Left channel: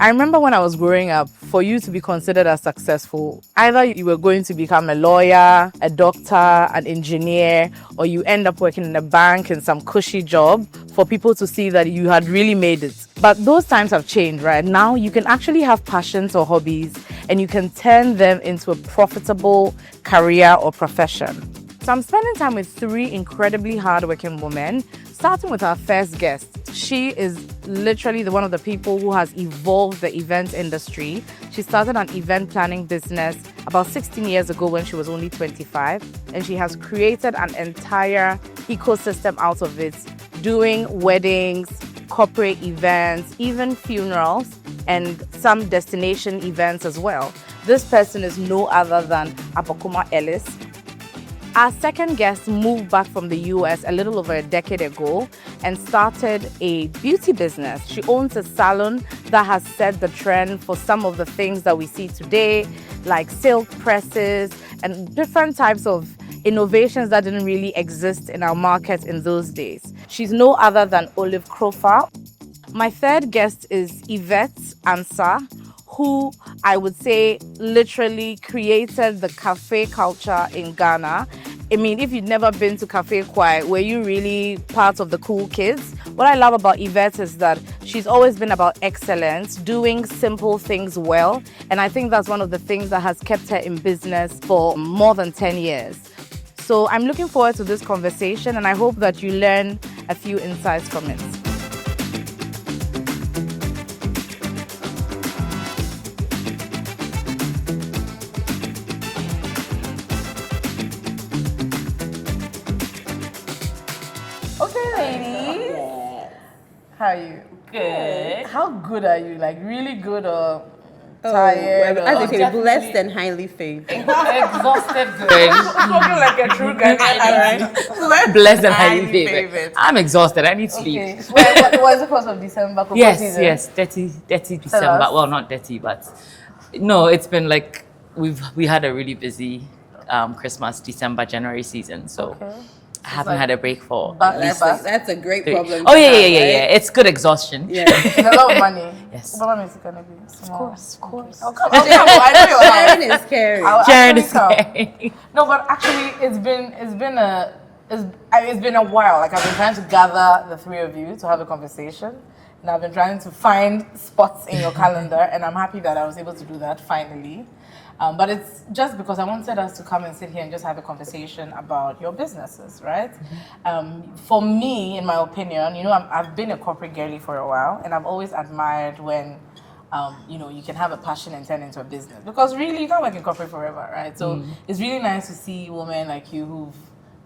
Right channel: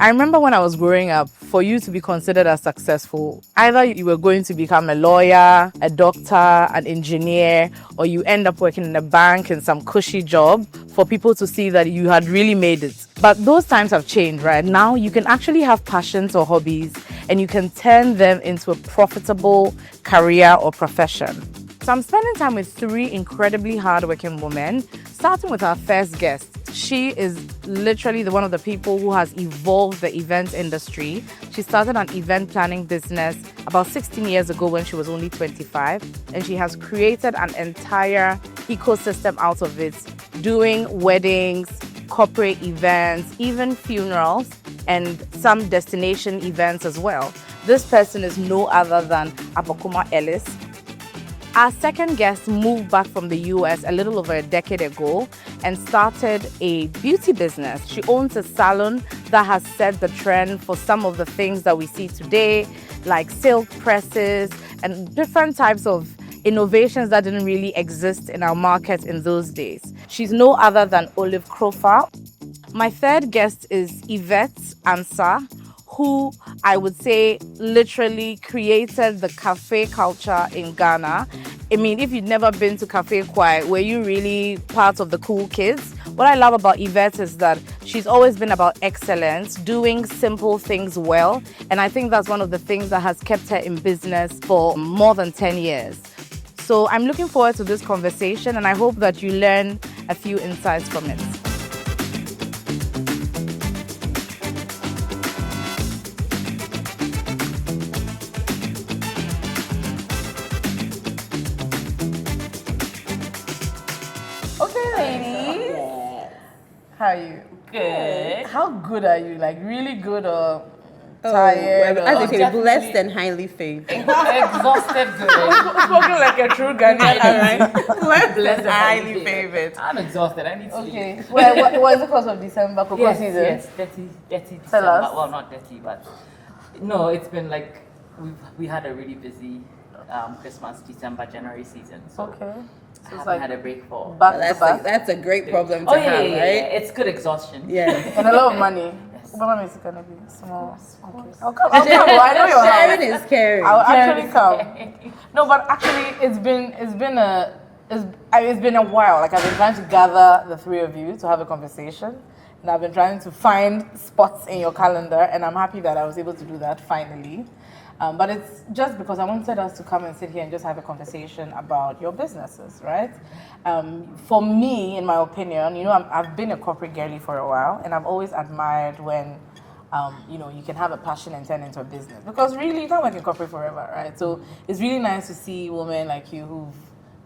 I remember when I was growing up, for you to be considered as successful, either you were going to become a lawyer, a doctor, an engineer, or you end up working in a bank in some cushy job for people to see that you had really made it. But those times have changed, right? Now you can actually have passions or hobbies and you can turn them into a profitable career or profession. So I'm spending time with 3 incredibly hardworking women, starting with our first guest. She is literally one of the people who has evolved the event industry. She started an event planning business about 16 years ago when she was only 25, and she has created an entire ecosystem out of it, doing weddings, corporate events, even funerals, and some destination events as well. This person is no other than Abokuma Ellis. Our second guest moved back from the US a little over a decade ago and started a beauty business. She owns a salon that has set the trend for some of the things that we see today, like silk presses and different types of innovations that didn't really exist in our market in those days. She's no other than Olive Crofer. My third guest is Yvette Ansah, who I would say literally created the cafe culture in Ghana. I mean, if you'd never been to Cafe Kwai, were you really part of the cool kids? What I love about Yvette is that she's always been about excellence, doing simple things well. And I think that's one of the things that has kept her in business for more than 10 years. So I'm looking forward to this conversation and I hope that you learn a few insights from it. Okay, ladies. Yes. How are you? Good. How good are you? Like really good or tired? Well, as or they say, blessed and highly favored. Exhausted good. spoken like a true Ghanaian. Alright. Blessed and highly favored. I'm exhausted. I need sleep. Okay. What was the cause of December? Cocoa Yes, season? yes. Dirty Tell December. us. Well, not dirty, but no. It's been like we had a really busy Christmas, December, January season. So Okay. I haven't had a break for. That's a great problem. Oh to yeah, have, yeah, yeah, right? yeah. It's good exhaustion. Yeah. And a lot of money. Yes. What money is it gonna be? Small. Of course. I'll come. I know you're Sharon right. is caring. I'll Sharon actually is come. saying. No, but actually, it's been a while. Like I've been trying to gather the 3 of you to have a conversation, and I've been trying to find spots in your calendar, and I'm happy that I was able to do that finally. But it's just because I wanted us to come and sit here and just have a conversation about your businesses, right? For me, in my opinion, I've been a corporate girly for a while, and I've always admired when, you can have a passion and turn into a business. Because really, you can't work in corporate forever, right? So it's really nice to see women like you who've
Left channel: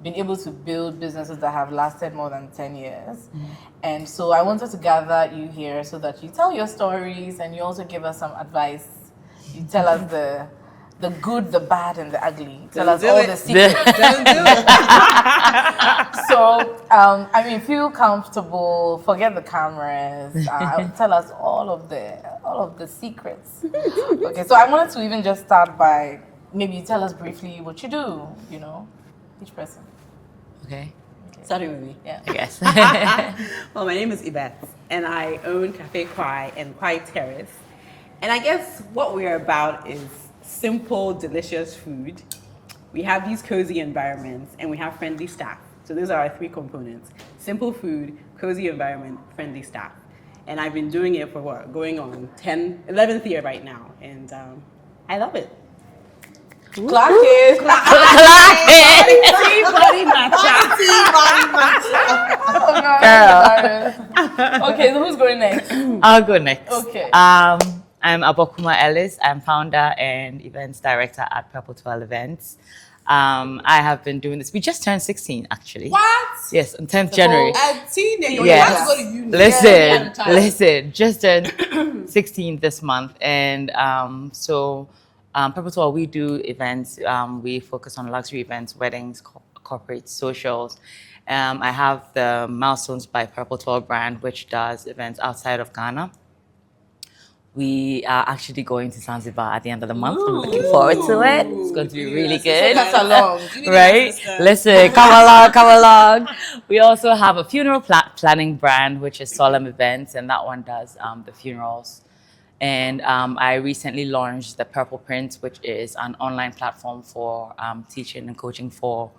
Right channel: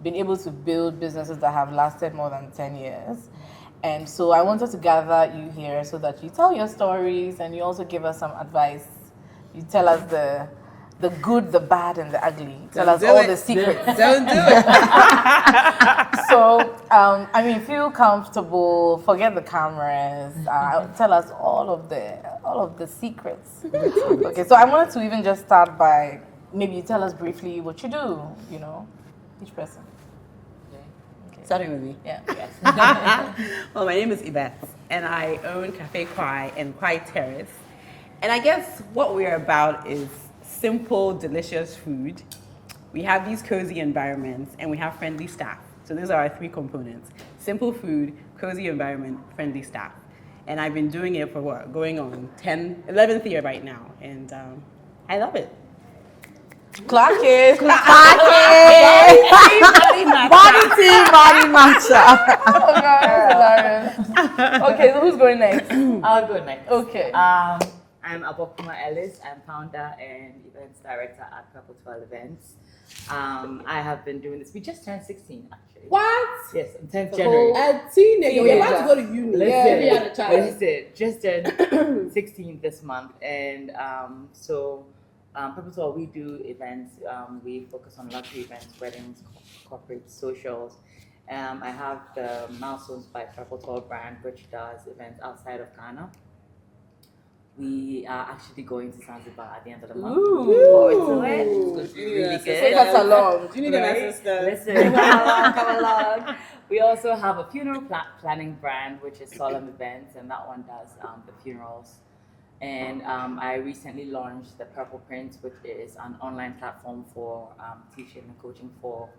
been able to build businesses that have lasted more than 10 years. And so I wanted to gather you here so that you tell your stories and you also give us some advice. You tell us the good, the bad, and the ugly. Tell us all the secrets. Don't do it. So, feel comfortable. Forget the cameras. Tell us all of the secrets. Okay, so I wanted to even just start by maybe you tell us briefly what you do. Each person. Okay. Starting with me. Yeah. Yes. Well, my name is Yvette, and I own Cafe Kwai and Kwai Terrace. And I guess what we're about is simple, delicious food. We have these cozy environments, and we have friendly staff. So those are our 3 components: simple food, cozy environment, friendly staff. And I've been doing it for going on 11th year right now, and I love it. Clock it. Okay, so who's going next? I'll go next. Okay. I'm Abokuma Ellis. I'm founder and events director at Purple 12 Events. I have been doing this. We just turned 16, actually. What? Yes, on 10th January. A teenager. Yes. You have to go to uni. Listen, just turned 16 this month. And Purple 12, we do events. We focus on luxury events, weddings, corporate, socials. I have the Milestones by Purple 12 brand, which does events outside of Ghana. We are actually going to Zanzibar at the end of the month. I'm looking forward to it. It's going to be really good. That's a long. Right? Listen, come along. We also have a funeral planning brand, which is Solemn Events, and that one does the funerals And I recently launched the Purple Print, which is an online platform for teaching and coaching for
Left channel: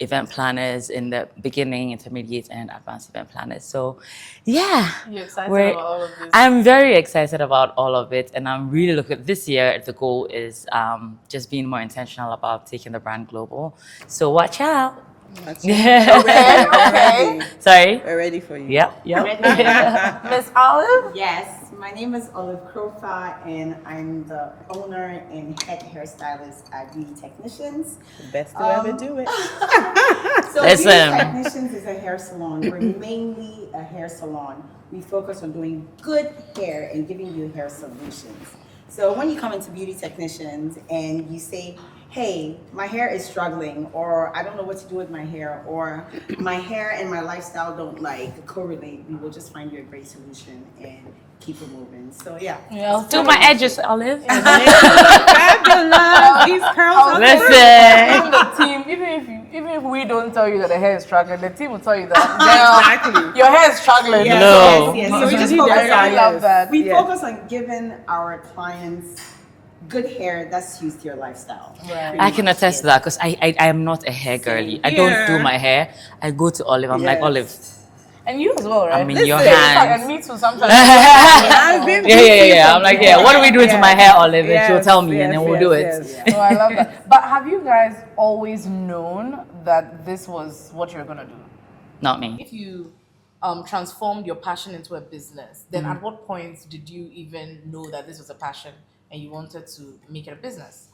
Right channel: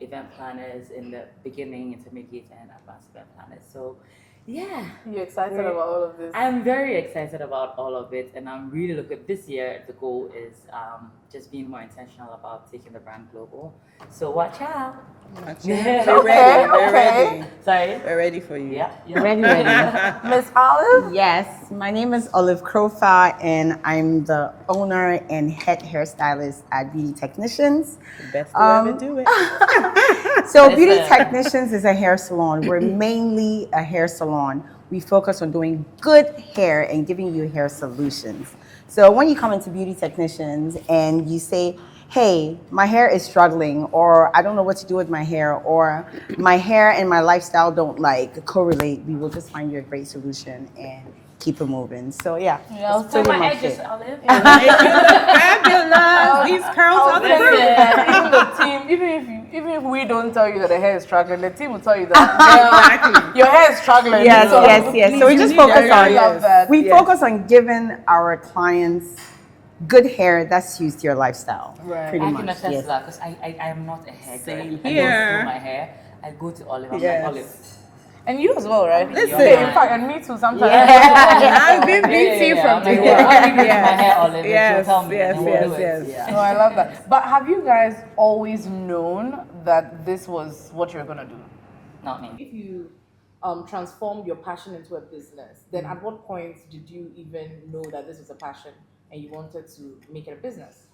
event planners in the beginning, intermediate, and advanced event planners. So, yeah. You're excited we're- about all of this? I'm very excited about all of it. And I'm really looking, this year, the goal is just being more intentional about taking the brand global. So watch out. We're ready. We're ready. Sorry? We're ready for you. Yeah. Miss Olive? Yes, my name is Olive Krofa, and I'm the owner and head hairstylist at Beauty Technicians. The best to ever do it. So Listen. Beauty Technicians is a hair salon. We're mainly a hair salon. We focus on doing good hair and giving you hair solutions. So when you come into Beauty Technicians and you say, hey, my hair is struggling, or I don't know what to do with my hair, or my hair and my lifestyle don't like correlate, we will just find you a great solution and keep it moving. So yeah. Do my edges, Olive. Fabulous. These curls are Listen. Even the team, even if we don't tell you that the hair is struggling, the team will tell you that Exactly. your hair is struggling. Yes. So we just focus I love that. We focus on giving our clients good hair that suits your lifestyle. Right. I can attest to that because I am not a hair girly. I here. don't do my hair. I go to Olive. I'm like, Yes. Olive. And you as well, right? I'm in your In hands. fact, and me too sometimes. I've been Yeah. I'm like, yeah, what do we do to my hair, Olive? And she'll tell me and then we'll do it. Oh, I love that. But have you guys always known that this was what you're gonna do? Not me. If you transformed your passion into a business, then at what point did you even know that this was a passion and you wanted to make it a business?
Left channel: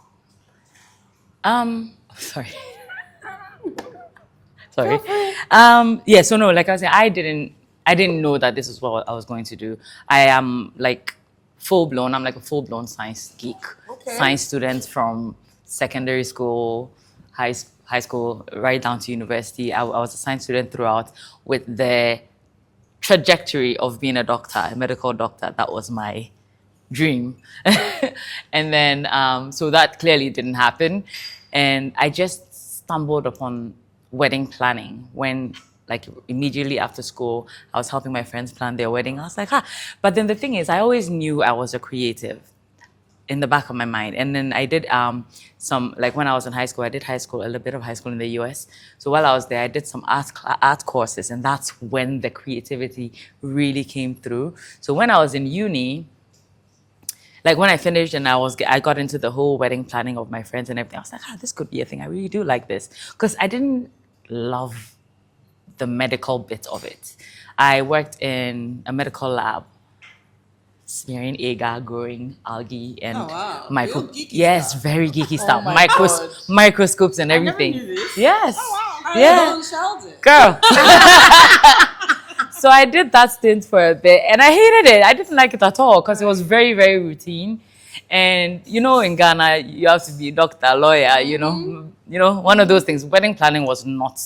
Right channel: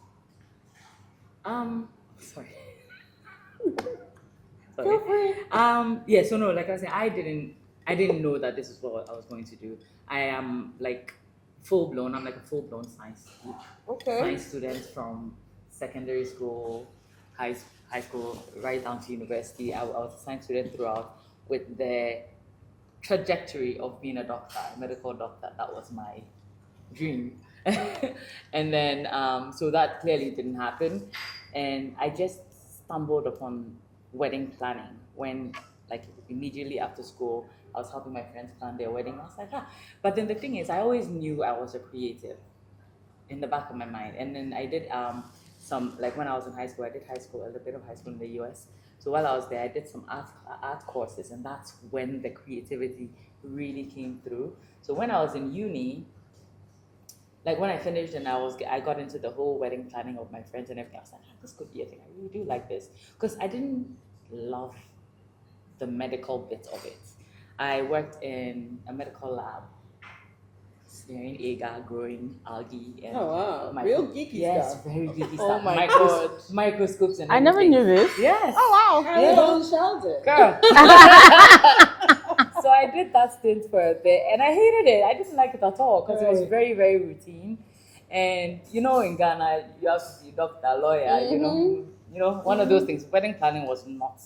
Sorry. Sorry. Yeah, so no, like I was saying, I didn't know that this is what I was going to do. I am like I'm like a full-blown science geek. Okay. Science student from secondary school, high school, right down to university. I was a science student throughout with the trajectory of being a doctor, a medical doctor. That was my dream. And then, so that clearly didn't happen. And I just stumbled upon wedding planning when, like, immediately after school, I was helping my friends plan their wedding. I was like, But then the thing is, I always knew I was a creative in the back of my mind. And then I did some, like when I was in high school, I did a little bit of high school in the US. So while I was there, I did some art courses, and that's when the creativity really came through. So when I was in uni, like when I finished and I got into the whole wedding planning of my friends and everything, I was like, this could be a thing. I really do like this. Because I didn't love the medical bit of it. I worked in a medical lab, smearing agar, growing algae, and Real geeky yes, stuff. very geeky Oh stuff. my God. Microscopes and everything. never knew this. Yes. Oh wow. Yeah. Girl. So I did that stint for a bit and I hated it. I didn't like it at all because it was very, very routine. And you know, in Ghana, you have to be a doctor, lawyer, you know, one of those things. Wedding planning was not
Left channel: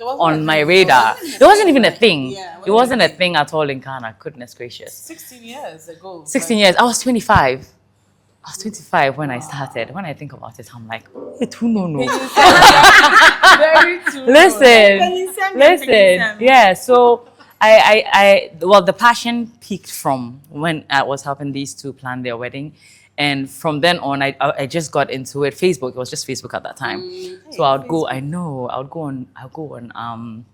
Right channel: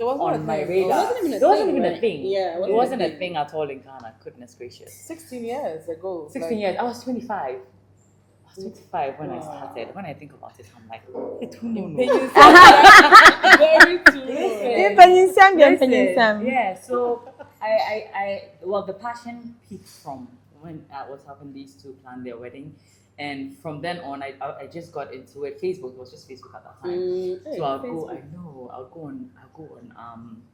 on my radar. It wasn't even a thing. It wasn't a thing at all in Ghana. Goodness gracious. 16 years ago. 16 years. I was 25. I was 25 when I started. When I think about it, I'm like, wait, who no. Very true. Listen. Yeah, so well, the passion peaked from when I was helping these two plan their wedding. And from then on, I just got into it. Facebook, it was just Facebook at that time. So I would go on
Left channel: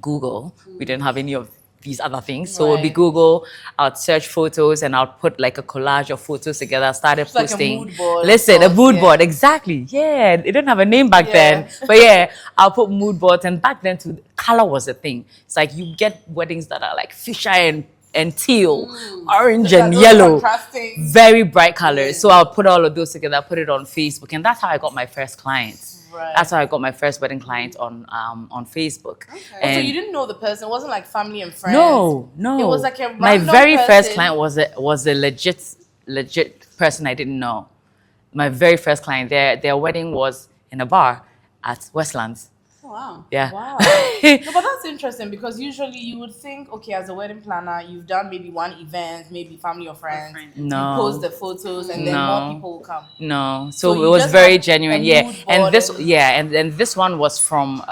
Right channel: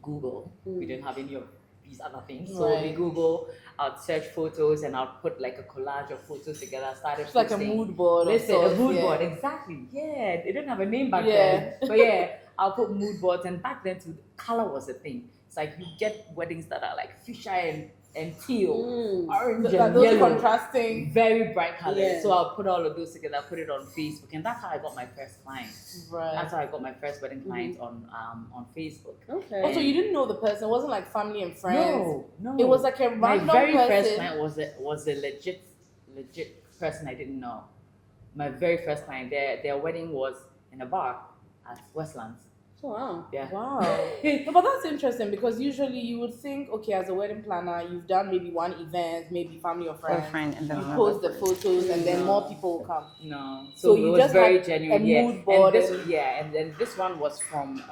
Google. We didn't have any of these other things. So it would be Google, I'd search photos and I'd put like a collage of photos together. I started It's like a posting. mood board. Listen, a mood Yeah. board, exactly. Yeah, it didn't have a name back then. But yeah, I'll put mood boards. And back then, too, color was a thing. It's like you get weddings that are like fisheye and teal, orange and those yellow, contrasting. very bright colors. So I'll put all of those together, put it on Facebook. And that's how I got my first clients. Right. That's how I got my first wedding client on Facebook. So And you didn't know the person. It wasn't like family and friends. no. It was like a my random very first person. client was a legit person I didn't know. My very first client, their wedding was in a bar at Westlands. Oh, wow. Yeah. Wow. No, but that's interesting because usually you would think, okay, as a wedding planner, you've done maybe one event, maybe family or friends. No. You post the photos and then No. more people will come. No, So so you it was just very had genuine, a yeah. mood And board this, and- yeah, and this one was from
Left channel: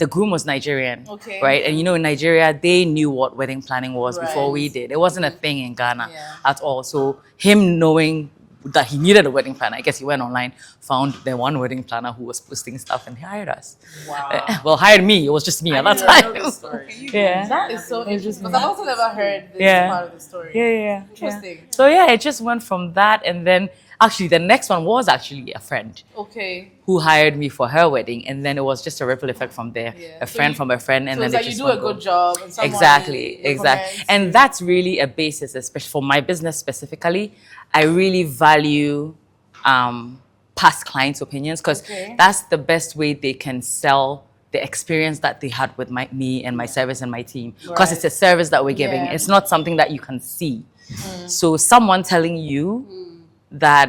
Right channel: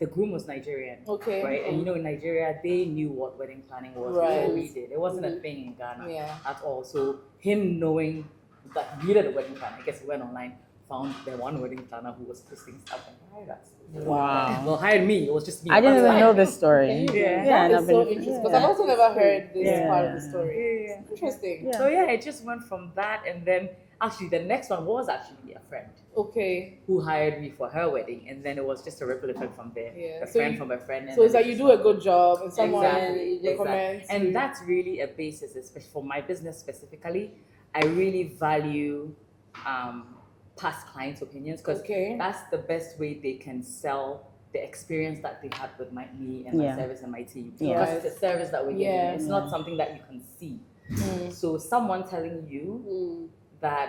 the groom was Nigerian, Okay. right? And you know, in Nigeria, they knew what wedding planning was before we did. It wasn't a thing in Ghana at all. So him knowing that he needed a wedding planner, I guess he went online, found the one wedding planner who was posting stuff, and he hired us. Wow. Well, hired me. It was just me I at that didn't time. know this story. That is so interesting. Because I've also never heard this part of the story. Yeah. Interesting. So yeah, it just went from that, and then actually the next one was actually a friend Okay. who hired me for her wedding, and then it was just a ripple effect from there. Yeah. A So friend you- from a friend, and So it's then like it you just do a went good on. job. And someone Exactly. recommends And you. that's really a basis, especially for my business specifically. I really value past clients' opinions because Okay. that's the best way they can sell the experience that they had with me and my service and my team. Because it's a service that we're giving. Yeah. It's not something that you can see. So someone telling you that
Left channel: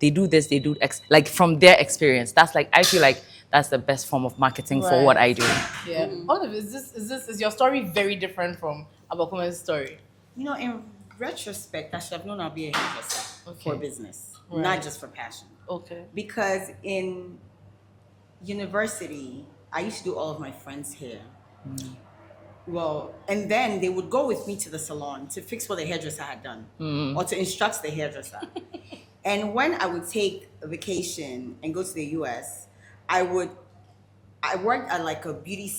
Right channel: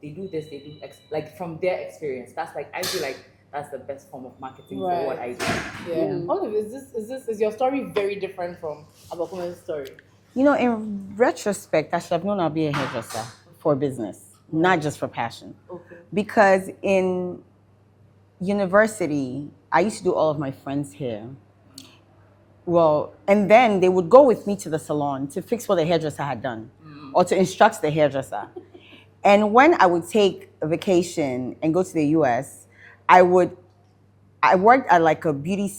they do this, they do X, like from their experience. That's like, I feel like that's the best form of marketing for what I do. Yeah. Olive, is your story very different from Abakume's story? You know, in retrospect, I should have known I'd be a hairdresser for business, not just for passion. Okay. Because in university, I used to do all of my friends' hair. Well, and then they would go with me to the salon to fix what the hairdresser had done or to instruct the hairdresser. And when I would take a vacation and go to the US, I worked at like a beauty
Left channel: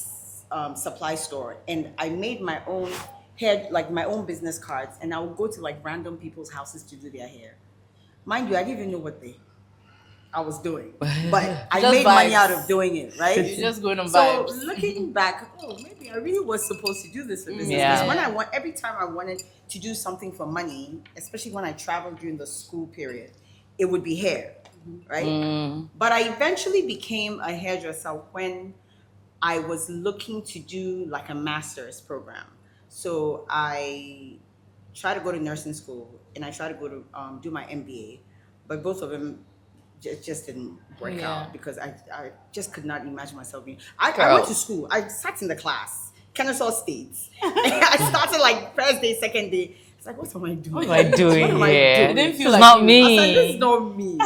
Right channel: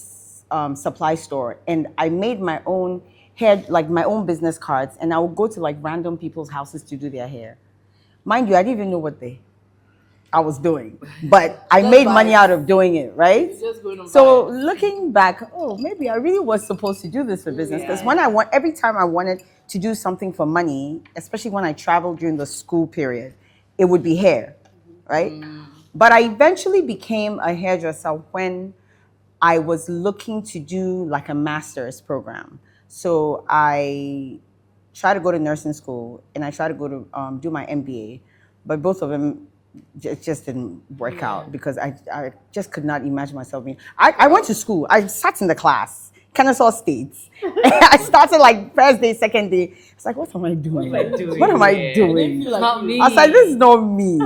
supply store, and I made my own hair, like my own business cards, and I would go to like random people's houses to do their hair. Mind you, I didn't even know what I was doing, but I Just made money vibes. out of doing it, right? You're just going on So vibes. looking back, maybe I really was supposed to do this for business. Because Yeah. every time I wanted to do something for money, especially when I traveled during the school period, it would be hair, right? But I eventually became a hairdresser when I was looking to do like a master's program. So I tried to go to nursing school and I tried to go to do my MBA, but both of them just didn't work out because I just could not imagine myself being. I went to school. I sat in the class, Kennesaw State. I started like first day, second day. It's like, what am I doing? What am I doing? What am I here? doing? didn't feel It's like not you. me. I was like, this is not me,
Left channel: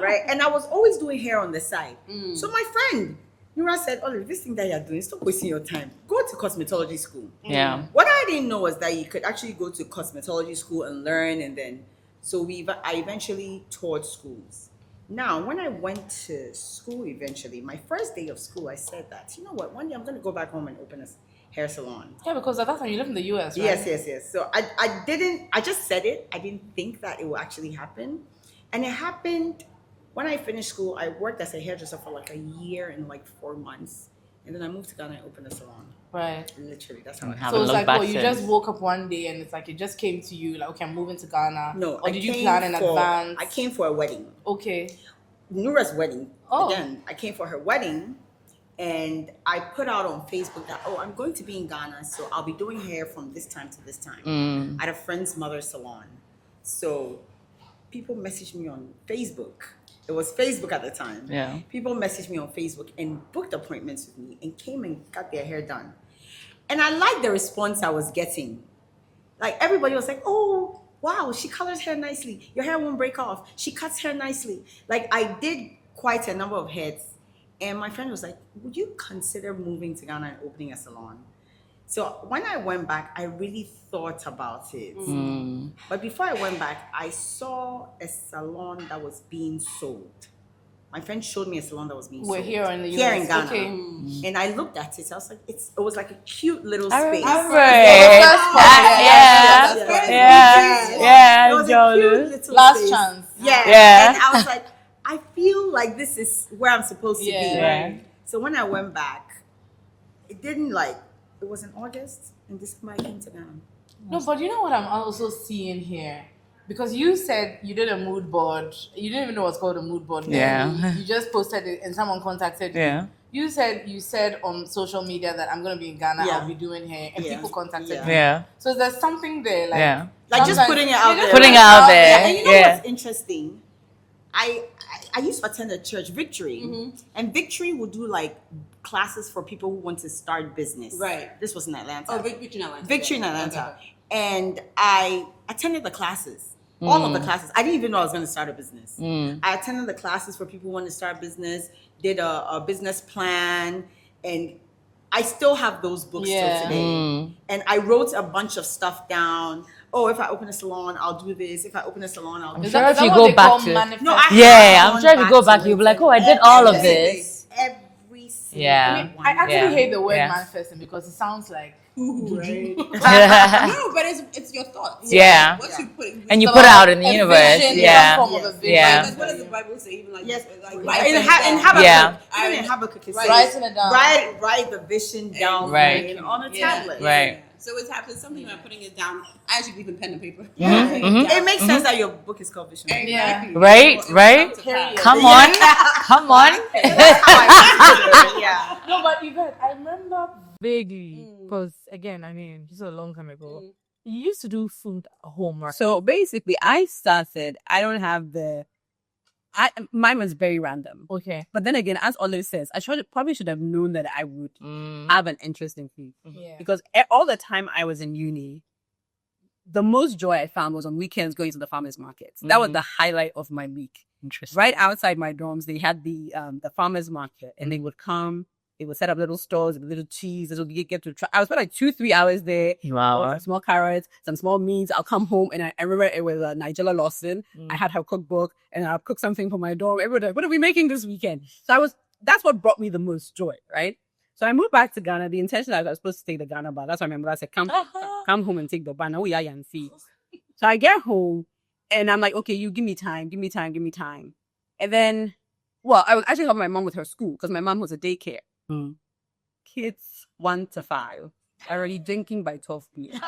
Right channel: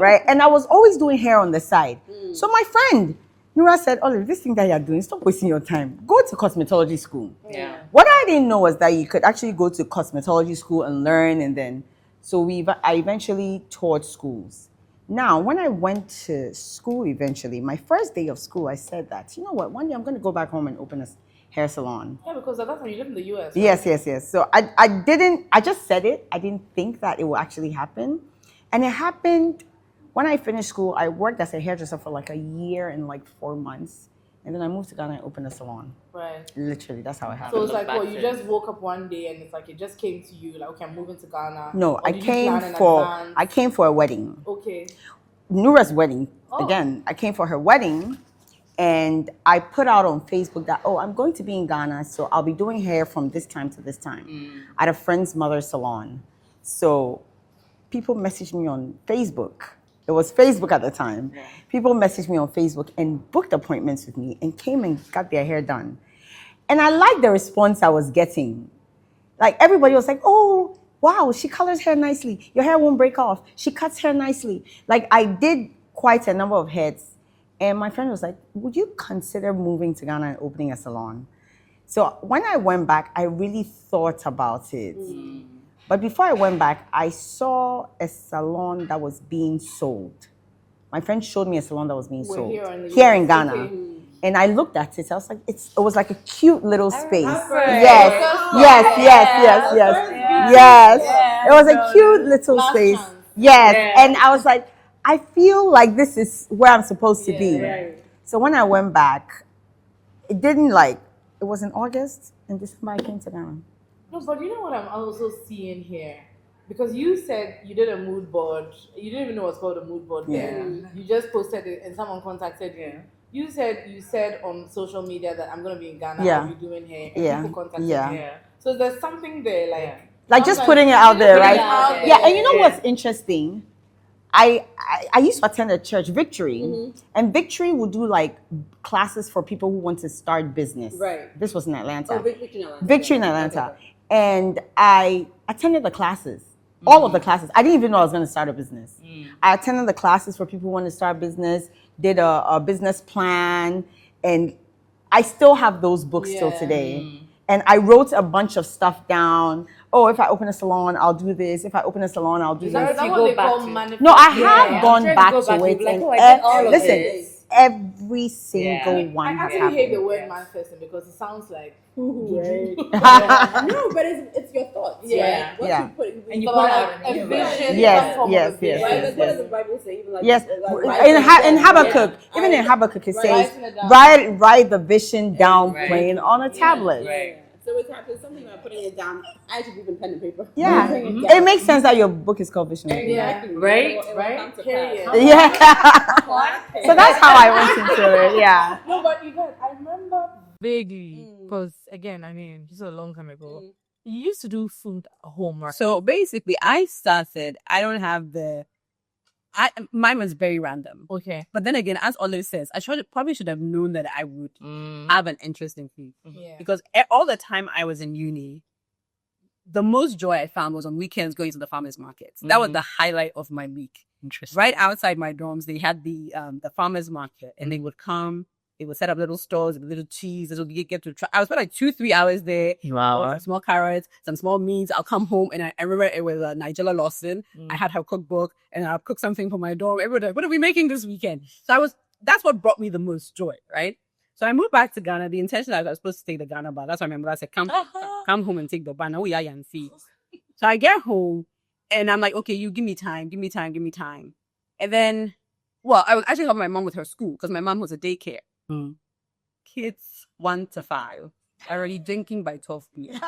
right? And I was always doing hair on the side. So my friend Nura said, Olive, this thing that you're doing, stop wasting your time. Go to cosmetology school. Yeah. What I didn't know was that you could actually go to cosmetology school and learn, and then, so I eventually taught schools. Now, when I went to school eventually, my first day of school, I said that, you know what, one day I'm going to go back home and open a hair salon. Yeah, because at that time you lived in the US, right? Yes. So I just said it. I didn't think that it would actually happen. And it happened when I finished school. I worked as a hairdresser for like a year and like 4 months. And then I moved to Ghana and opened a salon. Right. Literally, that's how it Have happened. So it's looked like, back you since. just woke up one day and it's like it just came to you, like, okay, I'm moving to Ghana. No, Or I did you plan in came advance? for a wedding. Okay. Nura's wedding. Oh. Again, I came for her wedding, and I put out on Facebook that, I'm going to be in Ghana, so I'll be doing hair from this time to this time at a friend's mother's salon. So people messaged me on Facebook. It was Facebook at the time. Yeah. People messaged me on Facebook and booked appointments with me and came and got their hair done. And I liked the response I was getting. Like, everybody was like, oh, wow, she colors hair nicely. Your hair won't break off. She cuts hair nicely. Like, I did quite a number of heads. And my friend was like, would you consider moving to Ghana and opening a salon? So when I went back, I really thought about it. But before I went back, I saw a salon that was being sold. My friend showed me a salon that was being sold. Here in the Here US. in Ghana. Okay. And I looked at it. I was like, it was like a cute little space. remember Yes, it. yes. Yeah, It was a Jonas. cute little Last space. chance. Yes. Yeah. And I was like, I feel like this is where I'm supposed to be. Yeah. Right. So when I went back, it was in August, and December I came to Ghana. No, but you know what I'm also seeing here? Because you said you did a mood board. You didn't even know what's called a mood board. Yeah. You just posted it and someone contacted you. Yeah. You said on social media that I'm gonna be in Ghana, Yeah. I'll be doing hair, and Yeah. people contacted Yeah. you. Yeah. So there's something there, like Yeah. Like just sometimes putting it you out just there. Putting it out there. Yeah, and you know Yeah. what's interesting? I used to attend a church, Victory, and Victory would do like classes for people who want to start business. Right. This was in Atlanta. Victory in Atlanta. Victory in Atlanta. And I attended the classes, all of the classes. I didn't even know I was going to start a business. I attended the classes for people who want to start business, did a business plan, And I still have those books till today. And I wrote a bunch of stuff down. Oh, if I open a salon, I'll do this. If I open a salon, I'll do Sure, this. if you go back to No, I have I'm gone trying to back go back. to You'll be it, like, and oh, I did all of listen, this. Every single Yeah. one. I actually Yeah. hate the word Yeah. manifesting because it sounds like Right. Yeah. No, but it's your thoughts. Yeah. What Yeah. you put, And you So put it like out in the a universe. vision, Yeah. form of a Yes, vision. yeah. Right, 'cause what does the Bible say? Even like, Yes, like in Habakkuk, Yeah. even in Habakkuk, it says, Writing it down. write the vision down Right. plain on a tablet. Right. So it's happening. Something about putting it down. I actually believe in pen and paper. Yeah, Mm-hmm. it makes sense that your book is called Vision. Exactly. Right, It will right. come to pass. Come Yeah. on. Come on. So that's how I want to do it. Yeah. No, but you guys, I remember vaguely because again, I mean, this was a long time ago. You used to do food at home, right? So basically, I don't have mine was very random. Okay. But then again, as Olive says, probably should have known that I would have an interest in food. Yeah. Because all the time I was in uni, the most joy I found was on weekends going to the farmers markets. That was the highlight of my week. Interesting. Right outside my dorms, they had the farmers market, and they would come. They would set up little stores with little cheese. This would get to try. I was spent like 2-3 hours there. Wow. Some small carrots, some small meats. I'll come home and I remember it was Nigella Lawson. I had her cookbook and I'll cook something for my dorm. Everybody, like, what are we making this weekend? So that's what brought me the most joy, right? So I moved back to Ghana. The intention I was supposed to take the Ghana bar. That's why I remember I said, come home and take the bar. Now we are and see. So I get home and I'm like, okay, you give me time. And then, well, I was actually helping my mom with her school because my mom was a daycare. Kids 1 to 5 already drinking by 12 p.m.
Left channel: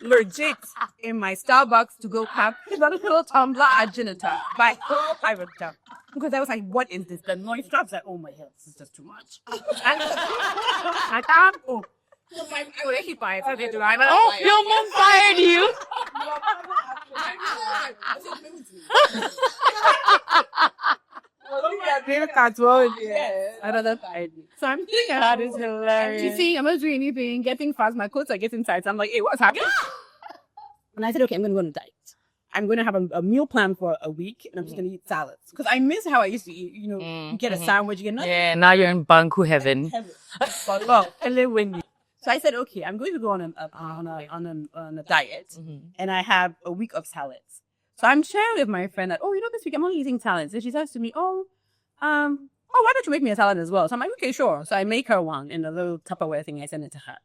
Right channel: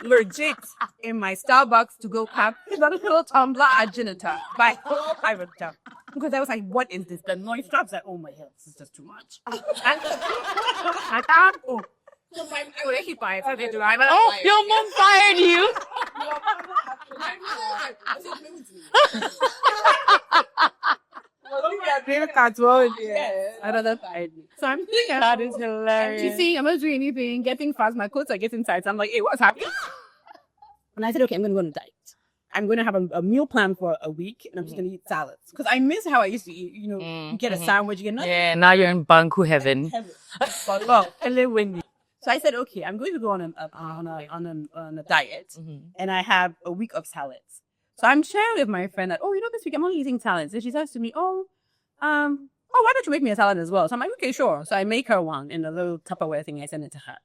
Legit in my Starbucks to go have a little tumbler at Genita by 5 o'clock. Because I was like, what is this? The noise drops like, oh my God, this is just too much. And I can't go. So I would keep buying. So they do. Oh, your mom fired you. So I'm thinking that is hilarious. You see, I'm not doing anything, getting fast, my clothes are getting tight. So I'm like, hey, what's happening? And I said, okay, I'm going to go on a diet. I'm going to have a meal plan for a week and I'm just going to eat salads. Because I miss how I used to eat, you get a sandwich, you get nothing. Yeah, now you're in Banku heaven. So I said, okay, I'm going to go on a diet, and I have a week of salads. So I'm sharing with my friend that, this week I'm only eating salads. And she says to me, why don't you make me a salad as well? So I'm like, okay, sure. So I make her one in a little Tupperware thing. I send it to her.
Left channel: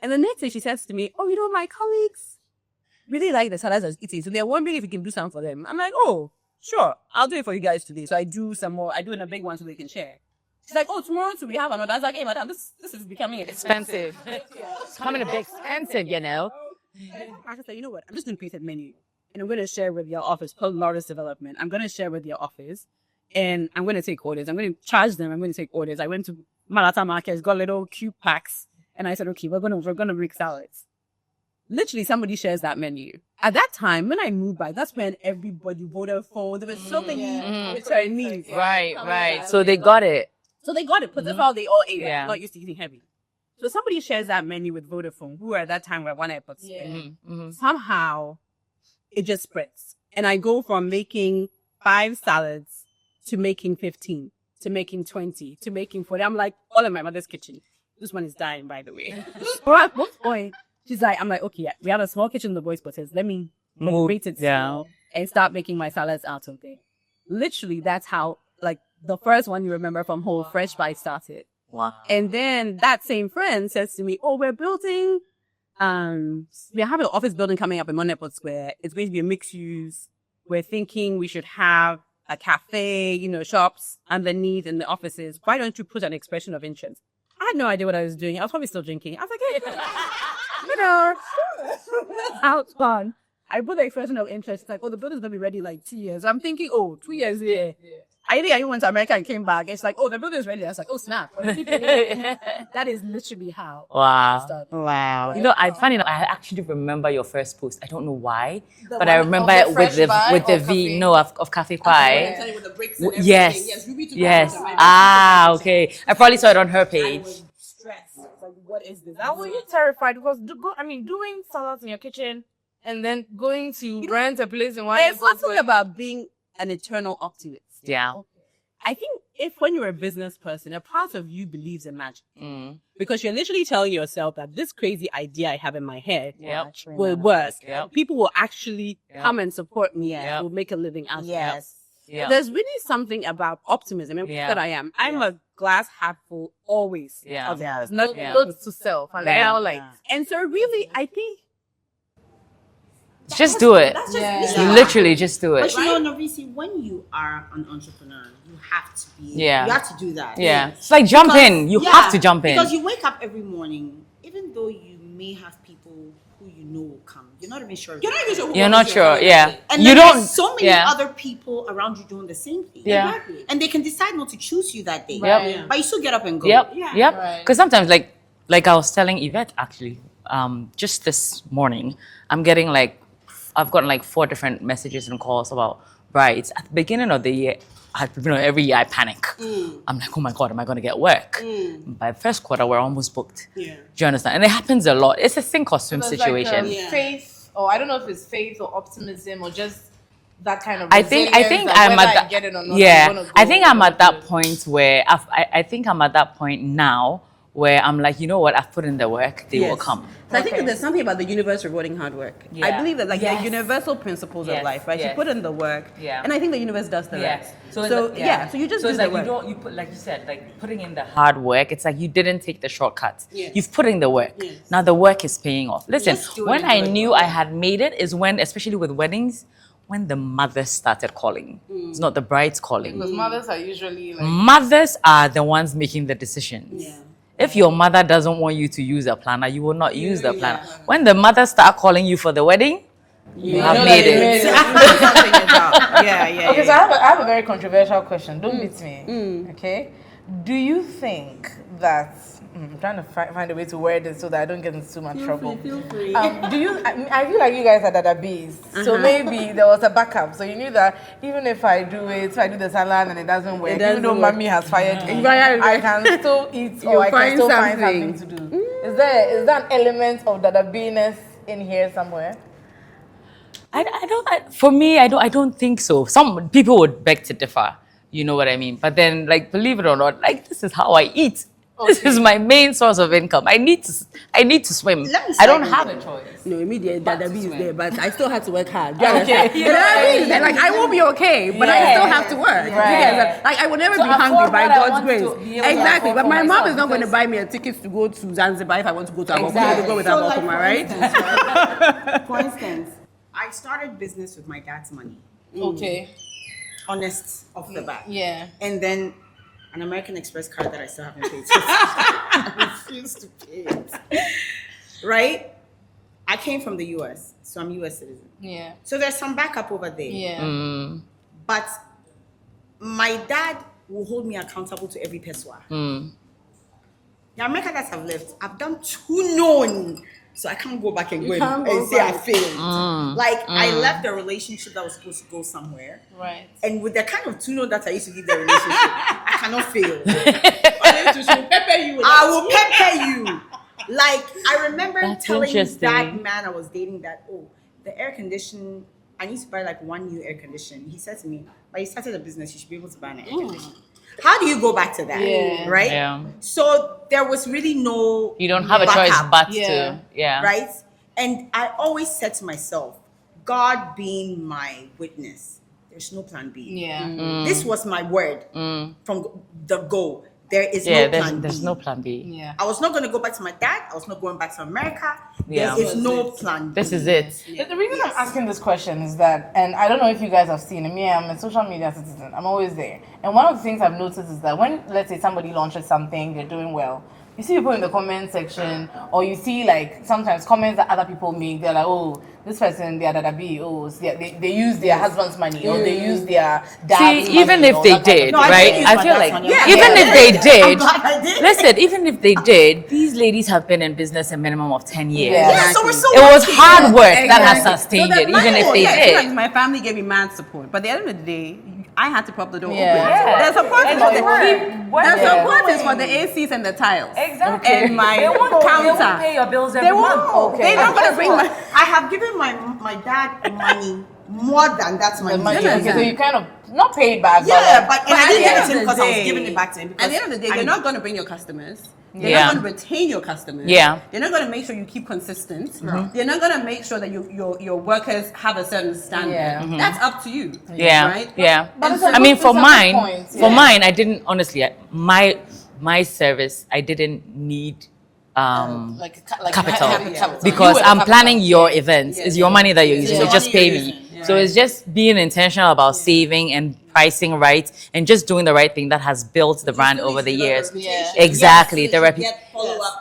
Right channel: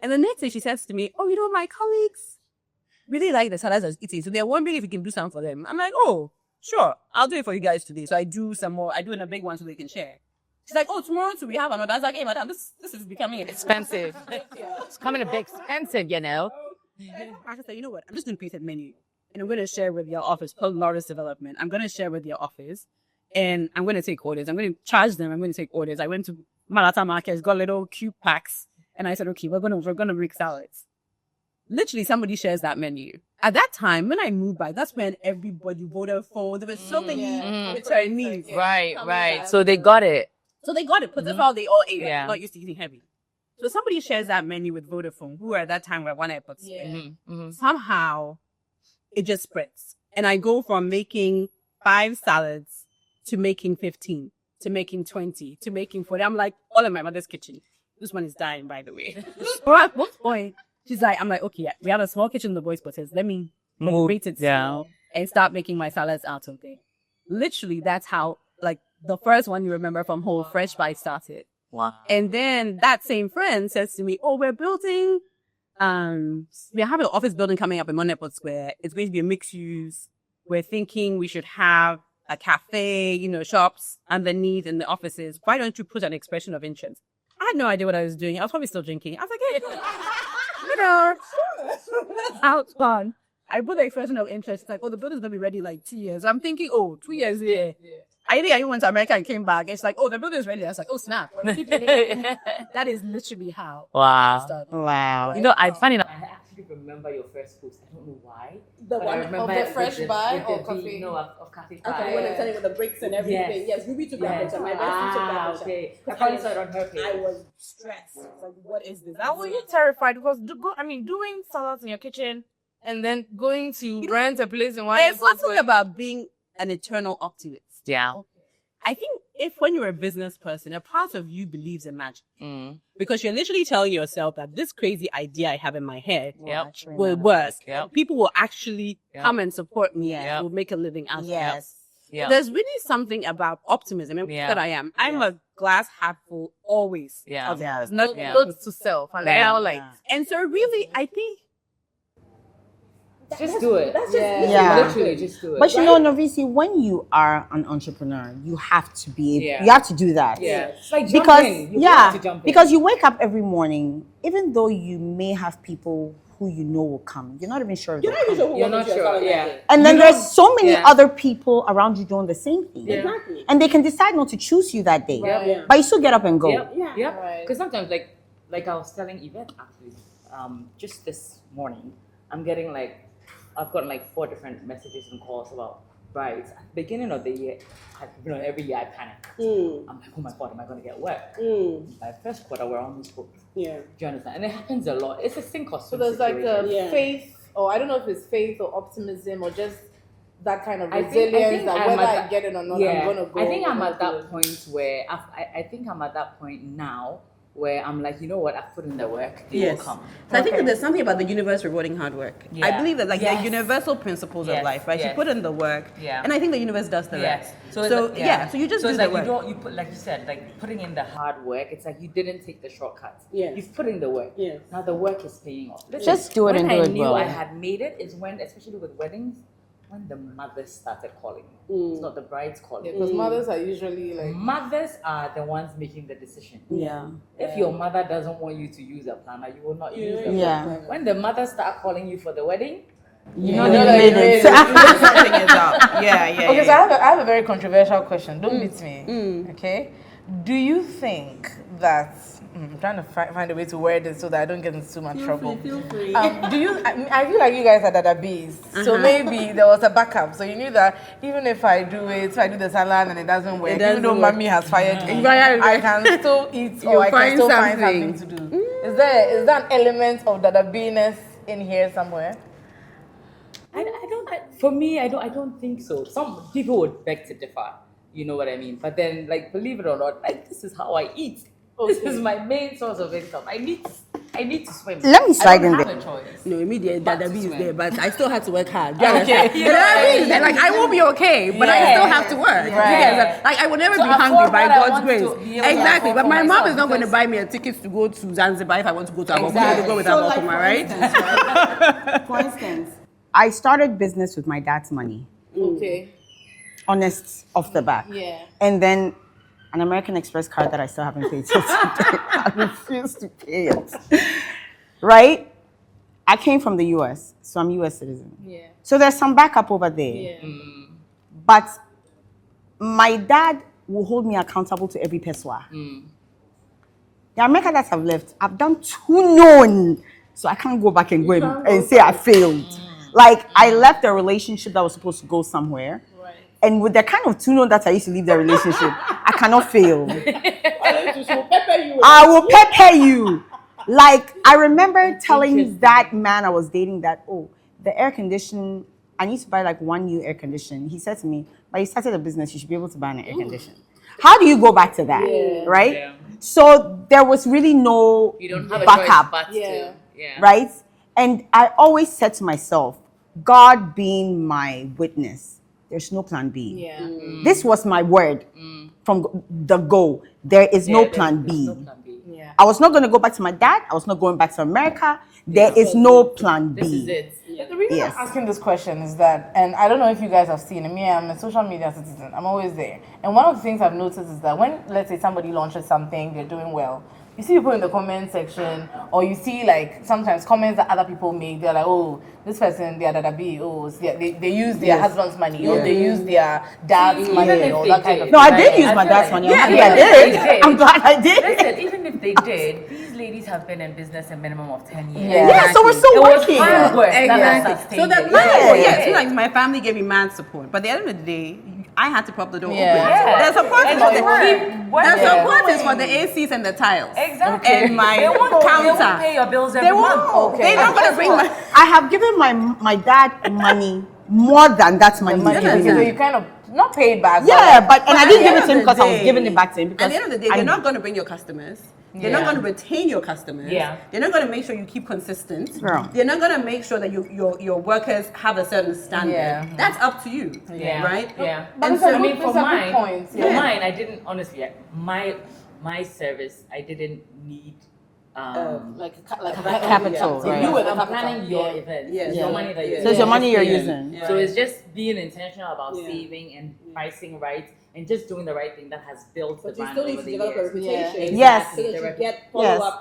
And the next day she says to me, my colleagues really like the salads I was eating. So they're wondering if you can do something for them. I'm like, oh, sure. I'll do it for you guys today. So I do some more. I do in a big one so they can share. She's like, tomorrow too, we have another. I was like, hey, madam, this is becoming Expensive. It's coming a bit expensive, I just said, you know what? I'm just going to create a menu. And I'm going to share with your office, called Laura's Development. I'm going to share with your office. And I'm going to take orders. I'm going to charge them. I'm going to take orders. I went to Malata Market, got little cube packs. And I said, okay, we're going to make salads. Literally, somebody shares that menu. At that time, when I moved back, that's when everybody voted for. There were so many returnees. Right. So they got it. So they got it, because that's how they all ate. Yeah. Not used to eating heavy. So somebody shares that menu with Vodafone, who at that time were one airport. Somehow, it just spreads. And I go from making 5 salads to making 15, to making 20, to making 40. I'm like, all in my mother's kitchen. This one is dying, by the way. So at one point, I'm like, okay, we have a small kitchen in the boys' quarters. Let me rate it down and start making my salads out of there. Literally, that's how, the first one you remember from Whole Fresh Bite started. Wow. And then that same friend says to me, we're building, we're having an office building coming up in Monepo Square. It's going to be a mixed use. We're thinking we should have a cafe, shops underneath in the offices. Why don't you put an expression of interest? I had no idea what I was doing. I was probably still drinking. I was like, hey, out fun. I put the expression of interest. It's like, the building's going to be ready 2 years. I'm thinking, 2 years, yeah. I think I went to America and came back. It's like, the building's ready. I was like, snap. That is literally how Wow. it started. Wow. I funny enough, I actually remember your first post. I don't know why, but I remember of the it with Fresh Buy the or V. Cafe? No, of Cafe Pie. With the bricks and everything. Yes. Yes, Ruby took Yes. that photo. My daughter took that photo. Okay. I probably saw it on her page. I was stressed. Like, what is this? I was terrified because doing salads in your kitchen and then going to rent a place in one. There's something about being an eternal optimist. Yeah. I think if when you're a business person, a part of you believes in magic. Because you're literally telling yourself that this crazy idea I have in my head will work. People will actually come and support me and will make a living out of it. Yes. There's really something about optimism. And that I am. I'm a glass half full always. Not to self. And and so really, I think Just do it. Literally, just do it. But you know, Norvisi, when you are an entrepreneur, you have to be, you have to do that. It's like jump in. You have to jump in. Because you wake up every morning, even though you may have people who you know will come, you're not even sure. You're not sure, And then there's so many other people around you doing the same thing. And they can decide not to choose you that day. But you still get up and go. Because sometimes, like I was telling Yvette, actually, just this morning, I've gotten like 4 different messages and calls about brides. At the beginning of the year, every year I panic. I'm like, oh my God, am I going to get work? By the first quarter, we're almost booked. Do you understand? And it happens a lot. It's a sink or swim situation. Faith, or I don't know if it's faith or optimism or just that kind of I think I'm at that. I think I'm at that point where I think I'm at that point now where I'm like, you know what, I've put in the work, they will come. So I think that there's something about the universe rewarding hard work. I believe that there are universal principles of life, right? You put in the work, and I think the universe does the rest. So you just do the work. You put, like you said, like putting in the hard work, it's like you didn't take the shortcuts. You've put in the work. Now the work is paying off. Listen, when I knew I had made it is when, especially with weddings, when the mothers started calling. It's not the brides calling. Because mothers are usually like... Mothers are the ones making the decisions. If your mother doesn't want you to use a planner, you will not use the planner. When the mothers start calling you for the wedding, you know made it. Something is out. Okay, so I have a very controversial question. Don't beat me. Okay? Do you think that... I'm trying to find a way to word it so that I don't get into too much trouble. Feel free. I feel like you guys are dada bees. So maybe there was a backup. So you knew that even if I do the salon and it doesn't work, even though mommy has fired me, I can still eat or I can still find something to do. Is there an element of dada beeness in here somewhere? For me, I don't think so. Some people would beg to differ. You know what I mean? But then, like, believe it or not, like, this is how I eat. This is my main source of income. I need to swim. Let me I don't have a choice. No, immediately that is there, but I still had to work hard. like I will be okay, but I still have to work. Like I will never be hungry by God's grace. Exactly. But my mom is not going to buy me a ticket to go to Zanzibar if I want to go to Abokuma. I'm going to go with Abokuma, right? For instance, I started business with my dad's money. Okay. Honest off the bat. And then an American Express card that I still haven't paid. I refuse to pay it. Right? I came from the US, so I'm US citizen. So there's some backup over there. But my dad will hold me accountable to every peswa. The American dads have left. I've done too known. So I can't go back and and say I failed. I left a relationship that was supposed to go somewhere. And with the kind of tune that I used to leave the relationship, I cannot fail. I will pepper you. Like, I remember telling that man I was dating that, the air conditioning, I need to buy like 1 new air conditioner. He said to me, but you started a business, you should be able to buy an air conditioner. How do you go back to that? Right? So there was really no You don't have a backup, choice but to. Right? And I always said to myself, God being my witness, there's no plan B. This was my word from the go. There is no plan B. There's no plan B. I was not going to go back to my dad. I was not going back to America. There is no plan B. This is it. The reason I'm asking this question is that, and I don't know if you guys have seen me, I'm a social media citizen. I'm always there. And one of the things I've noticed is that when, let's say, somebody launches something, they're doing well, you see people in the comment section, or you see like sometimes comments that other people make. They're like, this person, they are dada B. They use their husband's money, or they use their dad's money. Even if they did, no, I did use my dad's money. Even if they did, I'm glad I did. Listen, even if they did, these ladies have been in business a minimum of 10 years. So we're so it was lucky. hard work that has sustained it, even if they did. Like my family gave me mad support, but at the end of the day, I had to prop the door open. The support is for the ACs and the tiles. Exactly. And my counter. They counter. won't pay your bills every month. They're not going to bring I have given my dad money more than that money. Okay, so you kind of not paid back. Yeah, but and I at didn't the end give it of to him the because I was day- giving it back to him. At the end of the day, they're not going to bring your customers. They're Yeah. not going to retain your customers. Yeah. They're not going to make sure you keep consistent. They're not going to make sure that your workers have a certain standard. Yeah. That's up to you. Yeah. Right? Yeah. But And it's a so- I mean, good- for it's a good mine, point, for yeah. mine, I didn't honestly. My service, I didn't need capital because I'm planning your events. It's your money that you're using. your You just money pay you're me. using. So it's just being intentional about saving and pricing right and just doing the right thing that has built the brand over the years. Exactly. The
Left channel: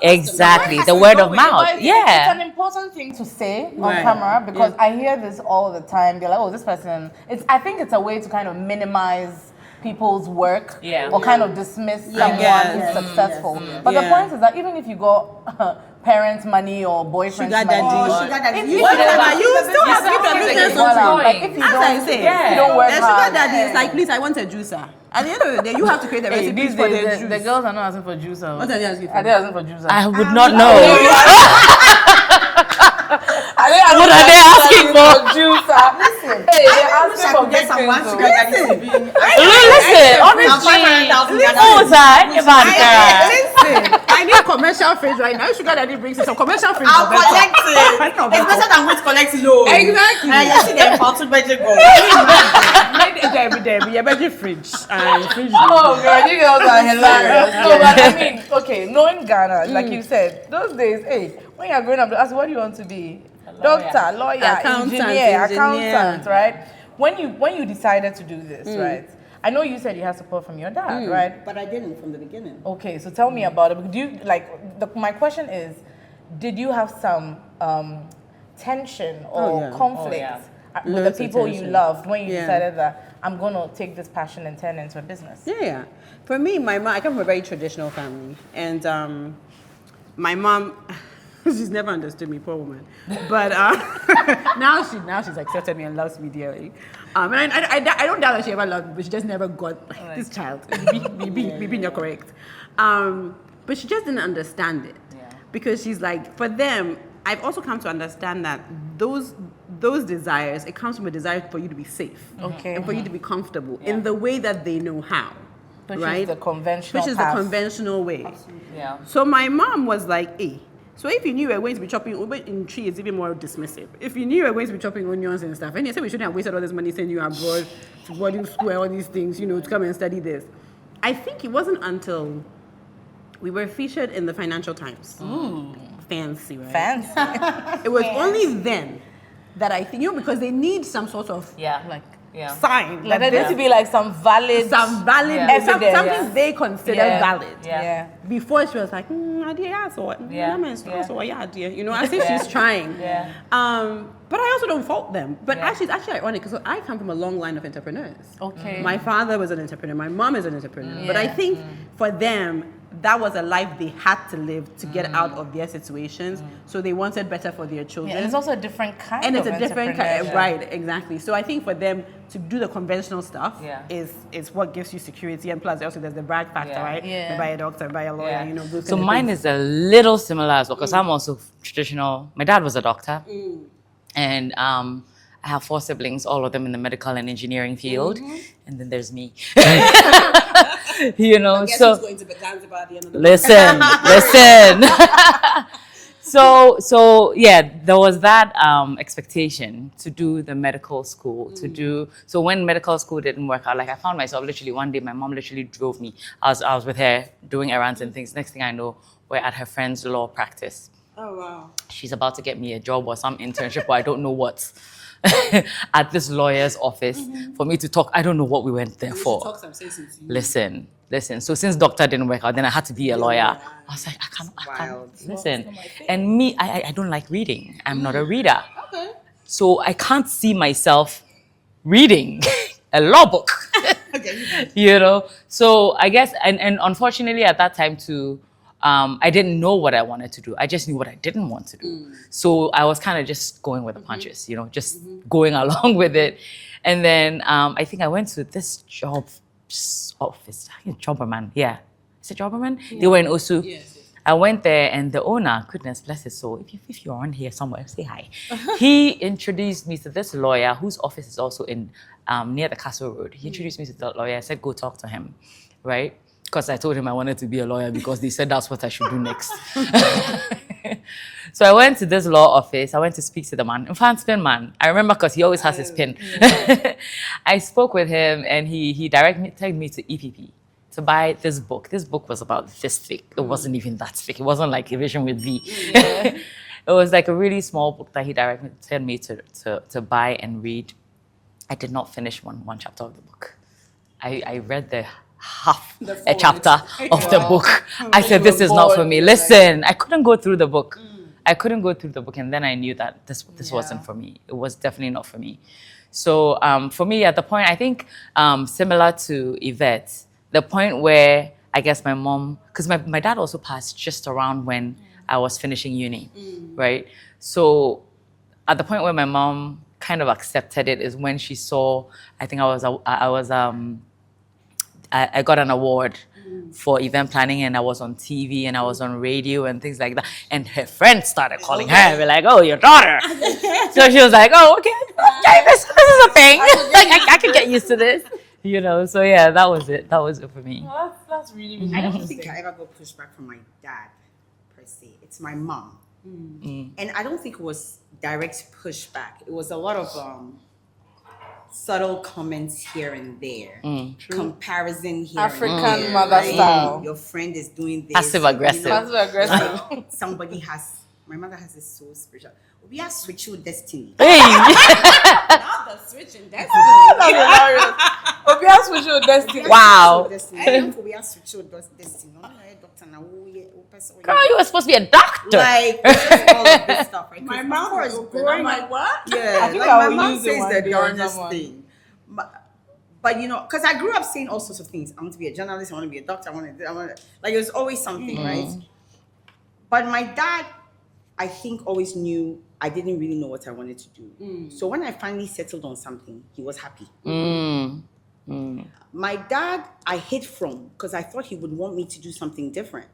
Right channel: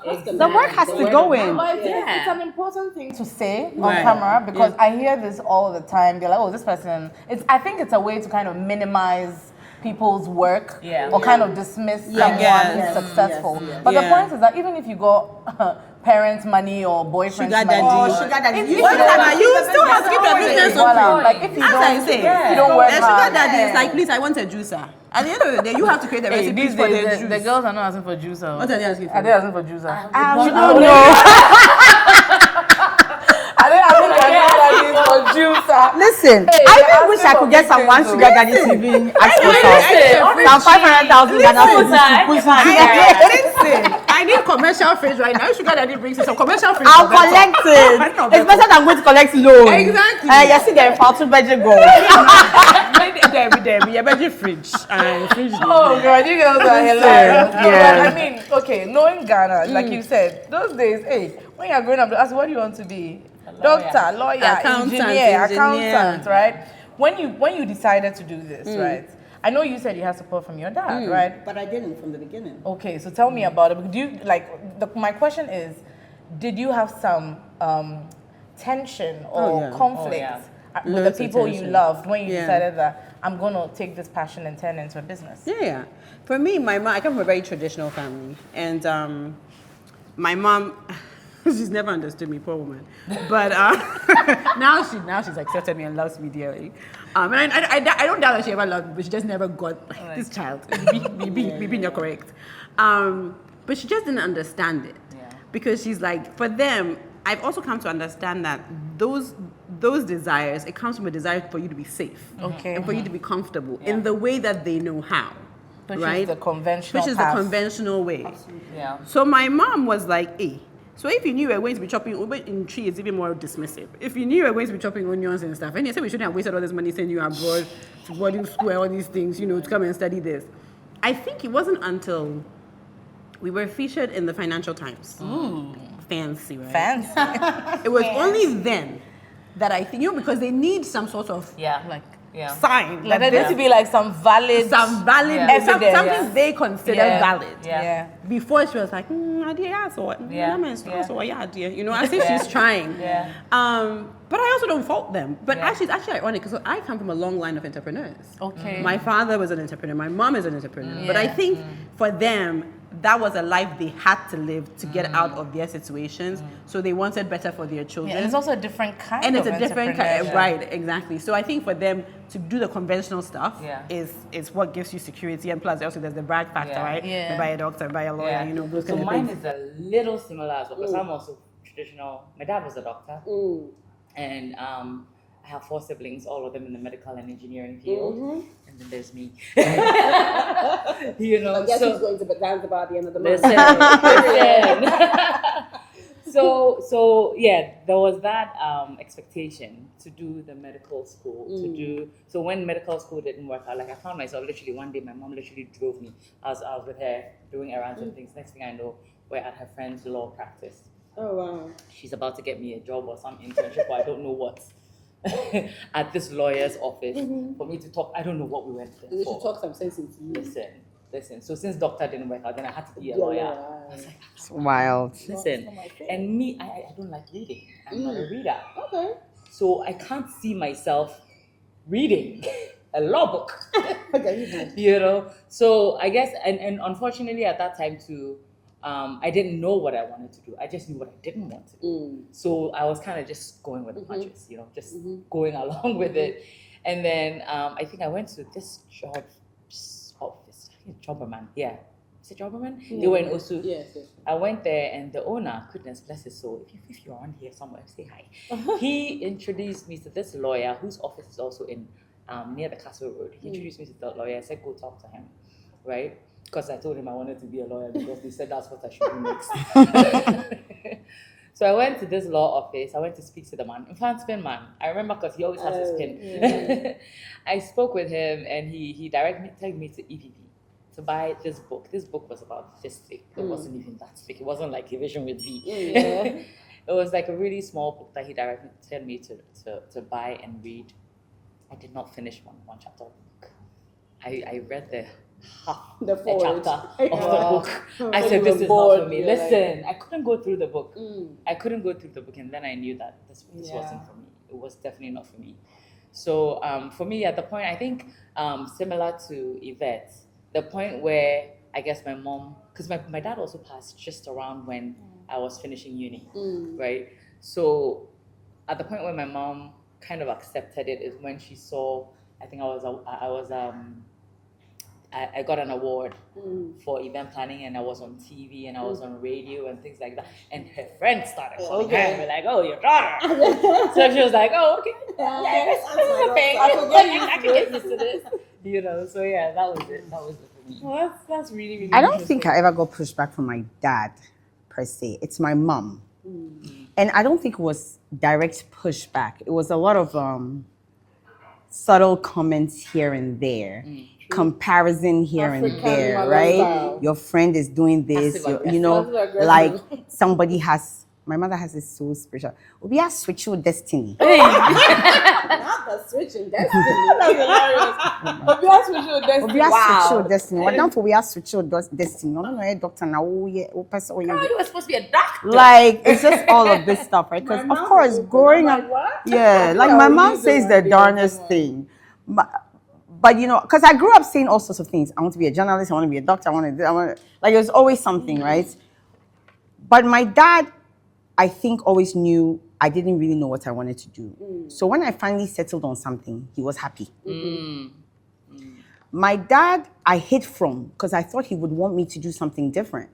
exactly. The word of mouth. It's Yeah. an important thing to say on Right. camera because I hear this all the time. They're like, oh, this person. I think it's a way to kind of minimize people's work or kind of dismiss someone who's successful. But the Yeah. point is that even if you got parents' money or boyfriend's Sugar money, daddy. Sugar daddy. If You you Whatever, don't- you still have to keep your business Voila. open. Like if you As don't, I say, if you don't work the sugar hard. daddy is like, please, I want a juicer. At the end of the day, you have to create the Hey, recipes these for the days, juice. the girls are not asking for juice. What are they asking for? Are they asking for juice? I would not know. Are they asking for juice? Listen, Hey, I they're really wish I asking could get for some one victims, sugar daddy though. to be. Listen, Now 500,000. Listen, I need commercial fridge right now. Sugar daddy brings you some commercial fridge. I'll for better. collect it. No, It's better. better than going to collect loan. Exactly. You see them for two bedroom go. There, better fridge. Fridge. Oh god, you girls are hilarious. No, but I mean, okay, knowing Ghana, like you said, those days, hey, when you're growing up, they ask what do you want to be? Doctor, lawyer, Accountant, engineer, engineer. accountant, right? When you decided to do this, right? I know you said you had support from your dad, right? But I didn't from the beginning. Okay, so tell me about it. Do you my question is, did you have some tension or conflict with Loads the of people you tension. loved when you Yeah. decided that I'm gonna take this passion and turn it into a business? Yeah. For me, my mom, I come from a very traditional family. And my mom, she's never understood me, poor woman. But now she's accepted me and loves me dearly. And I don't doubt that she ever loved me, but she just never got this child. Maybe you're correct. But she just didn't understand it. Because she's like, for them, I've also come to understand that those desires, it comes from a desire for you to be safe. Okay. And for you to be comfortable in the way that they know how. Which right? is the conventional Which is path. the conventional way. Yeah. So my mom was like, hey, so if you knew you were going to be chopping in tree, it's even more dismissive. If you knew you were going to be chopping onions and stuff, and you said we shouldn't have wasted all this money sending you abroad to boarding school, all these things, to come and study this. I think it wasn't until we were featured in the Financial Times. Fancy, right? Fancy. It was only then that I think, because they need some sort of Yeah. sign. Like there that needs to be like some valid evidence, evidence. something they consider Yeah. valid. Yeah. Before she was like, I did, yeah, so as if she's trying. Yeah. But I also don't fault them. But actually, it's actually ironic because I come from a long line of entrepreneurs. Okay. My father was an entrepreneur. My mom is an entrepreneur. But I think for them, that was a life they had to live to get out of their situations. So they wanted better for their children. Yeah, and it's also a different kind And of it's a different kind, entrepreneurship. right? Exactly. So I think for them to do the conventional stuff is what gives you security, and plus also there's the brag factor, right? Yeah. Buy a doctor, buy a lawyer, those So kind of mine things. is a little similar as well because I'm also traditional. My dad was a doctor, and I have 4 siblings, all of them in the medical and engineering field, and then there's me. So going to Zanzibar at the end of the listen. So yeah, there was that expectation to do the medical school, so when medical school didn't work out, like I found myself literally one day, my mom literally drove me. I was with her doing errands and things. Next thing I know, we're at her friend's law practice. Oh, wow. She's about to get me a job or some internship or I don't know what at this lawyer's office for me to talk. I don't know what we went there for. Talk some sense into you. Listen. So since doctor didn't work out, then I had to be a lawyer. I was like, I can't. Wild. Listen. And me, I don't like reading. I'm not a reader. Okay. So I can't see myself reading a law book. So I guess, and unfortunately at that time too, I didn't know what I wanted to do. I just knew what I didn't want to do. So I was kind of just going with the punches, just going along with it. And then I think I went to this job office, Jobberman. Yeah. Is it Jobberman? They were in Osu. Yes. I went there, and the owner, goodness bless his soul, if you're on here somewhere, say hi. He introduced me to this lawyer whose office is also in near the Castle Road. He introduced me to the lawyer. I said, go talk to him, right? Because I told him I wanted to be a lawyer because they said that's what I should do next. So I went to this law office. I went to speak to the man. In fact, pin man. I remember because he always has his pin. Yeah. I spoke with him, and he directed me to EPP to buy this book. This book was about this thick. It wasn't even that thick. It wasn't like a vision with V. It was like a really small book that he directed me to buy and read. I did not finish one chapter of the book. I read a chapter of the book. I said, this is not for me. Listen, I couldn't go through the book. I couldn't go through the book, and then I knew that this wasn't for me. It was definitely not for me. So for me, at the point, I think similar to Yvette, the point where I guess my mom, because my dad also passed just around when I was finishing uni, right? So at the point where my mom kind of accepted it is when she saw, I think I got an award for event planning, and I was on TV and I was on radio and things like that. And her friends started calling her and be like, oh, your daughter. So she was like, oh, okay, this is a thing. Like, I can get used to this. You know, so yeah, that was it. That was it for me. Well, that's really, really I don't think I ever got pushback from my dad, per se. It's my mom. And I don't think it was direct pushback. It was a lot of subtle comments here and there, comparison here African and there, mother right? style. Your friend is doing this, Passive aggressive. you know, Passive aggressive. like somebody has. My mother has this so spiritual. We are switch your destiny. not the switch in destiny. That's hilarious. But we have switch your destiny. Wow. Destiny. Why don't we are switch your destiny? No, doctor now. Girl, you were supposed to be a doctor. Like it's just all of this stuff, right? My Because of mouth course, is open. growing I'm up, like, what? yeah, like I my will mom use it says one the day or darnest someone. thing, but you know, because I grew up saying all sorts of things. I want to be a journalist. I want to be a doctor. I want to like there's always something, right? But my dad, I think, always knew I didn't really know what I wanted to do. So when I finally settled on something, he was happy. My dad, I hid from because I thought he would want me to do something different.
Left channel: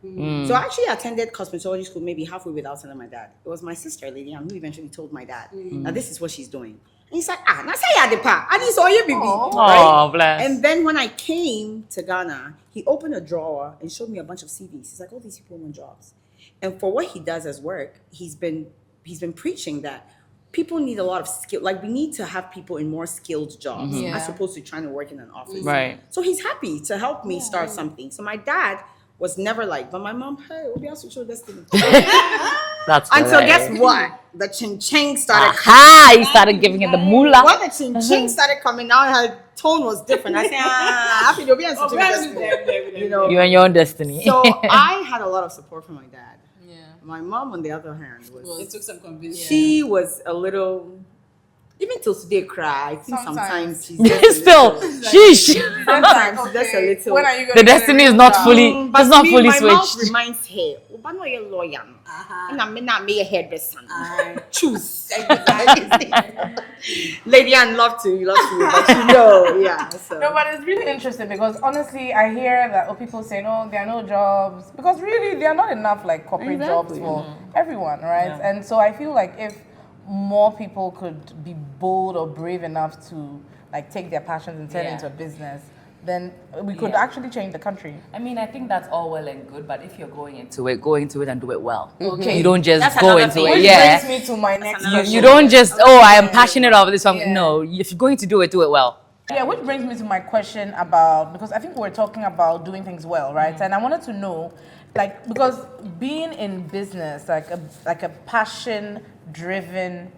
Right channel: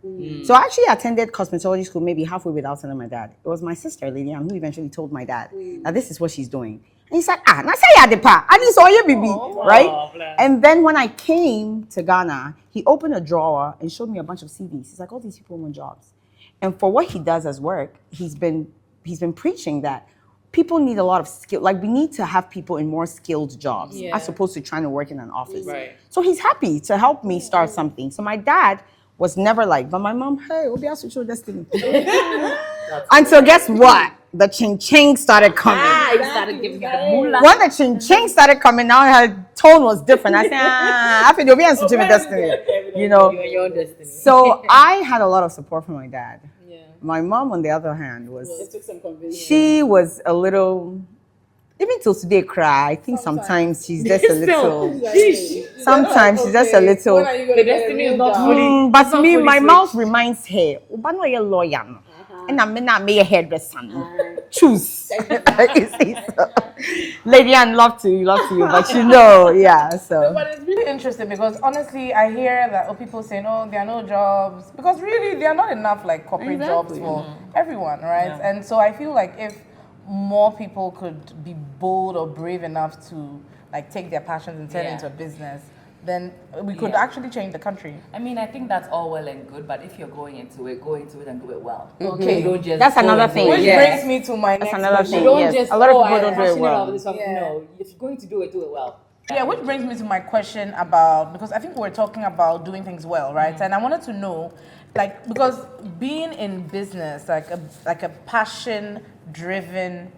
So I actually attended cosmetology school maybe halfway without telling my dad. It was my sister, Lady Ann, who eventually told my dad, now this is what she's doing. And he's like, now say ya depa. I didn't saw you, baby. Right? Oh, bless. And then when I came to Ghana, he opened a drawer and showed me a bunch of CVs. He's like, all these people want jobs. And for what he does as work, he's been preaching that people need a lot of skill. Like we need to have people in more skilled jobs as opposed to trying to work in an office. Right. So he's happy to help me start something. So my dad was never like, but my mom, hey, we'll be able to show destiny. That's Until hilarious. guess what? The ching-ching started coming. You started giving it the moolah. When the ching-ching started coming, now her tone was different. I said, I think you'll be able to with destiny. You know. You and your own destiny. So I had a lot of support from my dad. My mom, on the other hand, It took some convincing. she was a little, even till today, cry. I think sometimes she's just a Still, little. sheesh. Sometimes she's just a little. When are you The gonna get destiny a is real not job? fully, But it's not me, fully my mouth switched. reminds her, "Oba no a lawyer, no. And I'm not a hairdresser. Choose." Lady Ann, love to you, but you know, yeah. So. No, but it's really interesting because honestly, I hear that people saying, "Oh, there are no jobs," because really, there are not enough like corporate jobs for everyone, right? And so I feel like if more people could be bold or brave enough to like take their passions and turn it into a business, then we could actually change the country. I mean, I think that's all well and good, but if you're going into it and do it well. Okay. You don't just That's go another into thing. it. Which Yeah. brings me to my next another question. You don't just, A lot of I people am don't do it passionate well. about this song. No, if you're going to do it well. Yeah, which brings me to my question about, because I think we're talking about doing things well, right? And I wanted to know, like, because being in business, like a passion-driven,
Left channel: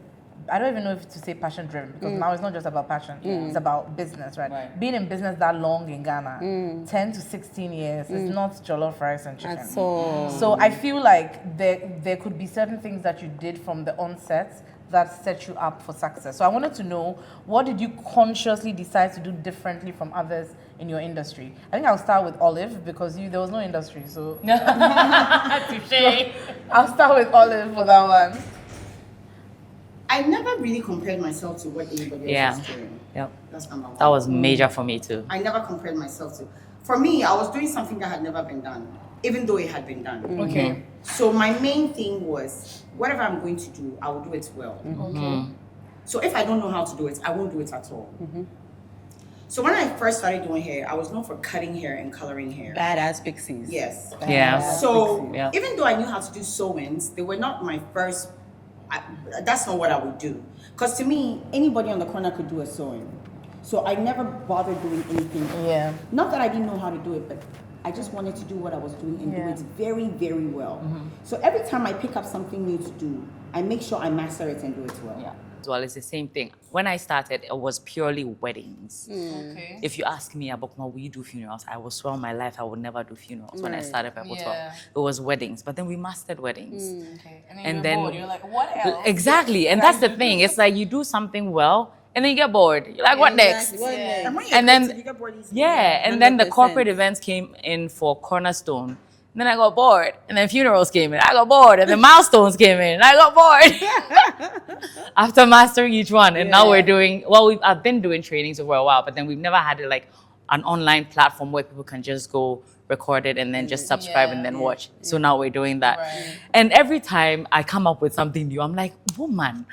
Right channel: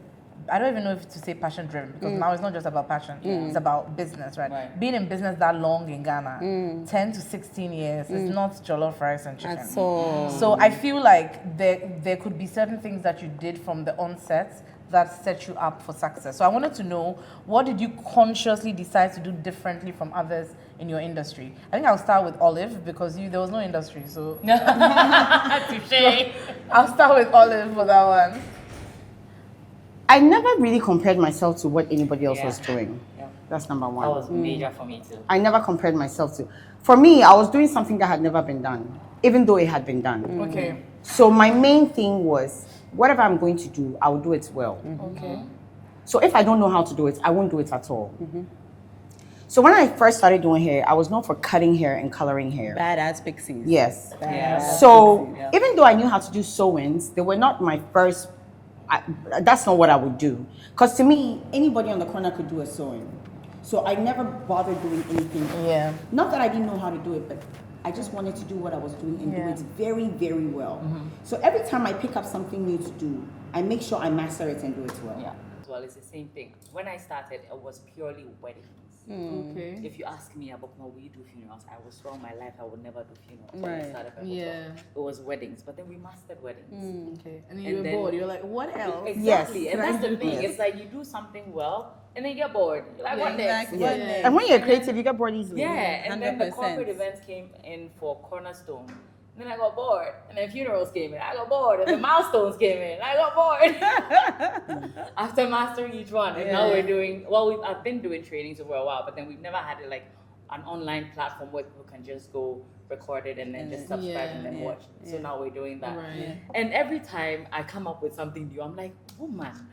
I don't even know if to say passion-driven, because now it's not just about passion, it's about business, right? Being in business that long in Ghana, 10 to 16 years, it's not jollof rice and chicken. So I feel like there could be certain things that you did from the onset that set you up for success. So I wanted to know, what did you consciously decide to do differently from others in your industry? I think I'll start with Olive because there was no industry. So I'll start with Olive for that one. I never really compared myself to what anybody else Yeah. was doing. Yep. That's number one. That was major for me too. I never compared myself to. For me, I was doing something that had never been done. even though it had been done. Okay. So my main thing was, whatever I'm going to do, I will do it well. Okay. So if I don't know how to do it, I won't do it at all. So when I first started doing hair, I was known for cutting hair and coloring hair. Badass pixies. Yes. Yeah. So Yeah. even though I knew how to do sewings, they were not my first. That's not what I would do. Because to me, anybody on the corner could do a sewing. So I never bothered doing anything. Yeah. Not that I didn't know how to do it, but I just wanted to do what I was doing and do it very, very well. So every time I pick up something new to do, I make sure I master it and do it well. Yeah. Well, it's the same thing. When I started, it was purely weddings. Okay. If you ask me about when we do funerals, I will swear on my life I would never do funerals when I started Purple 12. Yeah. It was weddings, but then we mastered weddings. Okay. And And you're then- bored. You're like, what else? Exactly, and that's the thing. It's like you do something well, and then you get bored. You're like, what next? Exactly. Yeah. And when you're And then- creative, you get bored easily. Yeah, and then the 100%. corporate events came in for Cornerstone. Then I got bored, and then funerals came in. I got bored, and then milestones came in, and I got bored. After mastering each one, and now we're doing. Well, I've been doing trainings for a while, but then we've never had like an online platform where people can just go record it and then just subscribe and then watch. So now we're doing that. Right. And every time I come up with something new, I'm like, woman,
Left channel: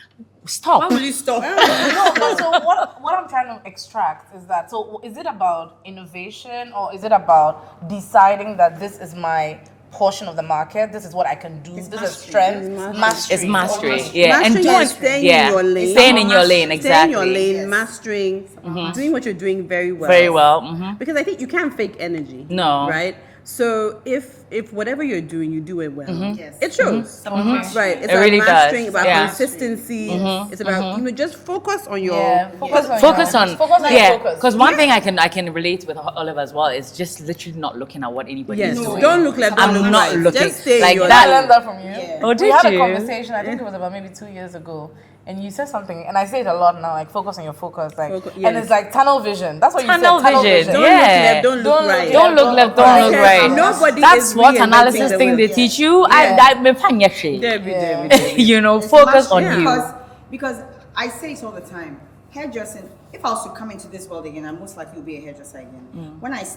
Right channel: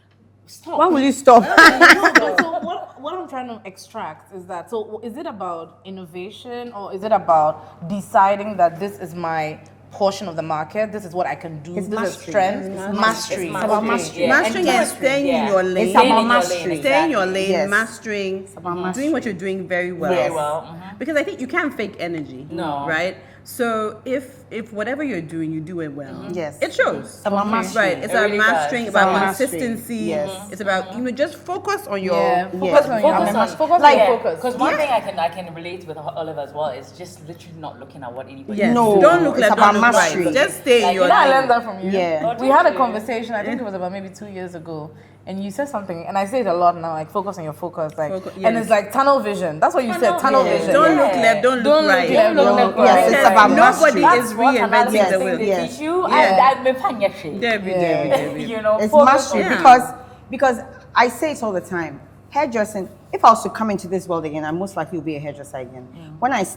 stop. Why will you stop? So what I'm trying to extract is that, so is it about innovation or is it about deciding that this is my portion of the market, this is what I can do, this is strength, mastery. It's mastery. Mastery. Yeah. Mastering And is staying in your lane. Staying in your lane, Staying in your exactly. lane, Yes. mastering, doing what you're doing very well. Very well. Mhm. Because I think you can't fake energy. No. Right? So if whatever you're doing, you do it well. Yes. It shows. about mastery. Right. It's It about really mastering, does. about Yeah. consistency. Yes. It's about just focus on your Yeah, focus on Focus your- on focus on your focus. Because one thing I can relate with Oliver as well is just literally not looking at what anybody Yes. is No. doing. Don't look left, It's don't look about right. mastery. Just stay in Like your Did I lane. learn that from you? Yeah. Oh, We did had a you? conversation, I think it was about maybe 2 years ago, and you said something, and I say it a lot now, like focus on your focus, like, Focus, and yes. it's like tunnel vision. That's what you Tunnel said, tunnel vision. vision. Don't Yeah. look left, don't look right. Don't look left, don't look Because right. nobody That's is what reinventing analysis the thing wheel. they Yeah. teach you. Yeah. I me panyeshe. Debbie, Yeah. Debbie, Debbie. You know, It's focus on mastery you. because I say it all the time. Hairdressing, if I was to come into this world again, I most likely will be a hairdresser again.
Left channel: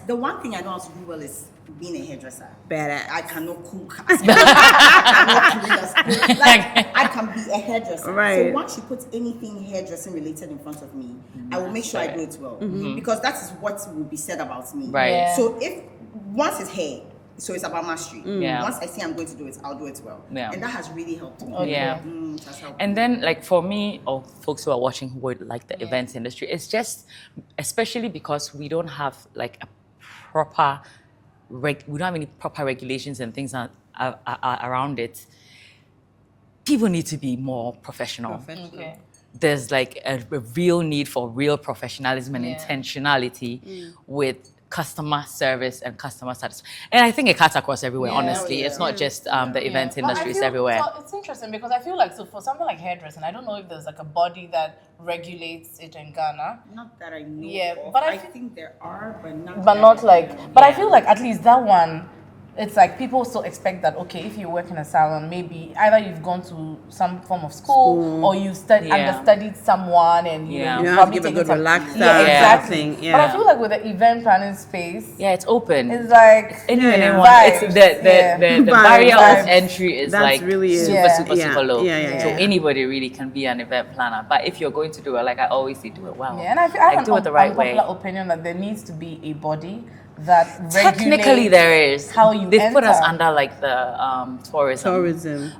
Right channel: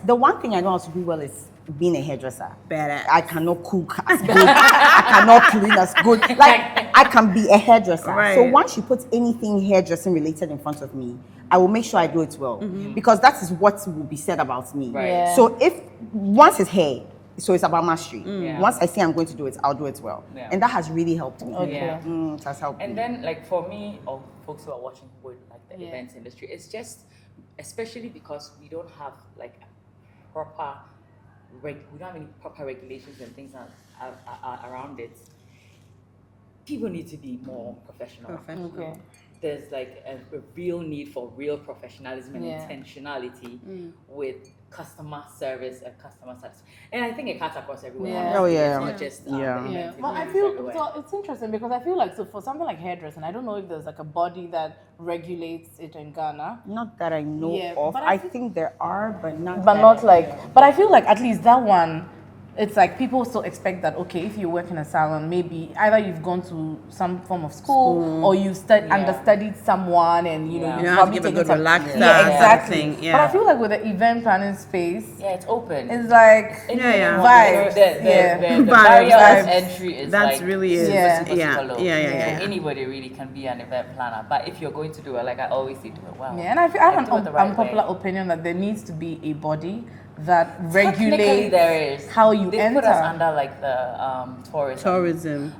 The one thing I know how to do well is being a hairdresser. Badass. I cannot cook as good. I cannot clean as good. Like, I can be a hairdresser. Right. So once you put anything hairdressing related in front of me, I will make sure I do it well. Because that is what will be said about me. Right. Yeah. So once it's hair, so it's about mastery. Yeah. Once I say I'm going to do it, I'll do it well. Yeah. And that has really helped me. Okay. Yeah. It has helped And me. then, like for me, or folks who are watching who would like the events industry, it's just, especially because we don't have like a proper, we don't have any proper regulations and things around it. People need to be more professional. Okay. There's like a real need for real professionalism and Yeah. intentionality with customer service and customer satisfaction. And I think it cuts across everywhere, Yeah. honestly. Oh, yeah. It's not just the events But I industry, it's feel- everywhere. So it's interesting because I feel like, so for something like hairdressing, I don't know if there's like a body that regulates it in Ghana. Not that I know Yeah, of. but I I feel- think there are, but not. But that not I like, know of. but I feel like at least that one, it's like people still expect that, okay, if you work in a salon, maybe either you've gone to some form of school or you've Yeah. understudied someone and you Yeah. know, You you've have to probably give a taken good some- relaxer Yeah, kind of exactly. thing, But yeah. I feel like with the event planning space, Yeah, it's open. it's like Yeah. vibes. It's the Vibes. barrier Vibes. of entry is That's like really is. super, Yeah. super, Yeah. super low. Yeah, yeah, So yeah. anybody really can be an event planner. But if you're going to do it, like I always say, do it well. Yeah, and I feel I have do it an the right way. unpopular opinion that there needs to be a body that regulates Technically, there is. how you They've put us enter. under like the tourism, Tourism.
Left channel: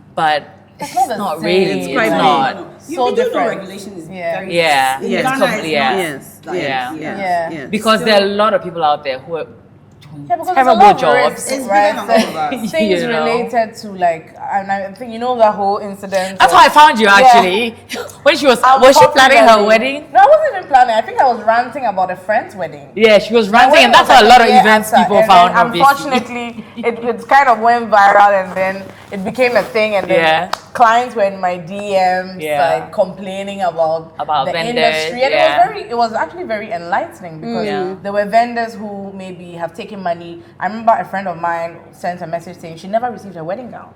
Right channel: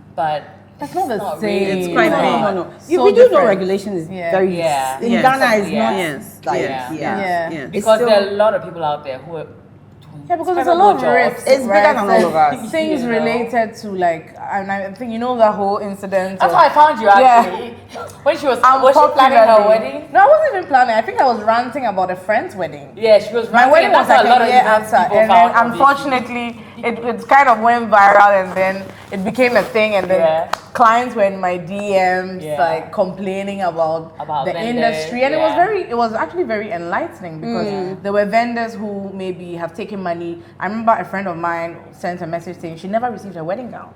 It's not the same. really. It's quite not. big. No. So You do know different. regulation is Yeah. very. Yeah. In Yes. Ghana, it's Yeah. not. Yes. like- Yes. Yeah. Yes. Yeah. Yes. Because So- there are a lot of people out there who are doing Yeah, because there's a terrible lot of jobs. risks, It's right? bigger than all of us. Things You know. related to like, and I think you know that whole incident. That's of- how I found you Yeah. actually. When she was she planning her Unpopularly. wedding? No, I wasn't even planning. I think I was ranting about a friend's wedding. Yeah, she was My ranting, wedding and that's was how a like lot of year events after, people and found. then, obviously. unfortunately, it kind of went viral, and then it became a thing, and then Yeah. clients were in my DMs, Yeah. like complaining about the vendors, industry, and yeah. it was actually very enlightening because there were vendors who maybe have taken money. I remember a friend of mine sent a message saying she never received a wedding gown.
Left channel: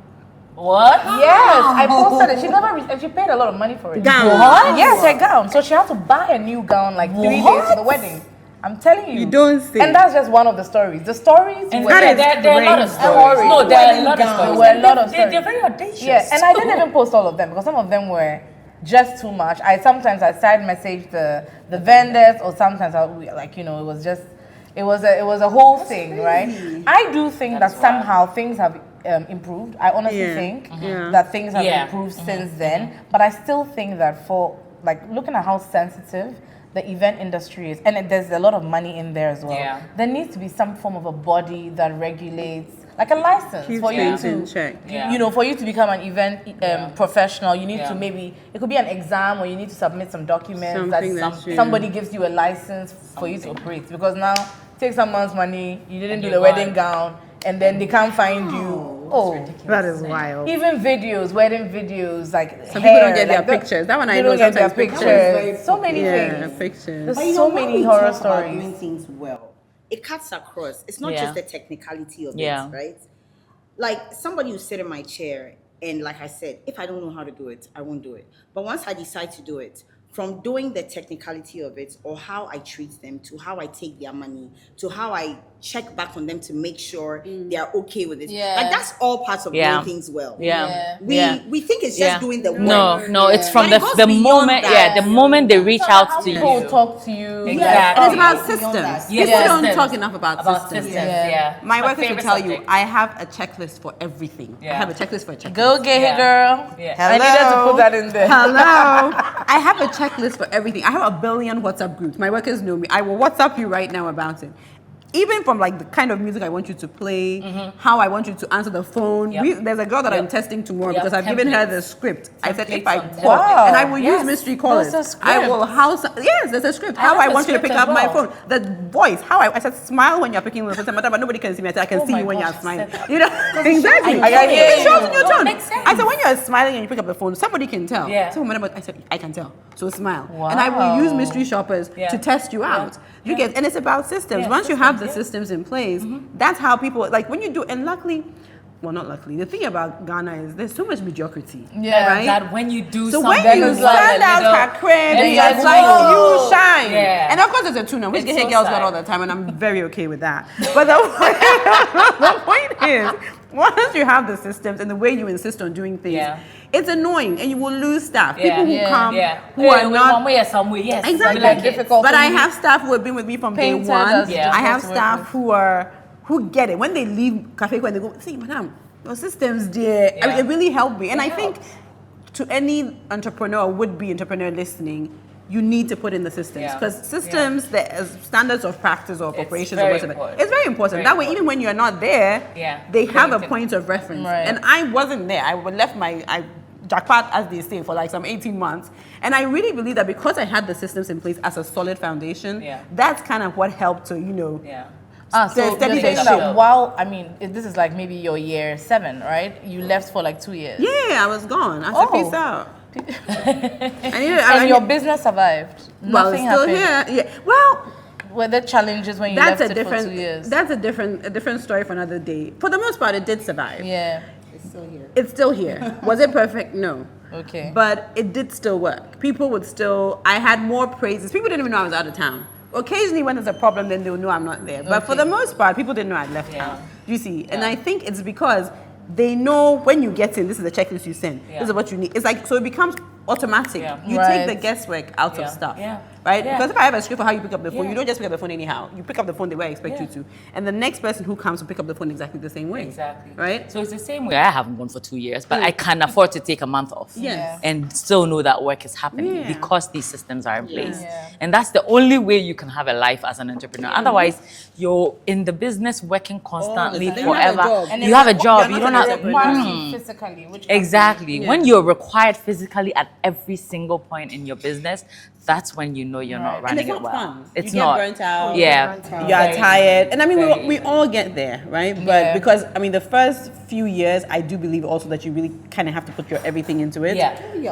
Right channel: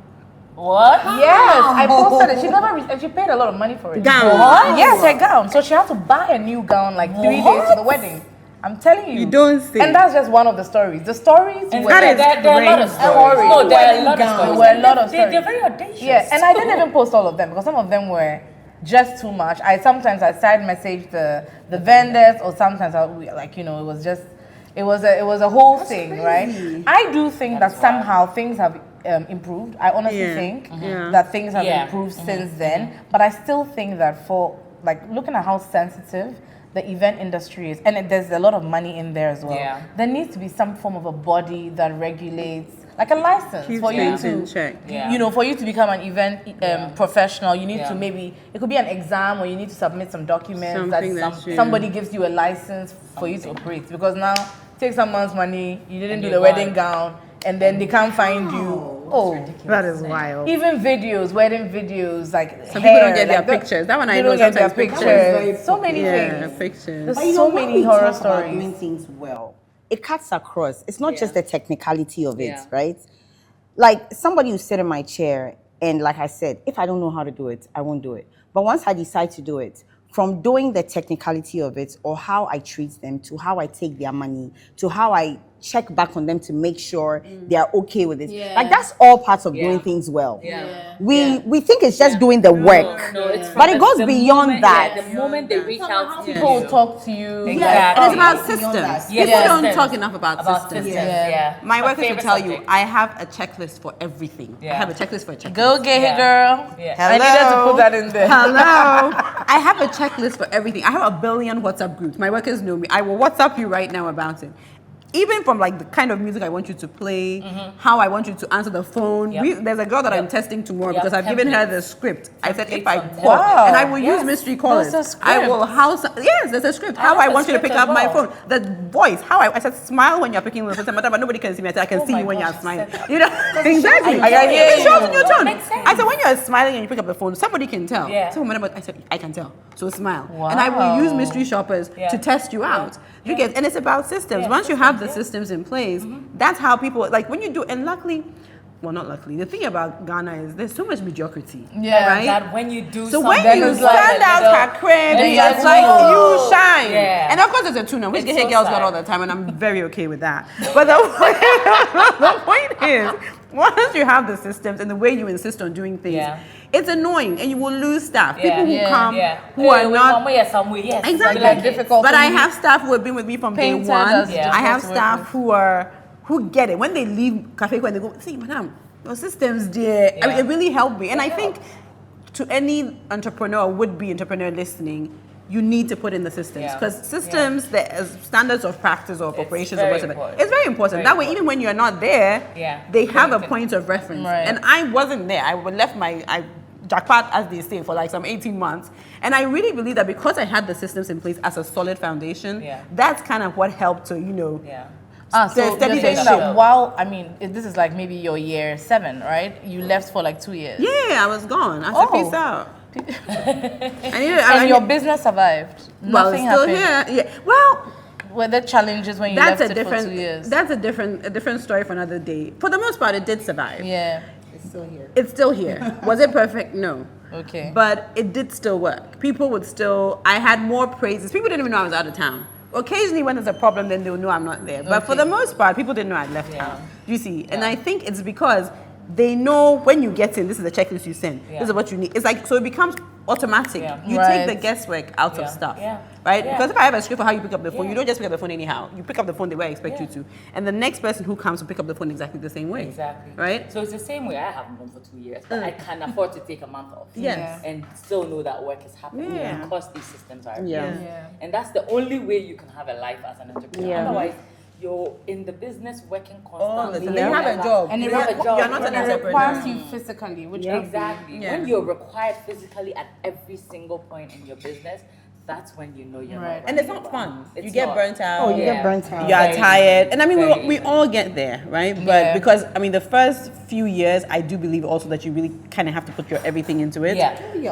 What? Yes, I posted it. She never and she paid a lot of money for it. Gown. What? Yes, a gown. So she had to buy a new gown like 3 days to the wedding. I'm telling you. You don't say. And that's just one of the stories. The stories And were there are a lot of stories. No, there are a lot of stories. There were a lot of stories. They're very audacious. Yeah, and I didn't even post all of them because some of them were just too much. I side message the vendors, or sometimes it was a whole thing, right? I do think that somehow things have improved. I honestly think that things have improved since then, but I still think that for looking at how sensitive the event industry is, and there's a lot of money in there as well. Yeah. There needs to be some form of a body that regulates, like a license for you to check. For you to become an event professional. You need to it could be an exam, or you need to submit some documents somebody gives you a license for you to operate. Because now, take someone's money, you didn't do the wedding gown, and then they can't find you. Oh, that is wild. Even videos, wedding videos, like some hair, people don't get their pictures. That one I know. They don't get their pictures. So many things. Pictures. There's so many horror stories. Doing things well, it cuts across. It's not just the technicality of it, right? Like somebody who sit in my chair, and like I said, if I don't know how to do it, I won't do it. But once I decide to do it, from doing the technicality of it, or how I treat them, to how I take their money, to how I check back on them to make sure they are okay with it. Like that's all parts of doing things well. We think it's just doing the work. No, it's from the moment. The moment they reach out to you. People talk to you. Exactly. It's about systems. People don't talk enough about systems. My workers will tell you, I have a checklist for everything. I have a checklist for a checklist. Go get it, girl. Hello. I needed to put that in there. Hello. I have a checklist for everything. I have a billion WhatsApp groups. My workers know me. I will WhatsApp you right now about it. Even from like the kind of music I want you to play, how I want you to answer the phone. There's a girl that I'm testing tomorrow because I've given her the script. I said if I call, and I will use mystery callers. I will there's a script. How I want you to pick up my phone. The voice. I said smile when you're picking the phone. But nobody can see me. I said I can see you when you're smiling. You know exactly. It shows in your tone. I said when you're smiling and you pick up the phone, somebody can tell. I said I can tell. So smile. And I will use mystery shoppers to test you out. And it's about systems. Once you have the systems in place, that's how people, like when you do, and luckily, well, not luckily, the thing about Ghana is there's so much mediocrity. Right? That when you do so something, when you stand out her crib, it's like you shine. And of course, there's a tune-up, which get girls got all the time, and I'm very okay with that. But the point is, once you have the systems and the way you insist on doing things, it's annoying, and you will lose staff. People who come who are not exactly difficult. But I have staff who have been with me from day one. I have staff who get it. When they leave Cafe, when they go, say, madam, your systems, dear. I mean, it really helped me. And I think to any entrepreneur, would-be entrepreneur listening, you need to put in the systems, because systems, the standards of practice or of operations or whatever, it's very important. That way, even when you're not there, they have a point of reference. And I wasn't there. I left my jackpot, as they say, for like some 18 months. And I really believe that because I had the systems in place as a solid foundation, that's kind of what helped to, so you're saying that this is like maybe your year 7, right? You left for like 2 years. Yeah, I was gone. I said, peace out. And your business survived. Nothing it's still happened. here. Yeah. Well, were there challenges when you left it for 2 years? That's a different story for another day. For the most part, it did survive. Yeah. It's still here. Was it perfect? No. Okay. But it did still work. People would still, I had more praises. People didn't even know I was out of town. Occasionally when there's a problem, then they'll know I'm not there. But for the most part, people didn't know I'd left town. You see? And I think it's because they know when you get in, this is the checklist you send. This is what you need. It's like, so it becomes automatic. You take the guesswork out of stuff. Right? Because if I have a script for how you pick up the phone, you don't just pick up the phone anyhow. You pick up the phone the way I expect you to. And the next person who comes will pick up the phone exactly the same way. Exactly. Right? So it's the same way. I haven't gone for 2 years, but I can afford to take a month off. And still know that work is happening because these systems are in place. And that's the only way you can have a life as an entrepreneur. Otherwise, you're in the business working constantly. You have a job. And you have a job. You don't have physically. Exactly. When you're required physically at every single point in your business, that's when you know you're not running. And it's not fun. It's you get burnt out. You are tired. And I mean, we all get there, right? But because, I mean, the first few years, I do believe also that you really kind of have to put your everything into it.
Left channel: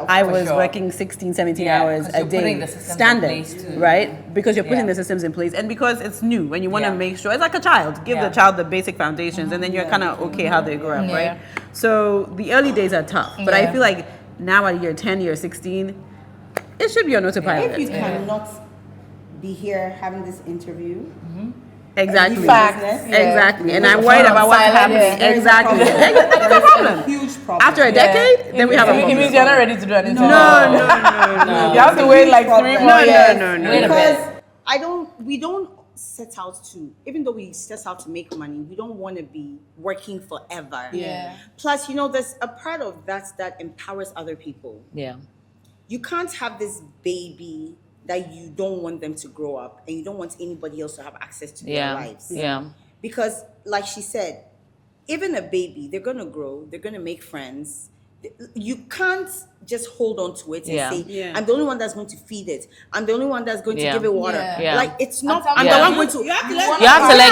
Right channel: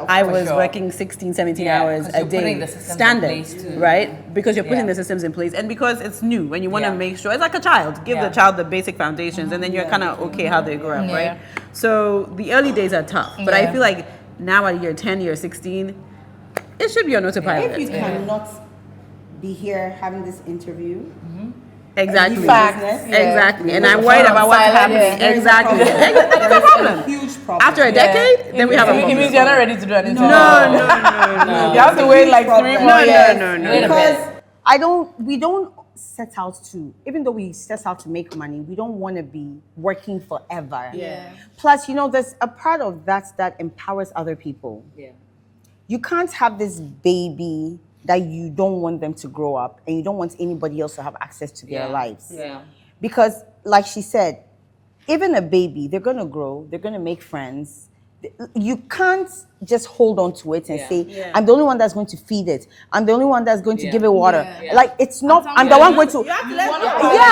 I was working 16, 17 hours a day, standard, right? Because you're putting the systems in place. And because it's new, when you want to make sure, it's like a child. Give the child the basic foundations, and then you're kind of okay how they grow up, right? So the early days are tough. But I feel like now at year 10, year 16, it should be on autopilot. If you cannot be here having this interview. Exactly. Facts. Exactly. And There's I'm a worried problem. about what's Silent, happening. yeah. Exactly. There That's a is problem. a huge problem. After a decade, then we have a It problem. means you're not ready to do anything. No. You have to wait like 3 more years. No. Because we don't set out to, even though we set out to make money, we don't want to be working forever. Yeah. Plus, there's a part of that empowers other people. Yeah. You can't have this baby that you don't want them to grow up and you don't want anybody else to have access to their lives. Yeah. Because, like she said, even a baby, they're going to grow, they're going to make friends. You can't just hold on to it and say, I'm the only one that's going to feed it. I'm the only one that's going to give it water. Yeah. Like, it's not, I'm the one going to... You have to let You have to let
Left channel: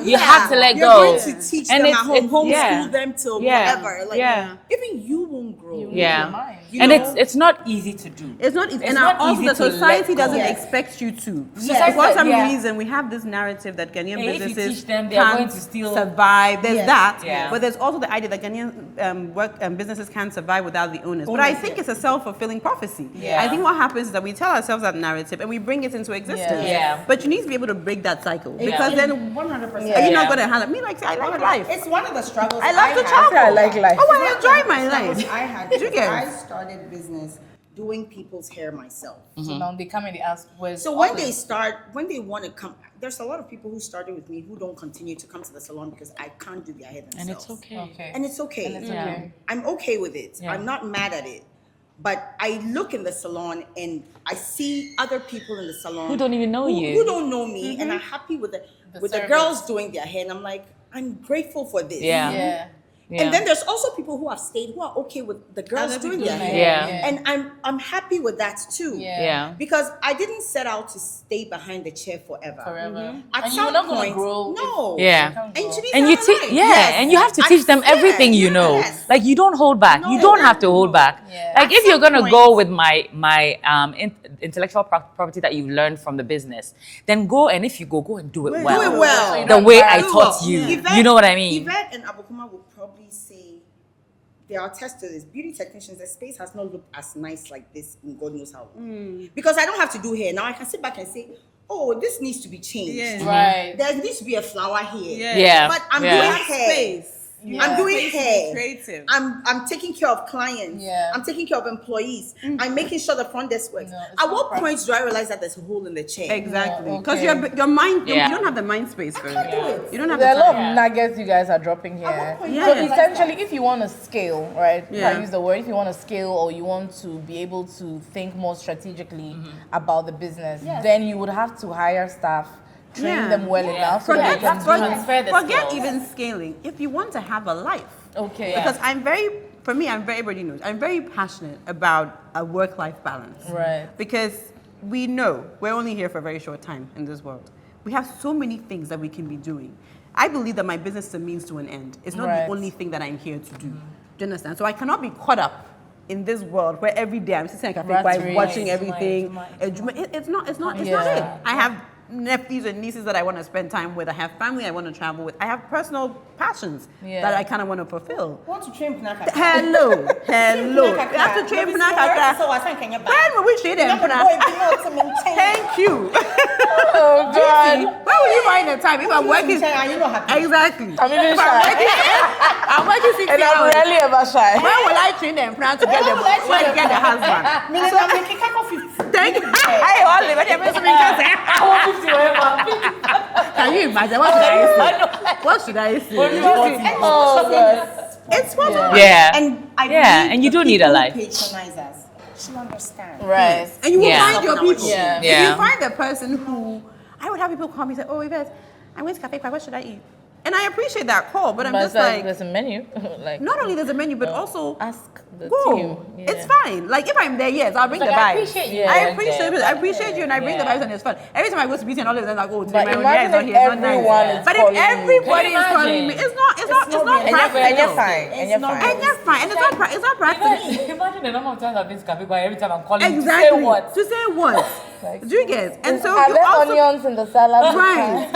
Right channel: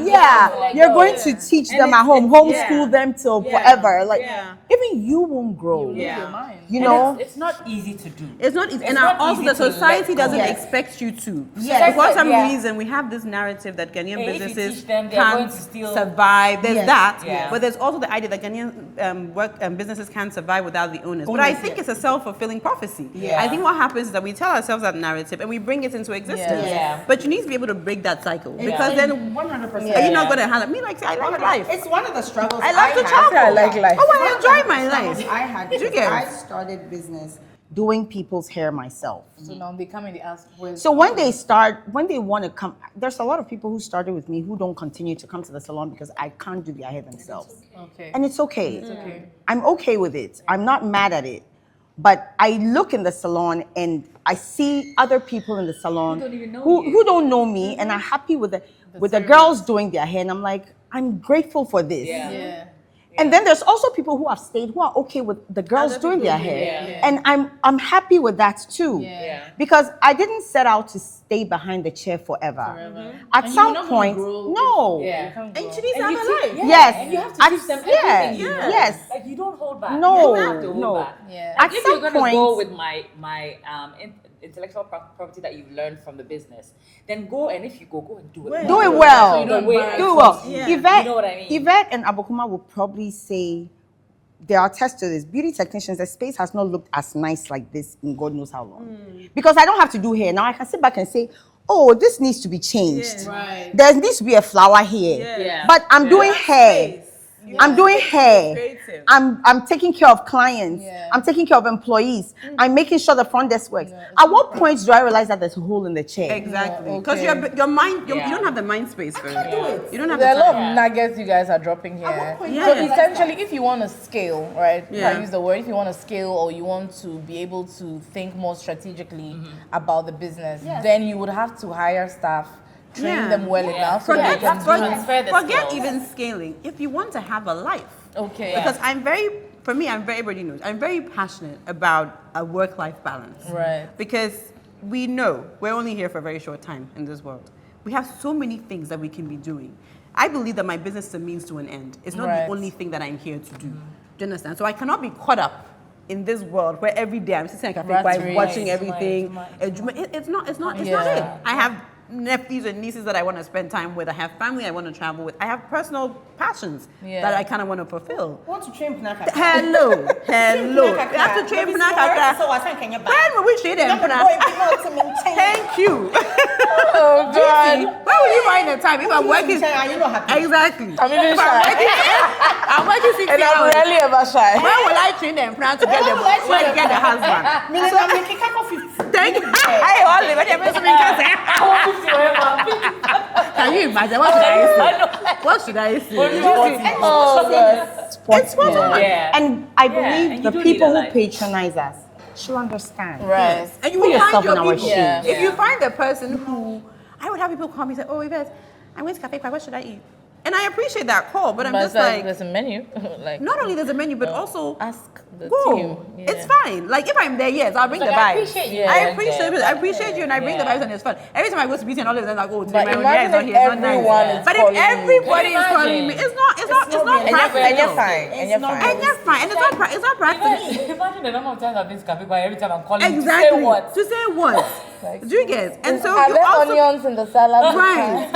go. You have to let You're go. going to teach them at home, homeschool them till forever. Like, Yeah. even you won't grow. Yeah. You And know? it's not easy to do. It's not easy. And not also easy the to let society go. doesn't Yes. expect you to. Yes. For some Yeah. reason, we have this narrative that Ghanaian And if you businesses teach them, they are going can't to steal- survive. There's Yes. that. Yeah. But there's also the idea that Ghanaian businesses can't survive without the owners. But I think it's a self-fulfilling prophecy. Yeah. I think what happens is that we tell ourselves that narrative and we bring it into existence. Yeah. But you need to be able to break that cycle. Because then 100%. are you not going to have me like I like life. It's one of the struggles I love to had. travel. I like life. Oh, I It's enjoy one of my the struggles life. I had. Did you because get? I started business doing people's hair myself. So now they come and they ask, where's So when they want to come, there's a lot of people who started with me who don't continue to come to the salon because I can't do their hair themselves. Okay. And it's okay. okay. I'm okay with it. I'm not mad at it. But I look in the salon and I see other people in the salon Who don't even know you. who don't know me and are happy with the service. girls doing their hair. And I'm like, I'm grateful for this. Yeah. Yeah. And then there's also people who have stayed who are okay with the girls Other doing people their doing hair. hair. Yeah. And I'm happy with that too. Yeah. Because I didn't set out to stay behind the chair forever. At And some you're not gonna point, grow no. Yeah. And you And you teach, Yes. and you have to At- teach them yeah, everything you know. yes. Like you don't hold back. You No, don't have to hold no. back. Yeah. Like At if you're some gonna go point- with my intellectual property that you've learned from the business, then go and if you go and do it Do well. it well. So you The don't way embarrass I yourself. taught you. Yvette- You know what I mean? Yvette and Abokuma will probably say, they are attest to this. Beauty technicians, the space has not looked as nice like this in God knows how long. Because I don't have to do hair. Now I can sit back and say, oh, this needs to be changed. Right. There needs to be a flower here. Yeah. But I'm Yeah. doing hair. Space. I'm doing hair. creative. I'm taking care of clients. Yeah. I'm taking care of employees. I'm making sure the front desk works. No, it's At what not point do I realize that there's a hole in the chair? Exactly. Yeah, Because okay. your mind, Yeah. you don't have the mind space for can't it. do it. You don't have There are the a lot time. of nuggets you guys are dropping here. what point So do you realize essentially, if you want to scale, right? If I Yeah. use the word, if you want to scale or you want to be able to think more strategically about the business, then you would have to hire staff, train Yeah. them well enough so that they can Transfer the Forget skills. even scaling. If you want to have a life. Okay. Because I'm very everybody knows, I'm very passionate about a work-life balance. Right. Because we know we're only here for a very short time in this world. We have so many things that we can be doing. I believe that my business is a means to an end. It's not Right. the only thing that I'm here to do. Do you understand? So I cannot be caught up in this world where every day I'm sitting at a cafe Rat while race. watching everything. It's not Yeah. it. I have nephews and nieces that I want to spend time with. I have family I want to travel with. I have personal passions Yeah. that I kind of want to fulfill. Want to train Pinaka? Hello. You have to train Pinaka. So I think When will we train them? Thank you. Oh God. Where will you find the time if I'm working? You know happy. Exactly. I'm even If I'm shy. working, I'm working 60 And I'm hours. rarely ever shy. When will I train them plan to get the husband? Thank you. Hey, Holly, what you Can you imagine? What should I say? What should I say? Oh God. It's what Yeah. And I believe and you the don't need a people who life. patronize us, she'll understand. Right. And you will Yeah. find your Something people. Yeah. If you Yeah. find the person who, I would have people call me and say, oh, Yvette, I'm going to Cafe Quai, what should I eat? And I appreciate that call, but I'm But just it's like like, there's a menu. Like not only there's a menu, but also ask the go. team. Yeah. It's fine. Like if I'm there, yes, I'll bring Like, the I vibes. appreciate you. I Yeah. appreciate it. I appreciate you, and I bring the Yeah. vibes, and it's fun. Every time I go to meeting, all of them like, oh, today But my own imagine hair is not if here, it's not everyone nice. is But if calling you. everybody Can is you calling me, imagine? it's not And practical. you're fine. And you're fine. And you're fine, and it's not practical. Imagine the number of times I've been to Cafe Quai every time I'm calling Exactly. to say what? To say what? Like, Do you get? And so are you there also onions in the salad? right.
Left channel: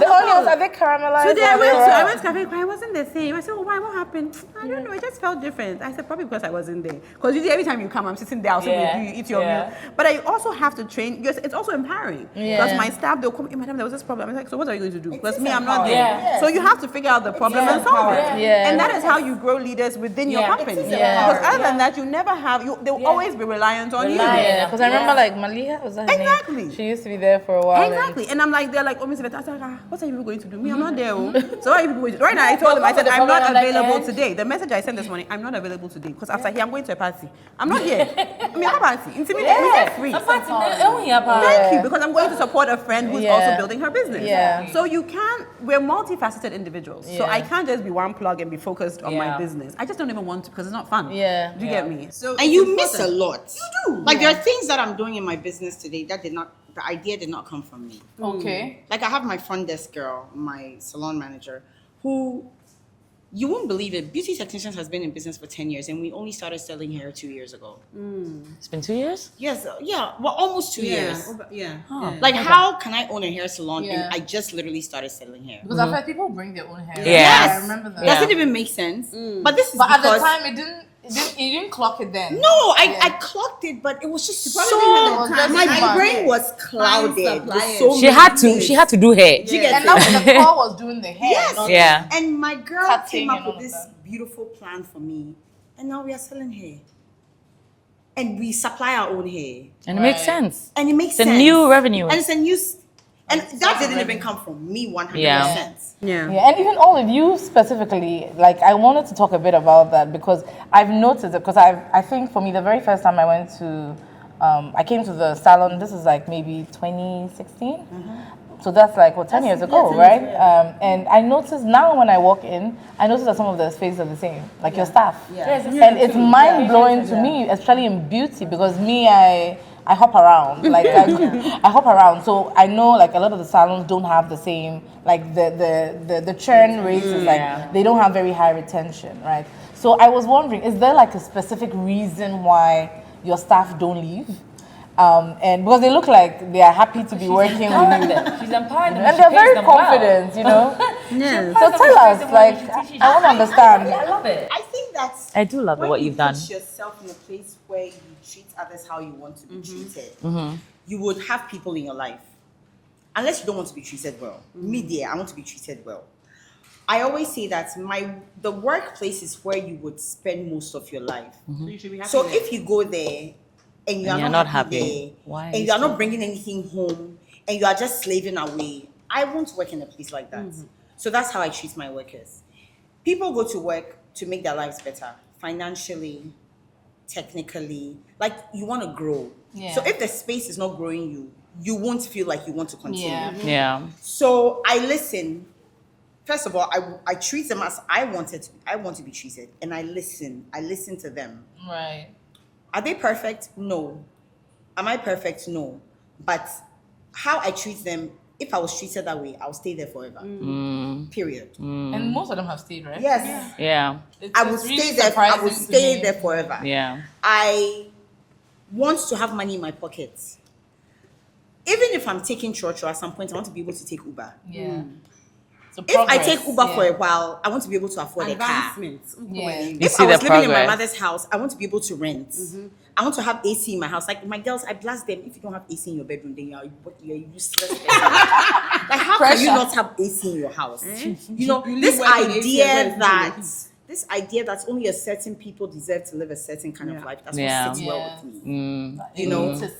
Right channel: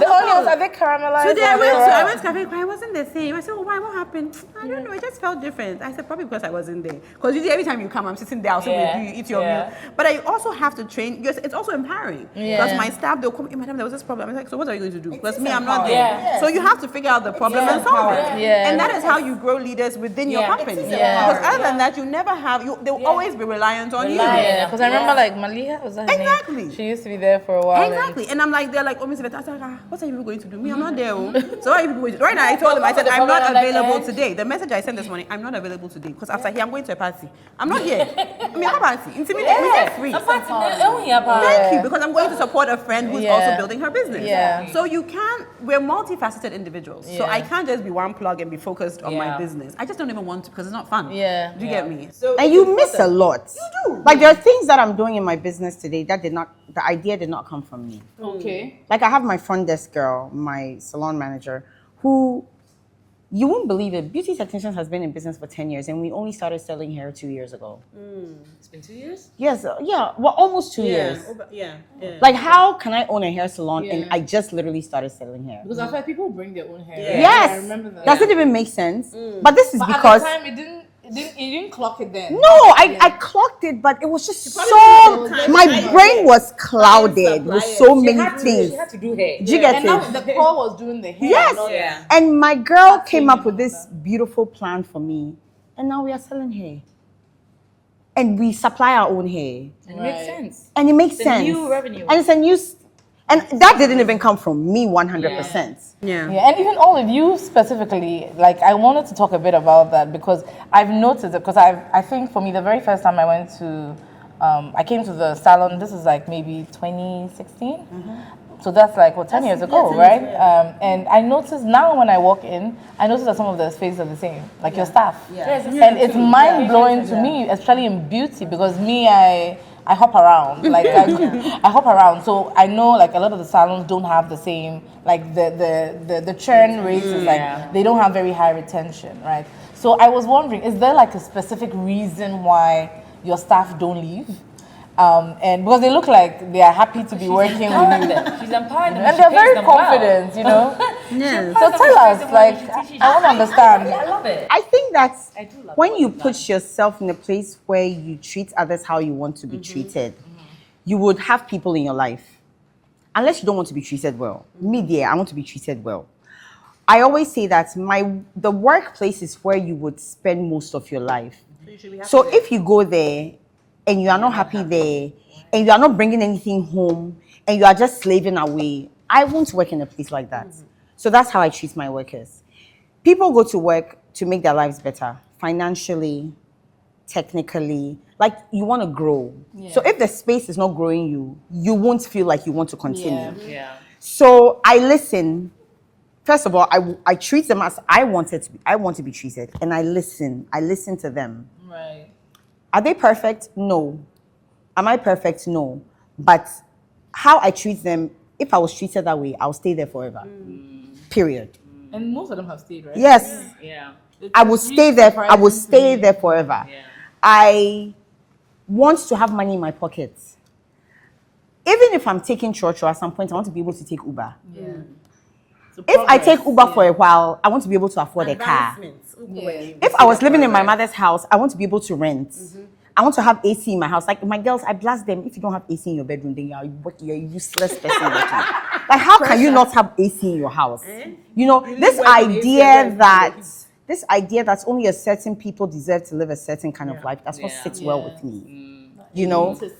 The onions, are they caramelized? Today or are they raw? I went to Cafe Cry. It wasn't the same. I said, "Oh, why? What happened?" I don't know. It just felt different. I said, "Probably because I wasn't there." Because usually every time you come, I'm sitting there. I'll sit with you, you eat your meal. But I also have to train. Yes, it's also empowering. Because my staff, they'll come. Madam, there was this problem. I'm like, so what are you going to do? Because me, I'm not there. Yeah. So you have to figure out the problem and solve it. Yeah. And that is how you grow leaders within your company. Yeah. Because other than that, you never have. They'll always be reliant on you. Yeah, because I remember like Maliha was that her Exactly. name? She used to be there for a while. Exactly. And I'm like, they're like, oh, Miss Yvette, I said, what are you going to do? Me, I'm not there. Oh. So what are you people going to do? Right now, I told them, I said, I'm not available today. The message I sent this morning, I'm not available today. Because after here, I'm going to a party. I'm not here. I mean, I'm a party. Intimidate me, get free. Thank you, because I'm going to support a friend who's also building her business. Yeah. So we're multifaceted individuals. So I can't just be one plug and be focused on my business. I just don't even want to because it's not fun. Yeah. Do you get me? So And it's you miss a important. lot. You do. Like there are things that I'm doing in my business today that the idea did not come from me. Okay. Like I have my front desk girl, my salon manager, who you won't believe it. Beauty Technicians has been in business for 10 years and we only started selling hair 2 years ago. It's been 2 years? Yes, yeah, well almost 2 years. Yeah. Like how can I own a hair salon and I just literally started selling hair? Because I've heard people bring their own hair. Yes. I remember that. Does it even make sense? But this is But because at the time, you didn't clock it then. no, I clocked it, but it was just so probably my didn't brain was clouded with so She many had to. things. She had to do hair. Do you get And it? now the call was doing the hair. Yes. not Yeah. And my girl came up and with all this beautiful plan for me, and now we are selling hair, and we supply our own hair, And it makes sense. and it makes It's a sense. new revenue. and it's a new, and that didn't even come from me 100%. Yeah. Yeah, and even all of you specifically, like I wanted to talk a bit about that because I've noticed it because I think for me the very first time I went to, I came to the salon, this is like maybe 2016. So that's like, 10 years ago, right? And I noticed now when I walk in, I notice that some of the faces are the same, like your staff. And it's mind blowing to me, especially in beauty, because me, I hop around, like I hop around. So I know like a lot of the salons don't have the same, like the churn rates is like, they don't have very high retention, right? So I was wondering, is there like a specific reason why your staff don't leave? And because they look like they are happy to be working with you. She's empowered them. And they're very confident, you know? Yes. So tell us, like, I want to understand. I love it. I think that's I do love when what you you've put done. yourself in a place where you treat others how you want to be treated, you would have people in your life. Unless you don't want to be treated well. Me, dear, I want to be treated well. I always say that the workplace is where you would spend most of your life. So if you go there and you are you're not not happy there, Why? and you are not bringing anything home, and you are just slaving away, I won't work in a place like that. So that's how I treat my workers. People go to work to make their lives better, financially, technically. Like you want to grow. Yeah. So if the space is not growing you, you won't feel like you want to continue. Yeah. Yeah. So I listen. First of all, I treat them as I want to be treated, and I listen. I listen to them. Right. Are they perfect? No. Am I perfect? No. But how I treat them, if I was treated that way, I'll stay there forever. Period. And most of them have stayed, right? Yes. Yeah. I will stay there. I will stay there forever. Yeah. I want to have money in my pockets. Even if I'm taking church, or at some point I want to be able to take Uber. Yeah. So If I progress, take Uber for a while, I want to be able to afford a car. Advancements. Yeah. If see I was the living in my progress. mother's house, I want to be able to rent. I want to have AC in my house. Like my girls, I blast them. If you don't have AC in your bedroom, then you're a useless person. Like how can you not have AC in your house? You know, this idea that only a certain people deserve to live a certain kind of life. That's Yeah. what sits well with me. You It know, notices.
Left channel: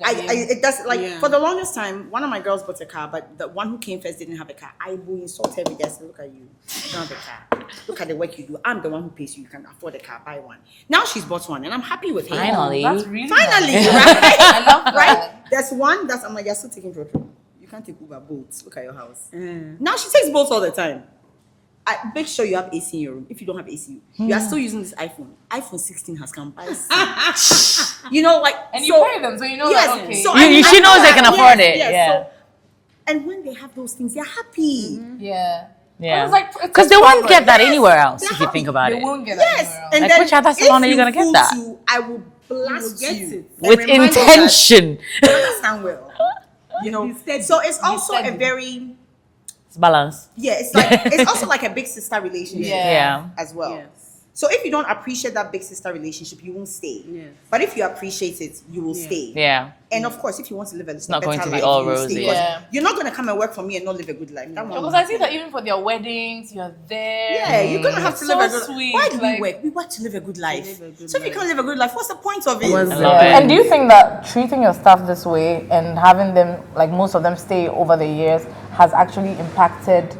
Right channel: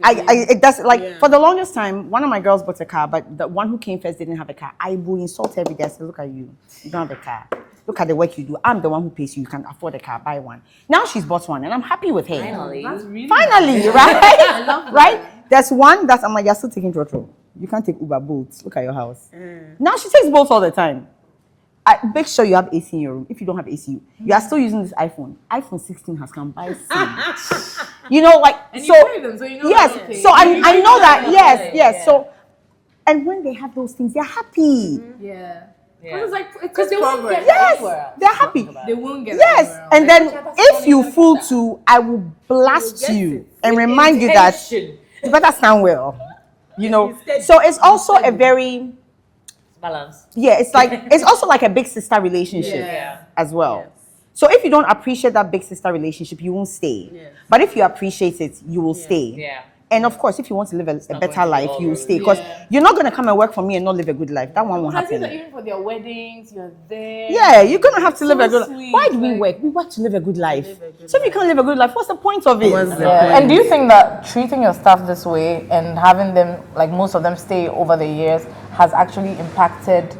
it does like for the longest time. One of my girls bought a car, but the one who came first didn't have a car. I will insult every day. I say, look at you don't have a car. Look at the work you do. I'm the one who pays you. You can afford a car. Buy one. Now she's bought one, and I'm happy with her. Finally. That's really Finally, nice. right? I love that. Right? There's one that I'm like, you're still taking Trotro. You can't take Uber, Bolt. Look at your house. Now she takes Bolt all the time. Make sure you have AC in your room. If you don't have AC, you are still using this iPhone. iPhone 16 has come by. You know, like And so. you pay them, so you know Yes. that, okay. So She I know knows they that, can afford yes, it. Yes. Yeah. So, and when they have those things, they're happy. Yeah. Yeah. It's like Because they won't get that Yes, anywhere else they're if you happy. think about They it. won't get Yes, that. and Like, then which other salon are if you you gonna get fool that? to, I will blast get you it. and With remind you that intention. you better stand well. You know, Be steady. so it's also a steady. very It's balance. it's also like a big sister relationship Yeah. as well. Yes. So if you don't appreciate that big sister relationship, you won't stay. Yes. But if you appreciate it, you will stay. Yeah. And of course, if you want to live a not going better to be life, all you will rosy. stay. Because Yeah. you're not going to come and work for me and not live a good life. That one won't Because I see happen. that even for their weddings, you're there. Yeah, you're gonna have to It's live a so good sweet, life. Why do we like- work? We work to live a good life. Live a good So if you life. can't live a good life, what's the point of it? What's the Yeah. And do you think that treating your staff this way and having them, like most of them stay over the years, has actually impacted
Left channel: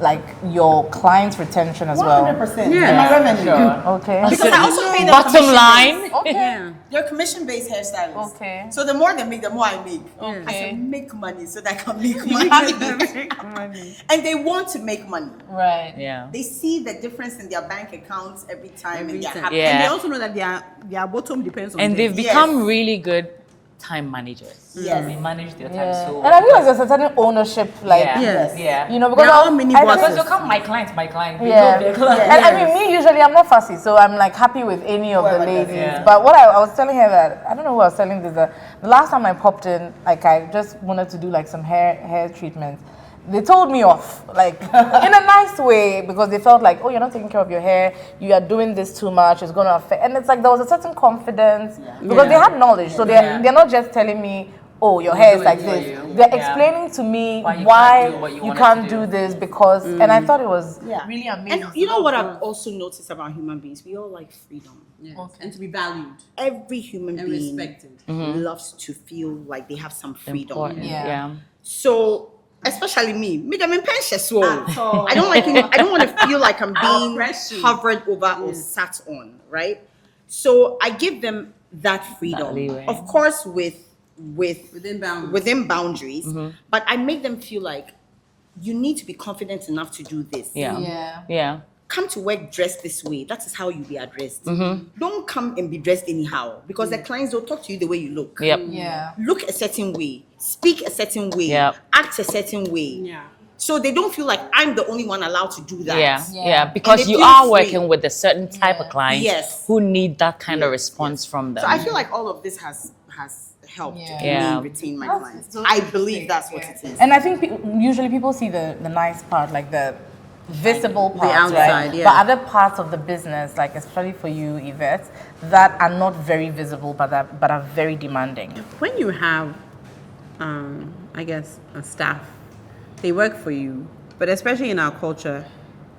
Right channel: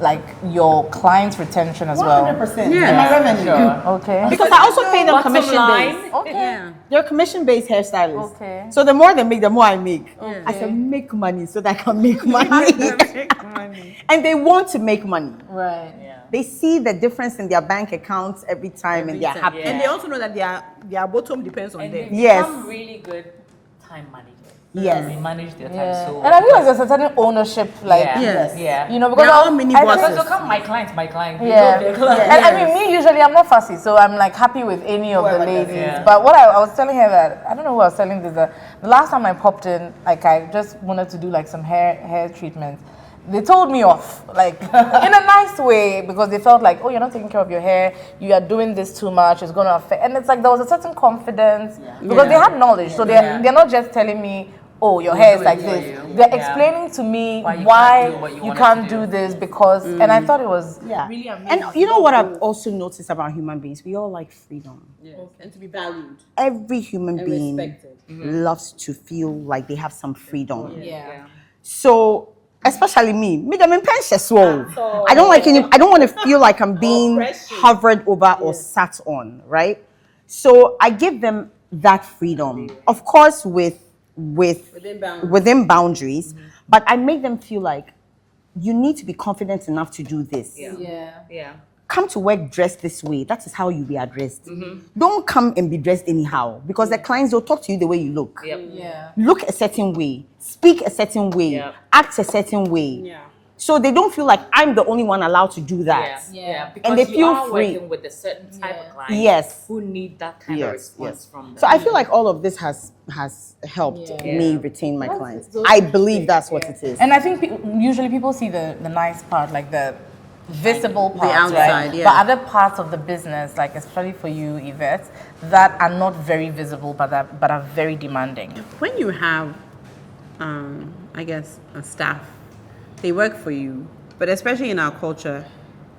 like your clients' retention as well? 100%. Yeah. And my revenue. Okay. Because I also pay them Bottom commission-based. line. Okay. Yeah. They're commission-based hairstylists. Okay. So the more they make, the more I make. Okay. I said, make money so that I can make money. And they want to make money. Right. Yeah. They see the difference in their bank accounts every time and they're happy. Yeah. And they also know that their bottom depends on And them. they've Yes. become really good time managers. Yes. They manage their time Yeah. so And I feel like there's a certain ownership, like, yeah. Yes. Yeah. you know, because They're all I mini think- bosses. Because they'll come, my client. They Yeah. know their client. And I mean, me usually I'm not fussy, so I'm like happy with any of the Whoever does it. ladies. Yeah. But what I was telling her that I don't know who I was telling this. The last time I popped in, like I just wanted to do like some hair treatment. They told me off, like in a nice way, because they felt like, oh, you're not taking care of your hair. You are doing this too much. It's going to affect. And it's like there was a certain confidence because they had knowledge, so they're not just telling me, oh, your hair is like do it for this. you. They're Yeah. explaining to me Why you why can't do what you you wanted can't to do. do this because, and I thought it was Yeah. really amazing. And you know what I've also noticed about human beings? We all like freedom. Yes. And to be valued. Every human And being respected. loves to feel like they have some freedom. Yeah. So, especially me, I'm in pension, so At all. I don't like any, I don't want to feel like I'm being Oppression. hovered over or sat on, right? So I give them that freedom, leeway. of course, Within bounds. within boundaries, but I make them feel like you need to be confident enough to do this. Yeah. Yeah. Yeah. Come to work dressed this way. That is how you be addressed. Don't come and be dressed anyhow because the clients will talk to you the way you look. Yep. Yeah. Look a certain way, speak a certain way, Yep. act a certain way. Yeah. So they don't feel like I'm the only one allowed to do that. Yeah, Yeah. yeah, And because they you feel are free. working with a certain type of client Yes. who need that kind of Yes, response from them. So I feel like all of this has helped Yeah. me retain my clients. so I believe that's what it is. And I think usually people see the nice part, like the visible parts, outside, right? yeah. But other parts of the business, like especially for you, Yvette, that are not very visible, but are very demanding. When you have, I guess, a staff, they work for you, but especially in our culture,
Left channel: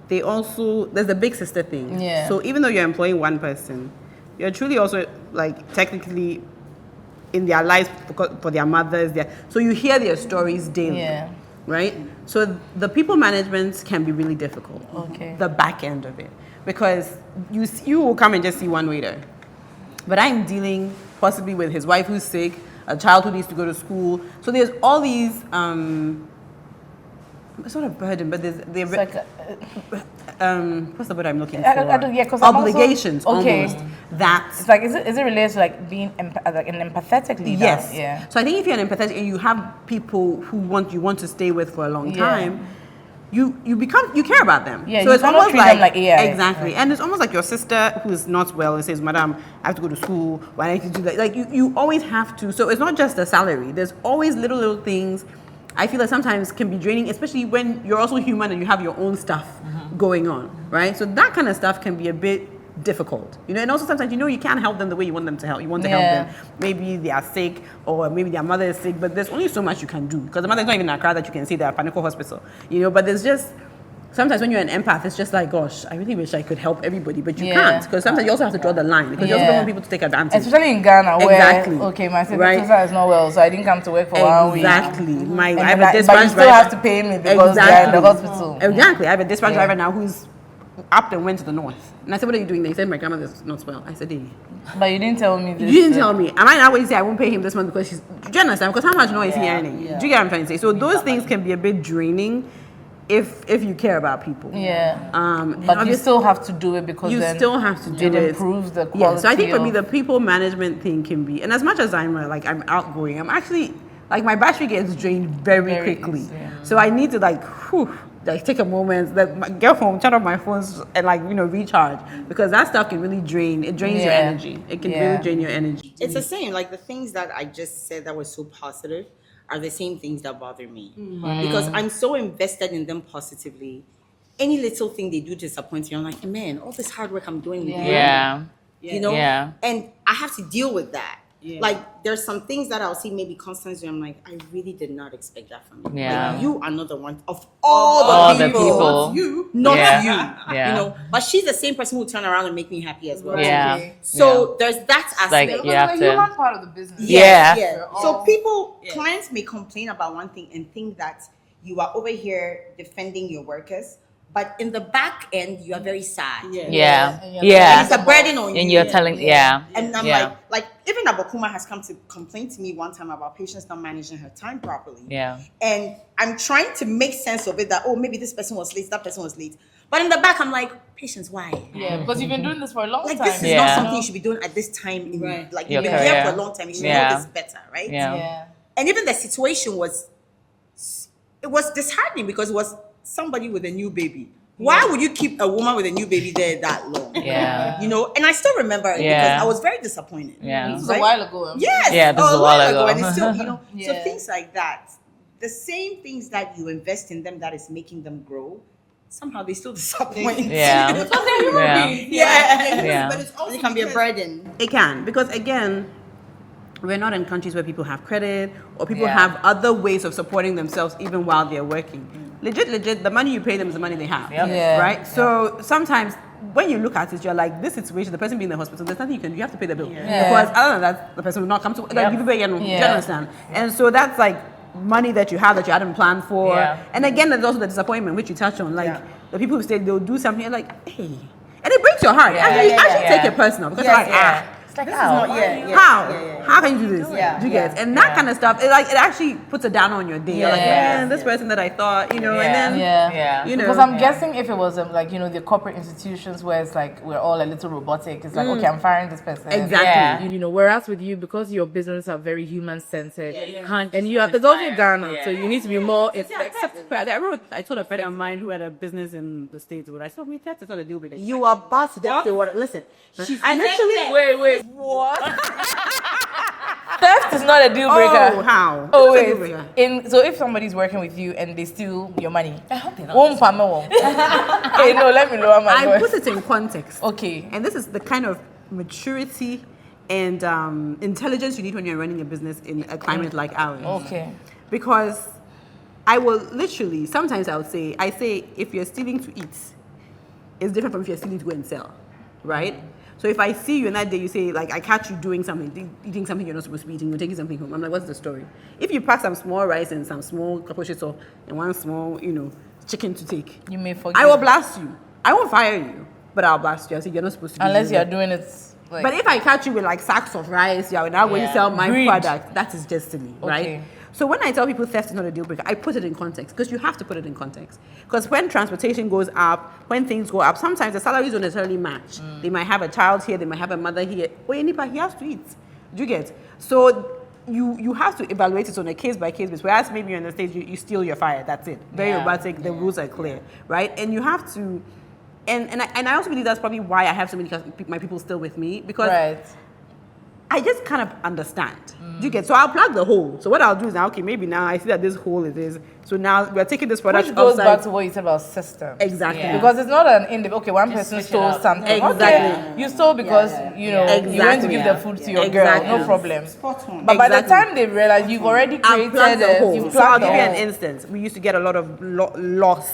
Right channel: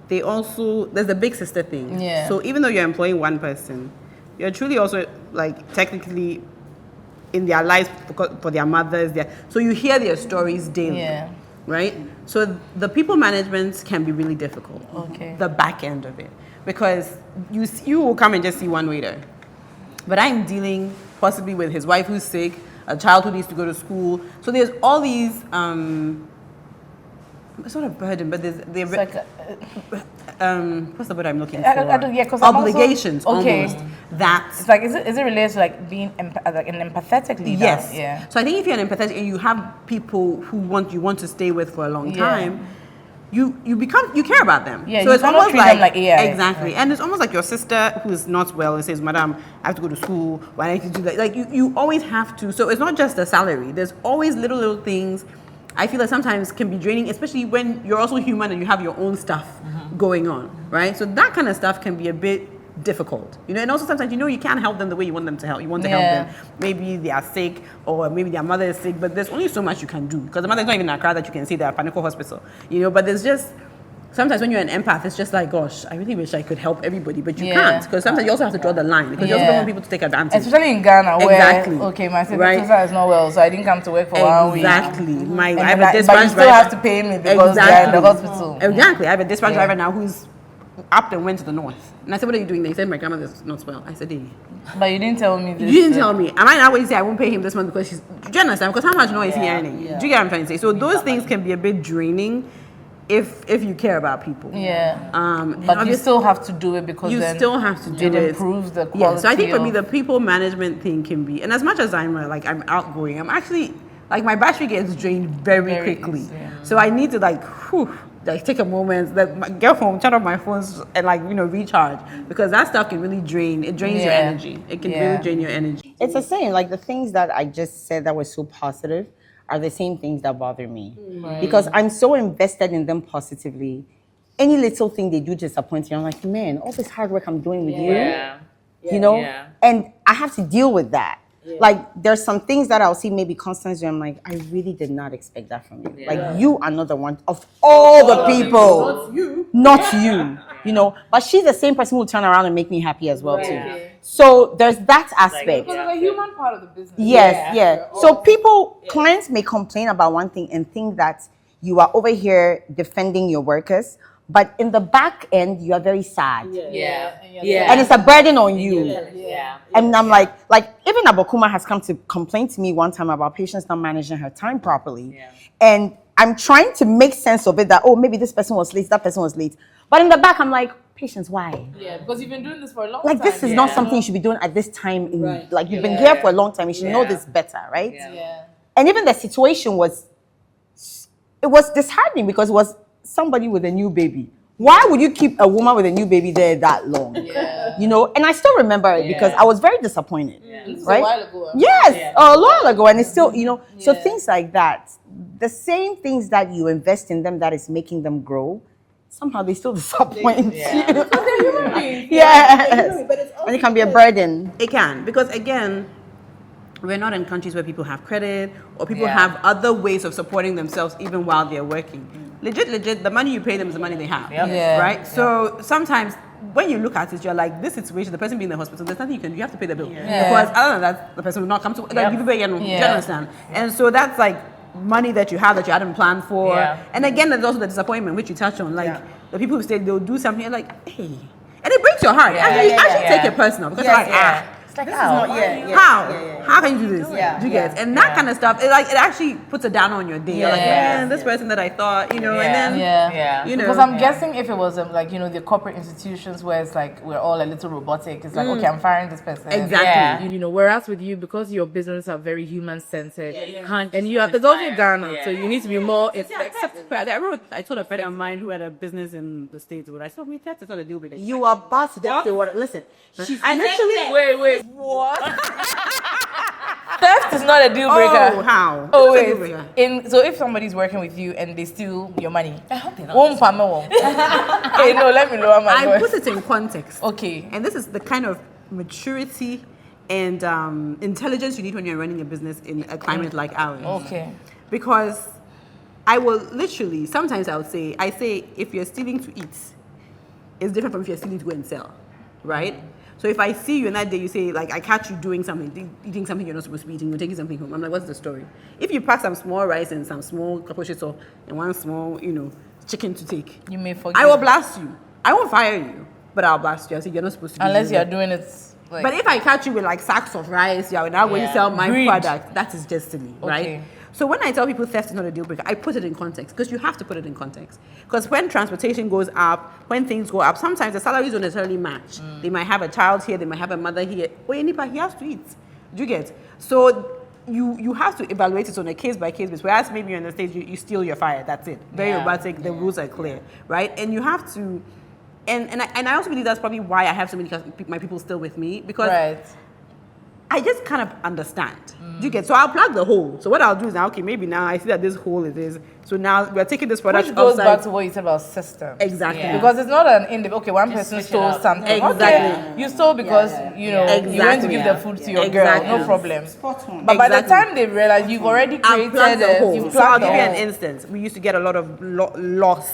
they also, there's the big sister thing. Yeah. So even though you're employing one person, you're truly also, like, technically in their lives for their mothers. So you hear their stories daily. Yeah. Right? So the people management can be really difficult. Okay. The back end of it. Because you will come and just see one waiter. But I'm dealing possibly with his wife who's sick, a child who needs to go to school. So there's all these it's not a burden, but there's It's like, what's the word I'm looking for? I don't- yeah, 'cause I'm also- obligations okay. almost. That it's like, is it related to like being like an empathetic leader? yes. Yeah. So I think if you're an empathetic and you have people who you want to stay with for a long Yeah. time, you care about them. Yeah, So you it's cannot almost treat them like AI. exactly, and it's almost like your sister who's not well and says, "Madam, I have to go to school. Why don't you do that?" Like you always have to. So it's not just a salary. There's always little things. I feel like sometimes can be draining, especially when you're also human and you have your own stuff going on, right? So that kind of stuff can be a bit difficult, and also sometimes you can't help them the way you want them to help. You want to help Yeah. them. Maybe they are sick or maybe their mother is sick, but there's only so much you can do because the mother is not even in Accra that you can say they're at Panico Hospital, But there's just sometimes when you're an empath, it's just like, gosh, I really wish I could help everybody, but you Yeah. can't because sometimes you also have to draw the line because you also don't Yeah. want people to take advantage. Especially in Ghana, where Exactly. okay, my sister Right. is not well, so I didn't come to work for 1 week. Exactly. I And have then a dispatch but you still driver. have to pay me because they're in the hospital. Exactly. I have a dispatch Yeah. driver now who's up and went to the north. And I said, "What are you doing?" They said, "My grandmother's not well." I said, "Hey, But you didn't tell me this. you didn't tell me. Am I now going to say I won't pay him this month because she's? Do you understand? Because how much noise is he earning? Do you get what I'm trying to say? So those things can be a bit draining if you care about people. Yeah. And But you obviously- still have to do it because you then still have to do it it. improves the quality. Yeah, so I think for me, of- the people management thing can be, and as much as I'm outgoing, I'm actually like my battery gets drained very Very quickly. easy, yeah. So I need to like take a moment, get home, turn off my phones, and like recharge, because that stuff can really drain. It drains your energy. It can really drain your energy. It's the same. Like the things that I just said that were so positive are the same things that bother me because I'm so invested in them positively. Any little thing they do disappoints me. I'm like, man, all this hard work I'm doing with you, you know, and I have to deal with that. Like there's some things that I'll see maybe constantly. I'm like, I really did not expect that from you. Like you are not the one of all the people, not you. You know, but she's the same person who will turn around and make me happy as well. So there's that aspect. Like you have to. Human part of the business. So clients may complain about one thing and think that you are over here defending your workers. But in the back end, you are very sad. And it's a burden on you. And you're telling, And I'm like even Abokuma has come to complain to me one time about patients not managing her time properly. And I'm trying to make sense of it that, oh, maybe this person was late, that person was late. But in the back, I'm like, patience, why? Because you've been doing this for a long like, time. This is not something you should be doing at this time. In like, you've been here for a long time. You should know this better, right? And even the situation was disheartening because it was somebody with a new baby. Why would you keep a woman with a new baby there that long? You know, and I still remember it because I was very disappointed. This is a while ago. Yes, a while ago. And it's still, you know, so things like that, the same things that you invest in them that is making them grow, somehow they still disappoint. Because they're human beings. But it's also and it can be a burden. It can, because again, we're not in countries where people have credit or people have other ways of supporting themselves even while they're working. Legit, the money you pay them is the money they have, right? So sometimes when you look at it, you're like, this situation, the person being in the hospital, there's nothing you can do. You have to pay the bill. Because other than that, the person will not come to, like, you understand? And so that's like money that you have that you hadn't planned for. And again, there's also the disappointment, which you touched on. Like, the people who say they'll do something, you're like, hey. And it breaks your heart. Actually take it personal. Because you're like, like, how can you do this? Do you get it? And that kind of stuff, it actually puts a down on your day. You're like, man, this person that I thought, you know, and then, you know. Because I'm guessing if it was like, you know, the corporate institutions where it's like, we're all a little robotic, it's like, okay, I'm firing this person. Exactly. You know, whereas with you, because your business are very human-centered, and you are, there's also Ghana, so you need to be more, I told a friend of mine who had a business in the States, when I saw me, that's not a deal breaker. You are about to say what? Listen, wait. What? Theft is not a deal breaker. Oh, how? Oh, wait. So if somebody's working with you and they steal your money, hey, no, let me lower my voice. I put it in context. Okay. And this is the kind of maturity and intelligence you need when you're running a business in a climate like ours. Okay. Because I will literally, sometimes I say, if you're stealing to eat, it's different from if you're stealing to go and sell, right? So if I see you and that day you say, like, I catch you doing something, eating something you're not supposed to be eating, you're taking something home, I'm like, what's the story? If you pack some small rice and some small capuchito and one small, you know, chicken to take, you may forget. I will blast you. I won't fire you, but I'll blast you. I'll say, you're not supposed to be unless doing you're that. doing it. Like, But if I catch you with like sacks of rice, you're now going to sell my product, that is just silly, right? So when I tell people theft is not a deal breaker, I put it in context because you have to put it in context. Because when transportation goes up, when things go up, sometimes the salaries don't necessarily match. They might have a child here, they might have a mother here. Well, he has to eat. Do you get? So you have to evaluate it on a case by case basis. Whereas maybe you're in the States, you steal, you're fired. That's it. Very robotic. The rules are clear, right? And you have to. And I also believe that's probably why I have so many my people still with me because. I just kind of understand. Do you get? So I'll plug the hole. So what I'll do is now, okay, maybe now I see that this hole it is. So now we're taking this product which goes outside. back to what you said about system. Exactly. Because it's not an individual. Okay, one person stole something. Exactly. Okay, you stole because you know you went to give the food to your girl. No problem. But by the time they realize you've already created it, you've plugged so I'll the give you hole. an instance. We used to get a lot of loss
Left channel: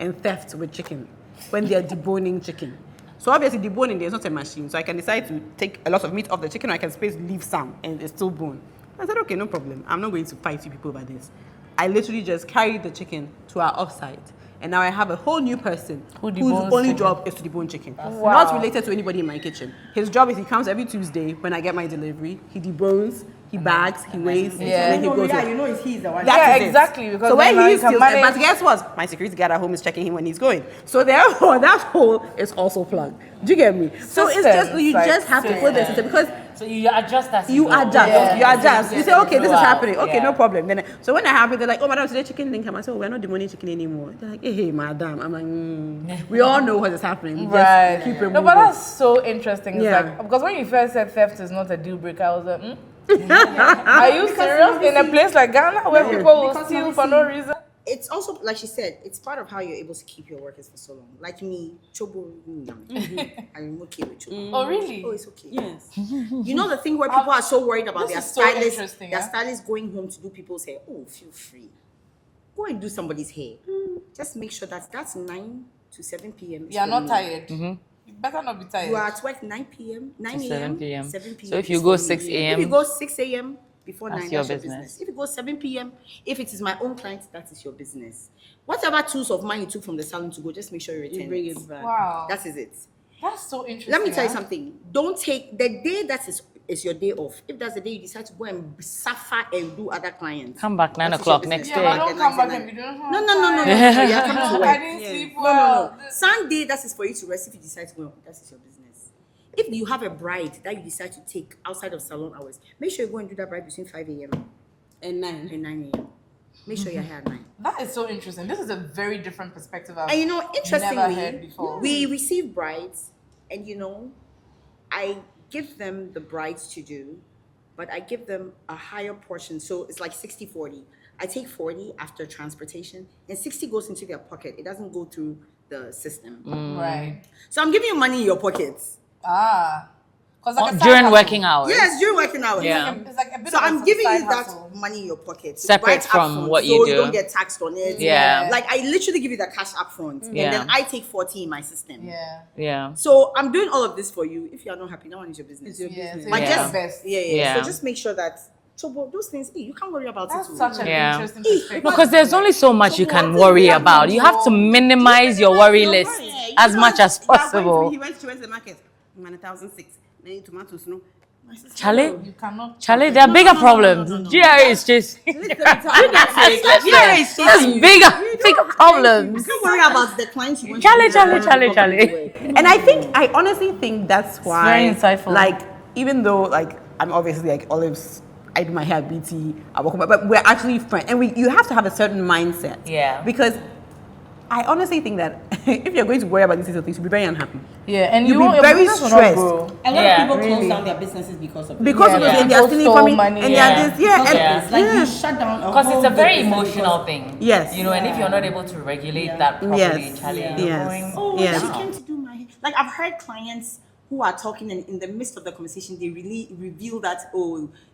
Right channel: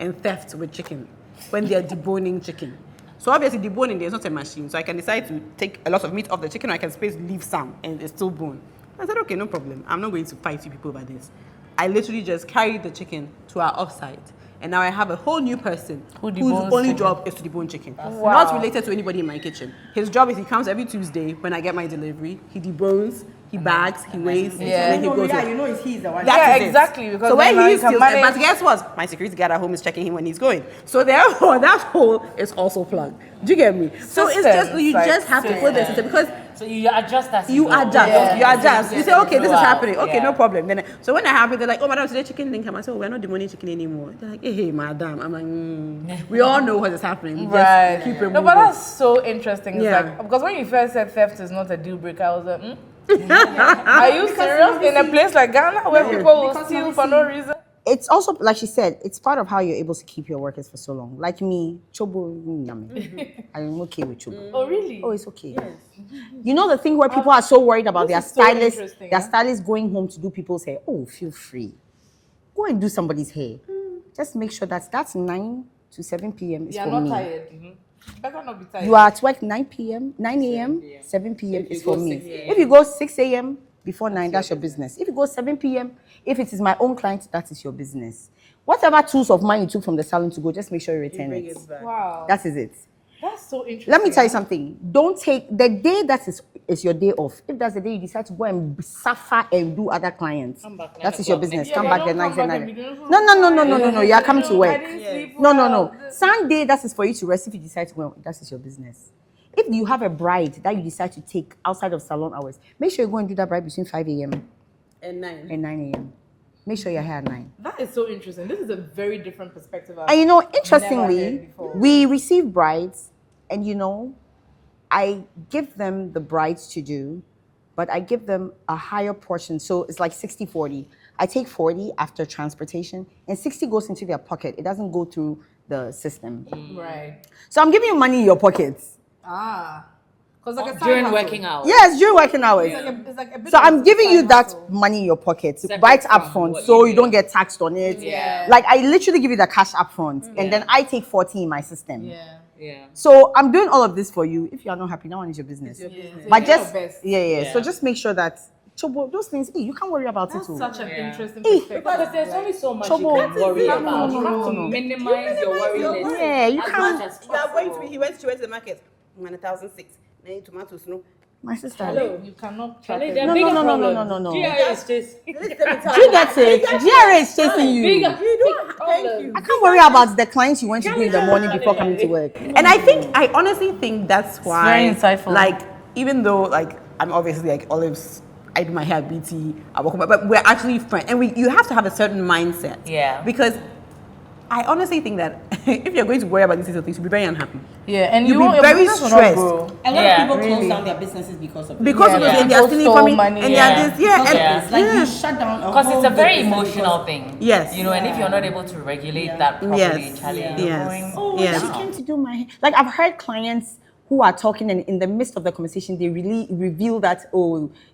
and theft with chicken when they're deboning chicken. So obviously deboning, there's not a machine. So I can decide to take a lot of meat off the chicken or I can leave some and it's still bone. I said, okay, no problem. I'm not going to fight you people over this. I literally just carried the chicken to our offsite. And now I have a whole new person whose only job is to debone chicken. Not related to anybody in my kitchen. His job is he comes every Tuesday when I get my delivery. He debones, he bags, he weighs, and then he goes home. You know he's the one. That is exactly. it. Because so when he steals, manage... but guess what? My security guard at home is checking him when he's going. So therefore, that hole is also plugged. Do you get me? So it's just you just have to put the system because So you adjust as You go. adjust. Yeah. You adjust. You say, okay, this is Wow. happening. Okay, Yeah. no problem. Then, so when that happens, they're like, oh, madam, today chicken didn't come. I said, oh, we're not demoning chicken anymore. They're like, hey, madam. I'm like, we all know what is happening. We just Right. keep No, removing. but that's so interesting. It's Yeah. like, because when you first said theft is not a deal breaker, I was like, are you serious? In a place like Ghana where people will steal for no reason? It's also, like she said, it's part of how you're able to keep your workers for so long. Like me, chobo, I'm okay with chobo. Oh, really? Oh, it's okay. Yes. You know the thing where people are so worried about This their is so stylist, interesting, their huh? stylist going home to do people's hair. Oh, feel free. Go and do somebody's hair. Just make sure that's 9 to 7 p.m. is You are for not me. tired. Better not be tired. You are at work 9 p.m., 9 7 a.m., p.m. 7 p.m. So if you is go for me. 6 If a.m., you go 6 a.m. before 9, your that's your business. business. If you go 7 p.m., if it is my own client, that is your business. Whatever tools of mine you took from the salon to go, just make sure you return Bring it. it back. Wow. That is it. That's so interesting. Let me tell you huh? something. Don't take the day that is your day off. If that's the day you decide to go and suffer and do other clients, Come back 9 that is your o'clock business. next Come Yeah, back don't the night come back and and be doing no. You are coming to I work. didn't sleep No. well. Sunday, that is for you to rest. If you decide to go, that is your business. If you have a bride that you decide to take outside of salon hours, make sure you go and do that bride between 5 a.m. And 9. and 9 a.m. Make sure you're here at 9. That is so interesting. This is a very different perspective. I've And you know, never interestingly, heard before. we receive brides, and you know, I give them the brides to do, but I give them a higher portion. So it's like 60-40. I take 40 after transportation, and 60 goes into their pocket. It doesn't go through the system. Right. So I'm giving you money in your pockets. Ah. Because like a side during hustle. working hours. Yes, during working hours. Yeah. It's like a bit So of a I'm giving side you that hustle. money in your pocket. Separate Right from upfront, what you so you do. don't get taxed on it. Yeah. Like I literally give you the cash upfront, and Yeah. then I take 40 in my system. Yeah. Yeah. So I'm doing all of this for you. If you are not happy, that one is your business. It's your Yeah. business. So But you Yeah. do just your best. Yeah. So just make sure that Chobo, those things, you can't worry about That's it. Too. such an Yeah. interesting perspective. Because there's only so much you can worry about. You have to minimize your worry list Yeah, you as can't- much as She went possible. to the market. 1,006. Then tomatoes, no. My sister. Charlie, You cannot. Charlie, there are bigger no, problems. no. GRA is just Here is chasing you. bigger I problems. can't worry about the clients you went to Charlie, do in the morning Charlie, before coming to Charlie. work. And I honestly think that's why, very insightful. like, even though, like, I'm obviously like Olive's, I do my hair at BT, I work on my, but we're actually friends, and you have to have a certain mindset. Yeah. Because I honestly think that if you're going to worry about these little things, you'll be very unhappy. Yeah, and You'll you be won't, your very business will not stressed. grow. A lot Yeah, of people really. close down their businesses because of Because Yeah, of yeah. this, and they're People stealing stole from me, money, and yeah. they're this, yeah, and Yeah. It's like yeah. you shut down a Because it's whole a very big business emotional because- thing. Yes. You know, and if you're not able to regulate that properly, Yes. Charlie, Yeah. you're Yes. going. Oh, Yes. she came to do my hair. Like I've heard clients who are talking, and in the midst of the conversation, they really reveal that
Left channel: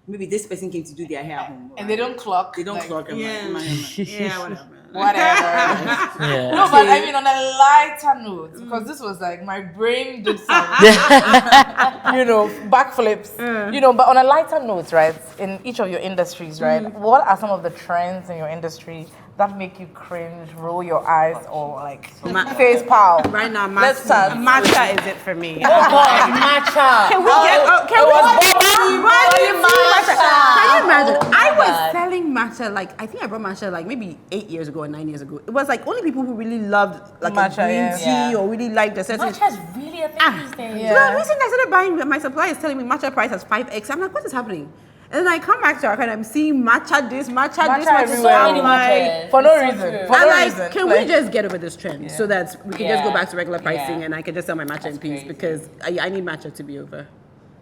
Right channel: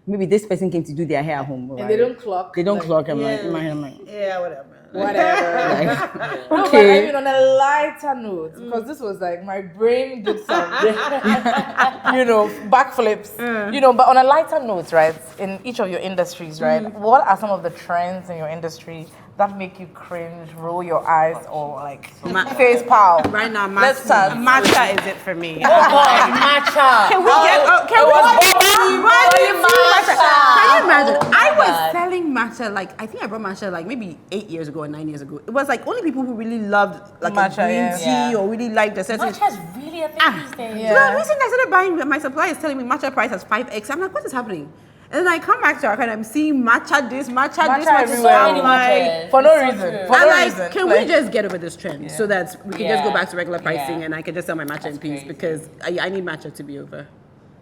maybe this person came to do their hair at home, And they don't clock. They don't like, clock. I'm Yeah. like, my. Yeah, whatever. Whatever. No, but I mean, on a lighter note, because this was like my brain did some, backflips. But on a lighter note, right? In each of your industries, right? What are some of the trends in your industry that make you cringe, roll your eyes, or like face pow? Right now, Let's start. matcha is it for me. Oh God, matcha. Can we matcha. Can you imagine? Oh my I was God. selling matcha, like, I think I brought matcha like maybe 8 years ago or 9 years ago. It was like only people who really loved like Matcha, a green yeah. tea Yeah. or really liked the certain. Matcha is really a thing these days. Yeah. No, recently I started buying, my supplier is telling me matcha price has 5x. I'm like, what is happening? And then I come back to our and I'm seeing matcha this, matcha this, matcha everywhere. I'm So many like, matchas. For no It's so reason. true. For I'm no like, reason. can we just get over this trend so that we can just go Yeah. back to regular pricing Yeah. and I can just sell my matcha in peace crazy. because I need matcha to be over.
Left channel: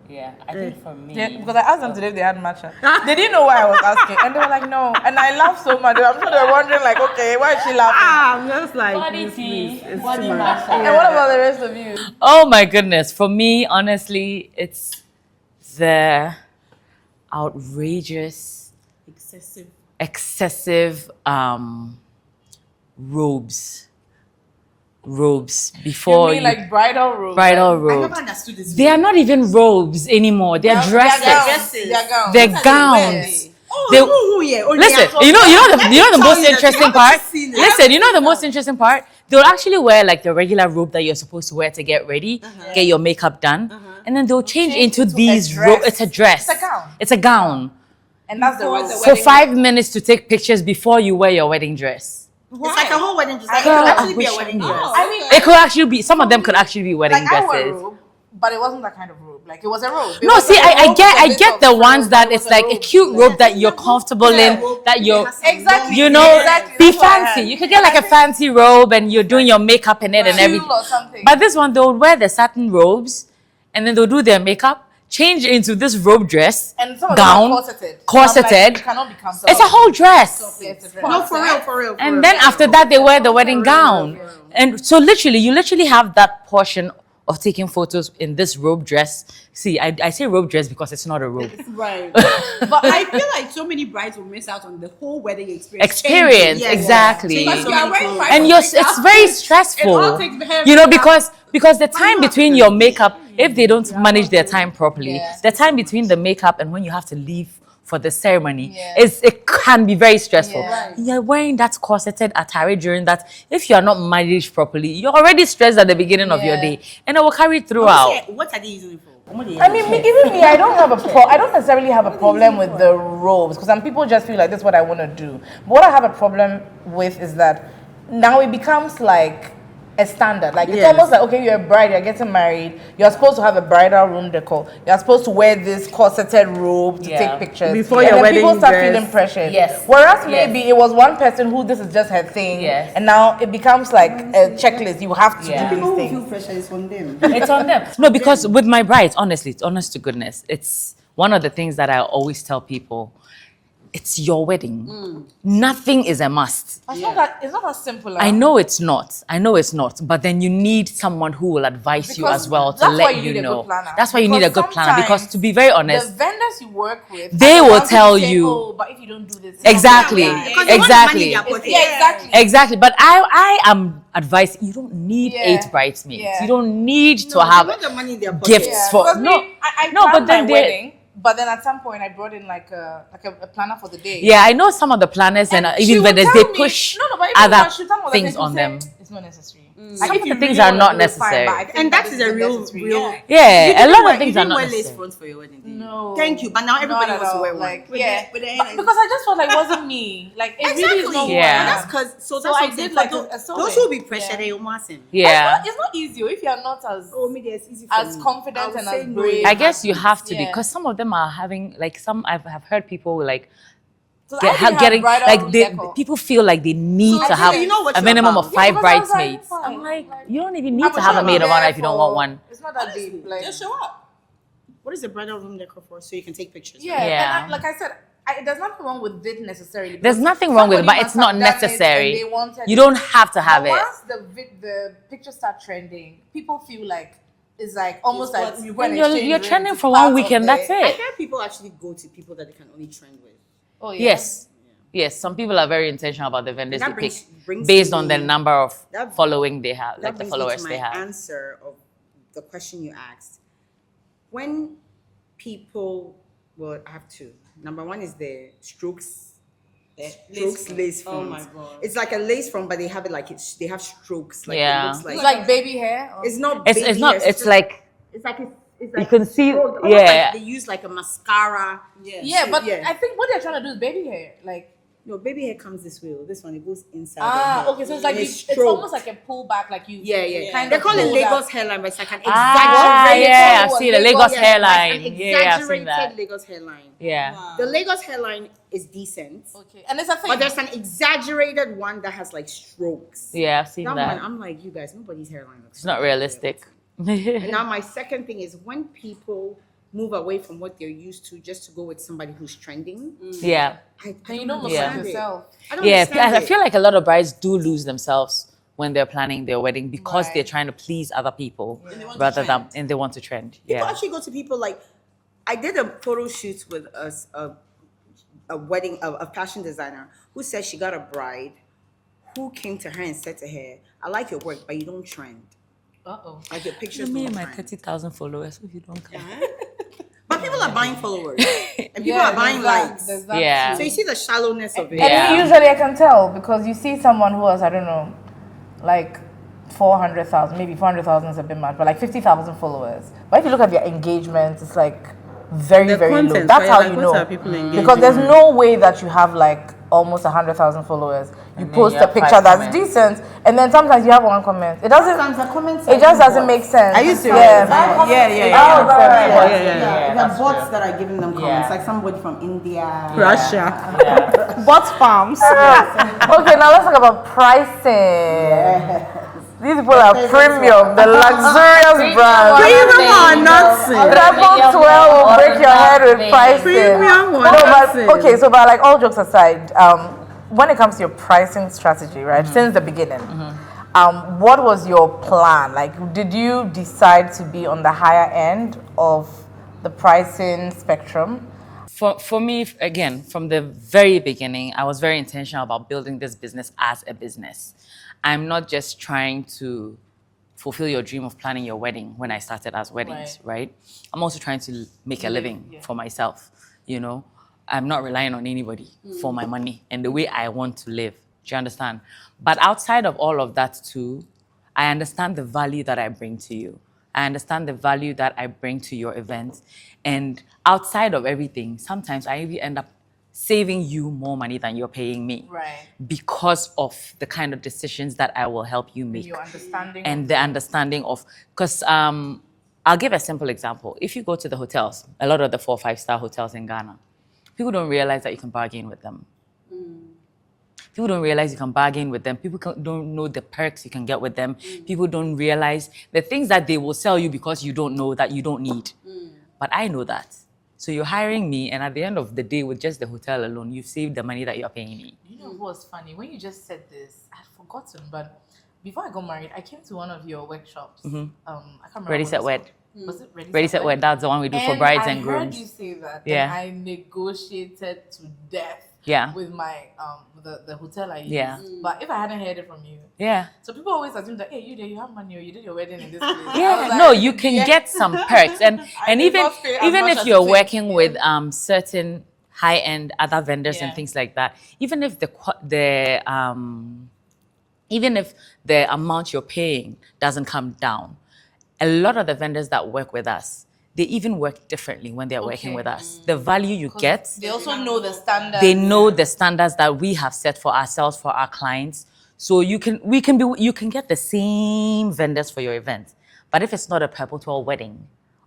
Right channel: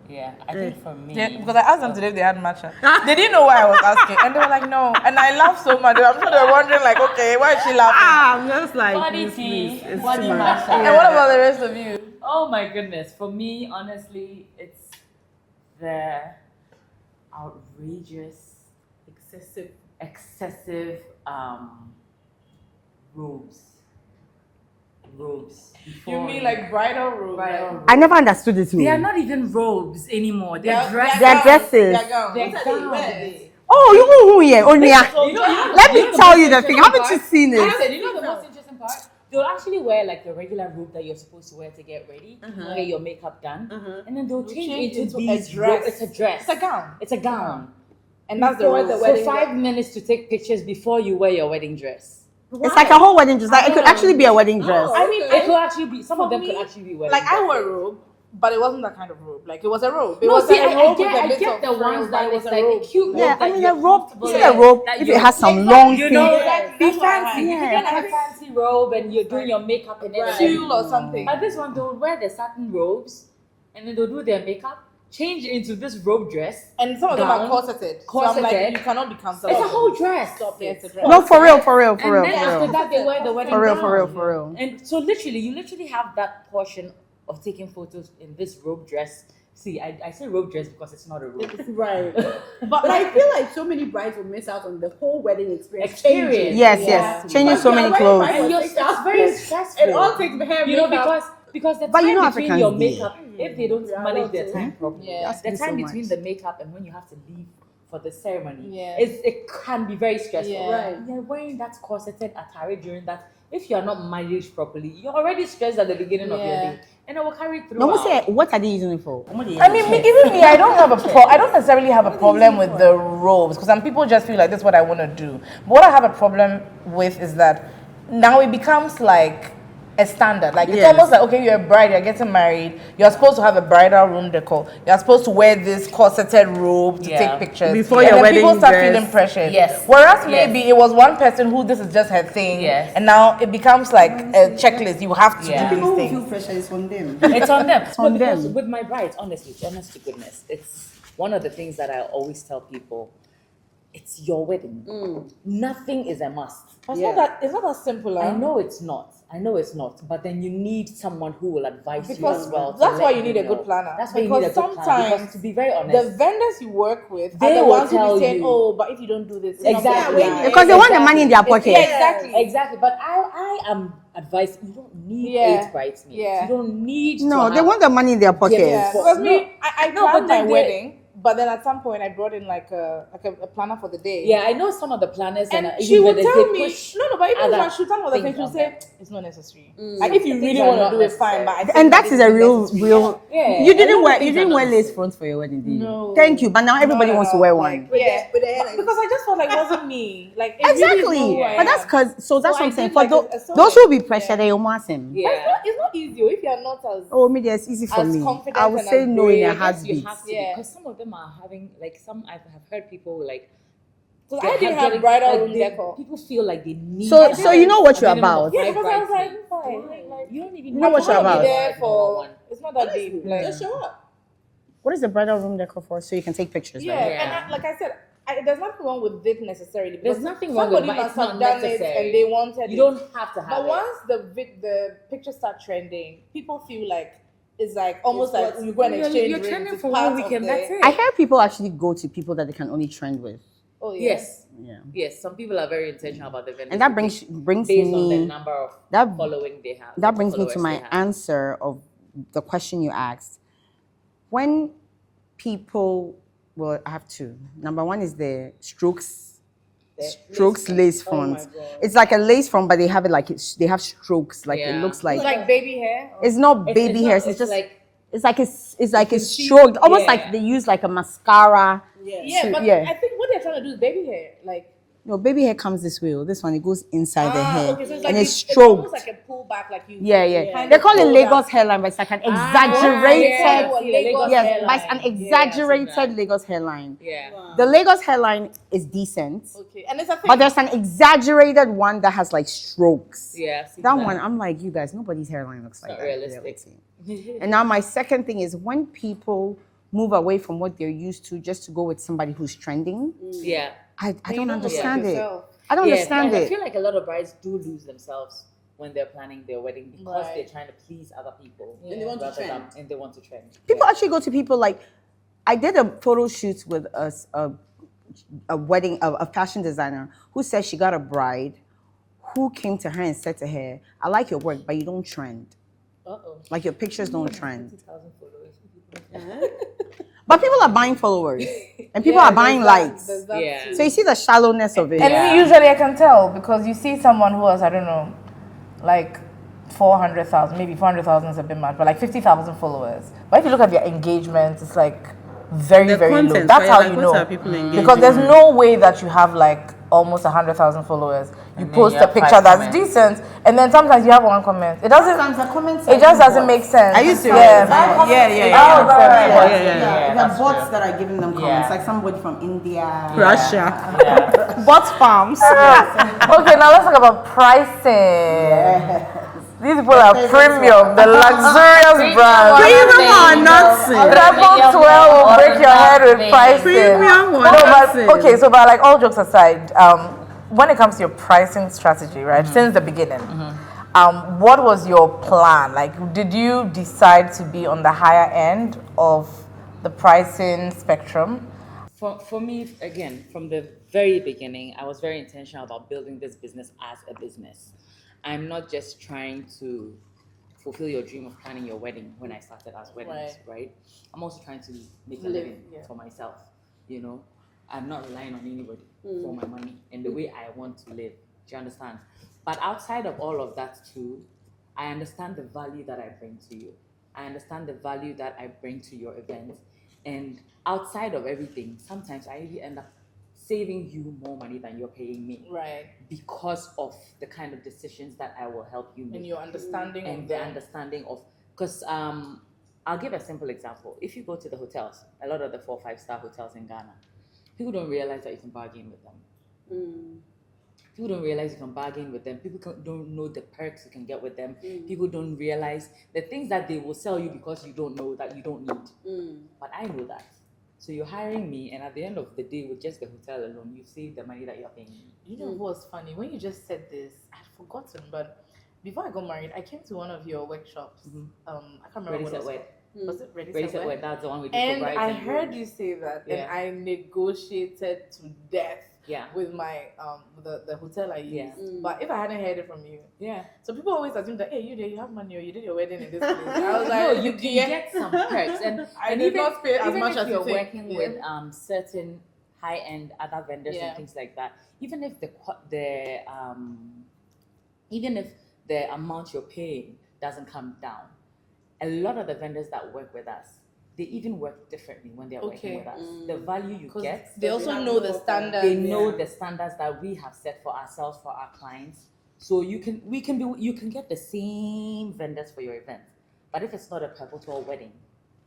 Yeah, I think for me. Yeah, because I asked them today if they had matcha. They didn't know why I was asking, and they were like, "No." And I laughed so much. I'm sure they were wondering, like, "Okay, why is she laughing?" I'm just like, Body please, tea, please, it's body too much. matcha. And what about the rest of you? Oh my goodness. For me, honestly, it's the outrageous, excessive robes. Robes before You mean you- like bridal robes? bridal robes. I never understood this. They are not even robes anymore. They're Like, dresses. They're dresses. They're gowns. Oh, They- who here? Oh, Listen, yeah. you know the Let me most tell you the thing. interesting Haven't part. you seen it? Listen, you know the most interesting part. They'll actually wear like the regular robe that you're supposed to wear to get ready, get your makeup done, and then they'll change into into a these dress. It's a dress. It's a gown. It's a gown. And that's the robe. For 5 minutes to take pictures before you wear your wedding dress. It's like a whole wedding dress. Like, it could actually be a wedding dress. I mean, It could actually be. Some of them could actually be wedding like I wear a dresses. robe, but it wasn't that kind of robe. Like it was a robe. No, see, I get the ones that it's like a cute robe that you're comfortable in, that you has some long, you know, Exactly. be That's what I fancy. had. You could get like a fancy robe and you're doing your makeup in it and everything. Or something. But this one, they'll wear the satin robes and then they'll do their makeup, change into this robe dress, and some of gown, them are corseted. corseted. You cannot be comfortable. It's a whole dress. No, for real. And then after that, they wear the wedding gown. for real. And so you literally have that portion of taking photos in this robe dress. See, I say robe dress because it's not a robe. Right. But I feel like so many brides will miss out on the whole wedding experience. Yeah, exactly. Changing so many clothes. And it's very stressful, you know, because the time you know between Africans your do. makeup, if they don't manage their time properly, Yeah. the time between the makeup and when you have to leave for the ceremony it can be very stressful. Yeah. Right. You're wearing that corseted attire during that. If you are not managed properly, you're already stressed at the beginning of your day, and it will carry throughout. What are they using it for? I mean, even me, I don't have I don't necessarily have a problem with the robes because some people just feel like this is what I want to do. But what I have a problem with is that now it becomes like a standard. Like it's almost like, okay, you're a bride, you're getting married, you're supposed to have a bridal room decor. You're supposed to wear this corseted robe to take pictures. Before and your then wedding people start dress. feeling pressured. Yes. Whereas maybe it was one person who this is just her thing, and now it becomes like a checklist. You have to do People these who things. feel pressure is on them. It's on them. No, because with my brides, honestly, it's honest to goodness, it's one of the things that I always tell people. It's your wedding. Nothing is a must. It's not as simple. I know it's not. But then you need someone who will advise you as well to that's why let you you need a know. good planner. That's why you need a Because good planner. Because to be very the honest, vendors you work with, They are the will ones who tell say, you. oh, but if you don't do this, it's exactly, not gonna Because they want the money in their pocket. Exactly. But I am advised. You don't need Yeah. 8 bridesmaids. Yeah. You don't need No, to they have want the money in their pocket. gifts for Because no. I No, planned but then my they- wedding, but then at some point I brought in like a planner for the day. Yeah, I know some of the planners and she even would vendors tell they me- push no, but even other when she told me things she on said, them. It's not necessary. Some if of you the things really are wanna not do it, fine, necessary. but I think And that is this a real. necessary. Yeah, You a didn't lot wear, of things you are didn't not wear lace necessary. fronts for your wedding, did you? No. Thank you, but now everybody Not wants at to all. wear Like, one. yeah. Because I just felt like it wasn't me. Like it really is not Exactly. who I Yeah. am. And that's because, so that's So what I I'm saying. did For like a those sewing. who be pressured, they almost him. Yeah. It's not easy if you're not as Oh, media is easy for as me. confident I would and say as no. brave. I guess you have to be Yeah. because some of them are having like some I've heard people like So I didn't have getting bridal like room they, decor. people feel like they need So- to so have you know what a you're minimum about. of 5 because I was like, bridesmaids. fine, I'm like, like, you don't even need How to much have a you're maid of about? honor if you don't want one. It's not that deep. Like, Just show up. What is the bridal room decor for? So you can take pictures. yeah, Right? Yeah. and like I said, there's nothing wrong with it necessarily. There's because nothing wrong with it, but somebody it's must not have done it necessary. and they wanted You it. don't have to have But it. once the pictures start trending, people feel like it's like almost like you go and You're exchange rings, trending it's for part one of weekend, the- that's it. I hear people actually go to people that they can only trend with. Oh yeah. Yes. Yeah. Yes, some people are very intentional about the vendors. And that they brings- pick brings based on the me- number of that- following they have. That like the brings me to followers my they have. answer of the question you asked. When people, well, I have two. Number one is the strokes lace front. It's like a lace front, but they have it like they have strokes. Like Yeah. it looks like It's like baby hair. or- it's not It's baby not. hair. It's just- like it's like a can see- stroke, almost yeah. like they use like a mascara. Yeah, but yeah. I think what they're trying to do is baby hair. Like No, baby hair comes this way. This one it goes inside the hair, okay, so it's like and it's it's stroked. almost like a pullback, like you. Yeah, yeah. kind They of call it pull Lagos that. hairline, but it's like an Ah, exaggerated. yeah, I've seen the Lagos Yeah, hairline. Like an Yeah, I've seen exaggerated that. Lagos hairline. Yeah. The Lagos hairline is decent, Okay, and it's a thing. but there's an exaggerated one that has like strokes. Yeah, I've seen That that. one, I'm like, you guys, nobody's hairline looks. It's not realistic. And now my second thing is when people move away from what they're used to just to go with somebody who's trending. Yeah. I you don't don't look like understand it. yourself. I don't Yeah, understand I it. feel like a lot of brides do lose themselves when they're planning their wedding because Right. they're trying to please other people they want to rather than trend. and they want to trend. People Yeah. actually go to people like, I did a photo shoot with a wedding, a fashion designer who said she got a bride who came to her and said to her, I like your work, but you don't trend. Uh-oh. Like your pictures Me don't and my trend. 30,000 followers, if you don't come. But people are buying followers and people are buying likes. There's that Yeah. So you see the shallowness of it. And Yeah. me, usually I can tell because you see someone who has, I don't know, like 400,000, maybe 400,000 is a bit much, but like 50,000 followers. But if you look at their engagement, it's like very, The very low. content, That's so how you're you like, know. what are people engaging Because there's on? no way that you have like almost 100,000 followers. You then post you a have picture 5 that's comments. decent, and then sometimes you have one comment. It doesn't. Sometimes the comments It just doesn't make sense. Are you serious? Yeah. Yeah. The that's bots true. that are giving them comments, Yeah. like somebody from India. Russia. Yeah. Bot farms. Okay, now let's talk about pricing. These people are premium, the luxurious brand. Premium or nonsense? Triple 12 will break your head with pricing. Premium or No, but nonsense? okay, so but like all jokes aside, when it comes to your pricing strategy, right, since the beginning, what was your plan? Like, did you decide to be on the higher end of the pricing spectrum? For me, again, from the very beginning, I was very intentional about building this business as a business. I'm not just trying to fulfill your dream of planning your wedding when I started as weddings, right? I'm also trying to make a living for myself, you know? I'm not relying on anybody for my money and the way I want to live. Do you understand? But outside of all of that too, I understand the value that I bring to you. I understand the value that I bring to your events. And outside of everything, sometimes I even end up saving you more money than you're paying me. Right. Because of the kind of decisions that I will help you make. Your understanding And the understanding of, because I'll give a simple example. If you go to the hotels, a lot of the 4 or 5-star hotels in Ghana, people don't realize that you can bargain with them. People don't realize you can bargain with them. People don't know the perks you can get with them. People don't realize the things that they will sell you because you don't know that you don't need. But I know that. So you're hiring me, and at the end of the day, with just the hotel alone, you've saved the money that you're paying me. You know what's funny? When you just said this, I'd forgotten, but before I got married, I came to one of your workshops. I can't remember. Ready, what set, it's wed. called. Was it Ready, Ready, set, wed. That's the one we do for brides and I grooms. heard you say that. Yeah. And I negotiated to death. Yeah. With my the hotel I used. Yeah. But if I hadn't heard it from you, Yeah. so people always assume that you have money or you did your wedding in this place. I Yeah, was like, no, you can get some perks, and I and did even not pay as even much if as you're you think, working with certain high-end other vendors and Yeah. things like that, even if even if the amount you're paying doesn't come down, a lot of the vendors that work with us, they even work differently when they're working with us. The value you get, They also know the standards. they know the standards that we have set for ourselves, for our clients. So you can get the same vendors for your event. But if it's not a Purple 12 wedding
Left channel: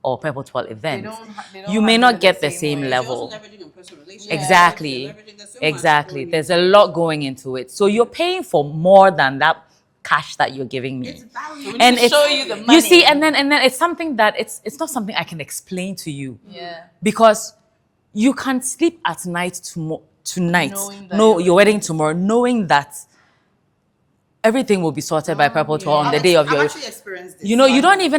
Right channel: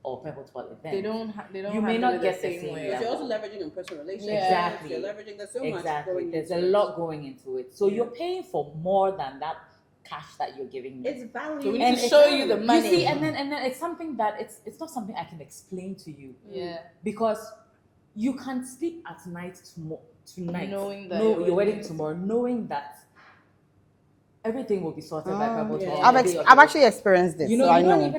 or Purple 12 event, they don't you may handle not it get the the same same way. level. leveraging in personal relationships. Exactly. You're leveraging there's so much Exactly. going There's into a lot going into it. So you're paying for more than that cash that you're giving me. It's value. We And need to it's, show you the money. you see, and then it's something that it's not something I can explain to you. Yeah. Because you can sleep at night tonight. Knowing that No, your your wedding tomorrow, knowing that everything will be sorted by Purple 12 on the day of I've your. actually experienced this. You know, so I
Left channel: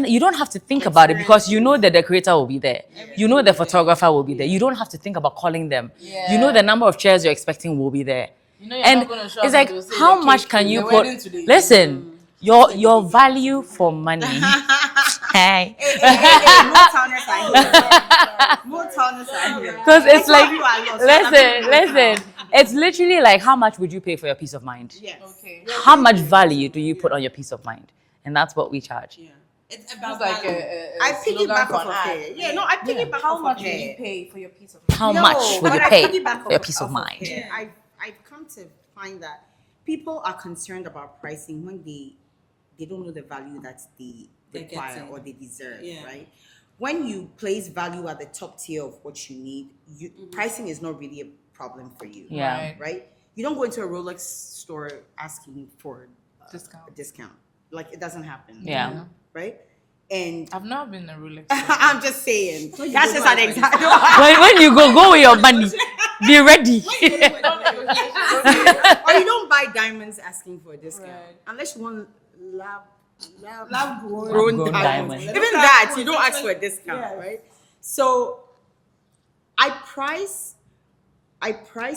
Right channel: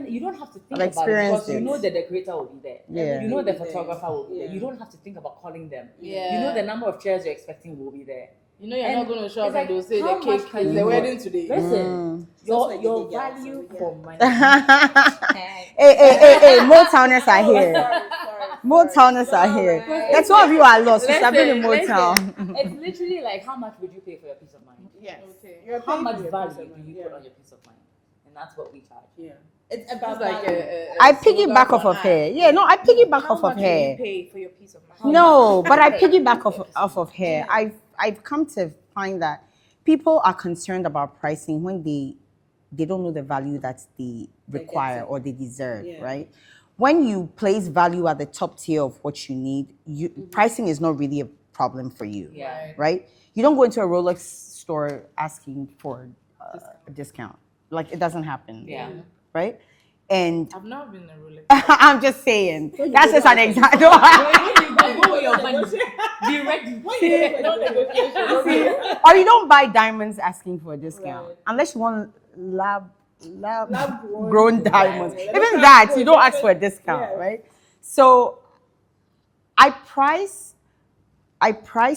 you don't have to think I've about it because experienced you know the decorator will be there. Yeah. You know the photographer will be there. You don't have to think about calling them. You know the number of chairs you're expecting will be there. You know you're And not gonna show it's up like, and they'll say how the much cake can is you the put? wedding today. Listen, your value for money. Hey. Hey, more towners are here. More towners are here. Because it's Some like, of you are lost. You have been in listen, Motown. it's literally like, how much would you pay for your peace of mind? Yes. Okay. How much value do you put on your peace of mind? And that's what we charge. Yeah. It's about It's like value. I piggyback off of her. Yeah, no, I piggyback off of How much will you her. pay for your piece of mind? How No, much would but you I pay piggyback for your off peace of of mind? her. I've come to find that people are concerned about pricing when they don't know the value that they require getting. or they deserve, Yeah. right? When you place value at the top tier of what you need, pricing is not really a problem for you. Yeah. Right. Right? You don't go into a Rolex store asking for a discount. Like it doesn't happen. Yeah. Right? And I've not been a Rolex. I'm just saying. That's just an example. when you go with your money, be ready. Or you don't buy diamonds asking for a discount unless you want lab grown diamonds. Even that you don't ask for a discount, right? So I price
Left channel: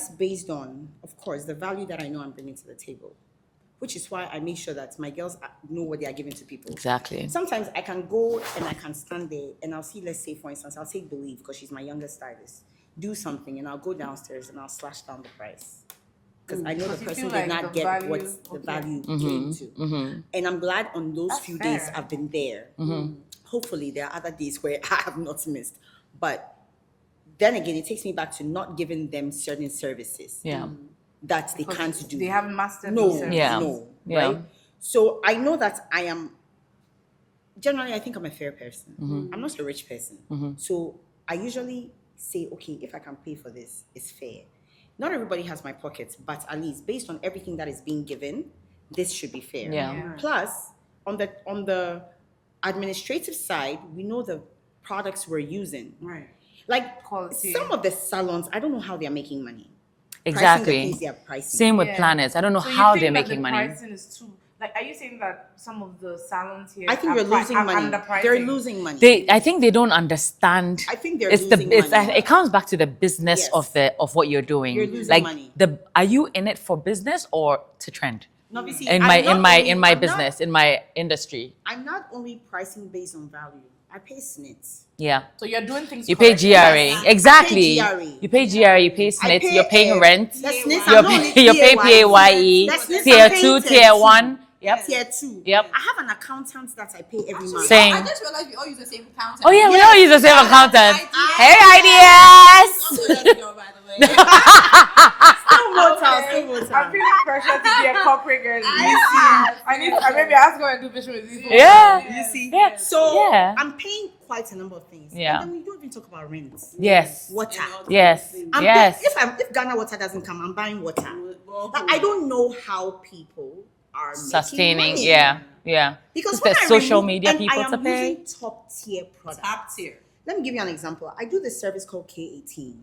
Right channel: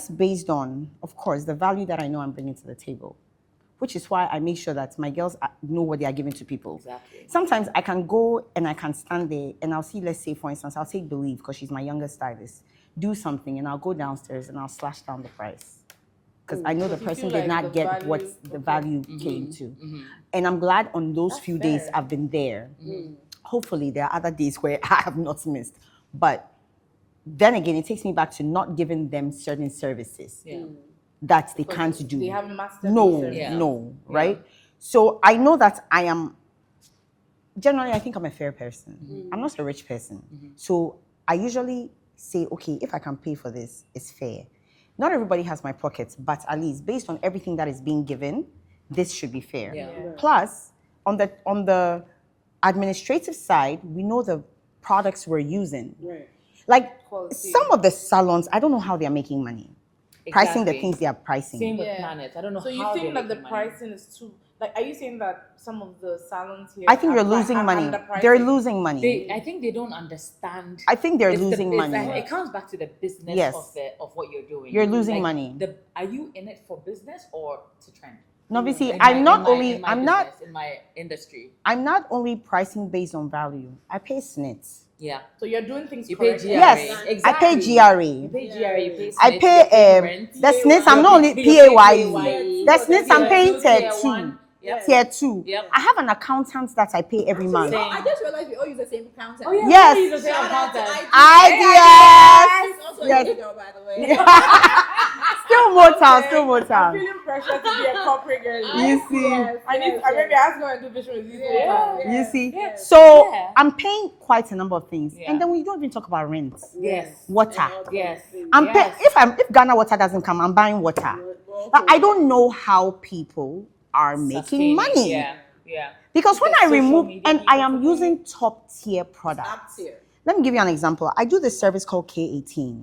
based on, of course, the value that I know I'm bringing to the table, which is why I make sure that my girls know what they are giving to people. Exactly. Sometimes I can go and I can stand there and I'll see, let's say, for instance, I'll take Believe because she's my youngest stylist, do something and I'll go downstairs and I'll slash down the price. Because I know the you person feel did like not the get value- what the value came to. And I'm glad on those few days fair. I've been there. Hopefully there are other days where I have not missed. But then again, it takes me back to not giving them certain services that they can't do. They haven't mastered No, these services. Yeah. no, Yeah. right? So I know that I am, generally, I think I'm a fair person. I'm not a rich person. So I usually say, okay, if I can pay for this, it's fair. Not everybody has my pockets, but at least based on everything that is being given, this should be fair. Yeah. Plus, on the administrative side, we know the products we're using. Right. Like Quality. some of the salons, I don't know how they're making money. Pricing the Exactly. things they are pricing. Same with planets. I don't know So you how think they're that making the money. pricing is too, like, are you saying that some of the salons here I think they're losing money. They're losing money. I think they don't understand. I think they're it's losing it's money. It comes back to the business Yes. of what you're doing. You're losing like money. Are you in it for business or to trend? Obviously, In I'm not my only- in my I'm not- business, in my industry. I'm not only pricing based on value. I pay SNITs. Yeah. So you're doing things You pay correctly. GRA. Yes, exactly. I pay GRA. You pay GRA, you pay I SNIT, pay you're paying rent. The SNITs, You're I'm not only pay- you pay PAYE. PAYE, The SNITs, tier I'm paying 2, tier tier 2. 1. Yep. Tier 2. Yep. I have an accountant that I pay every month. Same. I just realized we all use the same accountant. Oh yeah, Yes. we all use the same accountant. Ideas. Also a good girl, by the way. Still Motown, still Motown. Feeling pressure to be a corporate girl. You see. Maybe I have to go and do vision with these. Yeah. You see? Yeah. So Yeah. I'm paying quite a number of things. Yeah. And then we don't even talk about rent. Yes. Water. Yes. I'm yes. if Ghana water doesn't come, I'm buying water. But I don't know how people are making Sustaining. money. Yeah. Yeah. Because It's when the I social remove, media and I people am to pay. using top tier products. Top tier. Let me give you an example. I do this service called K18,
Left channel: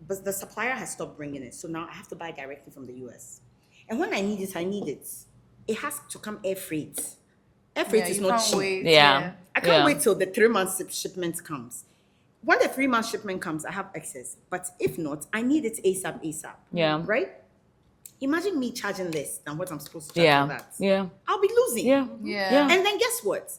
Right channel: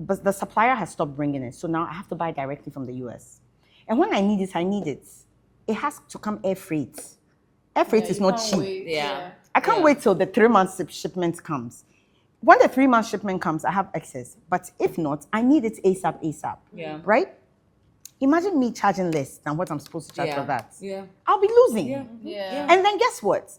but the supplier has stopped bringing it. So now I have to buy directly from the US. And when I need it, I need it. It has to come air freight. Air freight is not cheap. Yeah. I can't Yeah. wait till the 3-month shipment comes. When the 3-month shipment comes, I have excess. But if not, I need it ASAP. Yeah. Right? Imagine me charging less than what I'm supposed to charge Yeah. for that. Yeah. I'll be losing. Yeah. Yeah. And then guess what?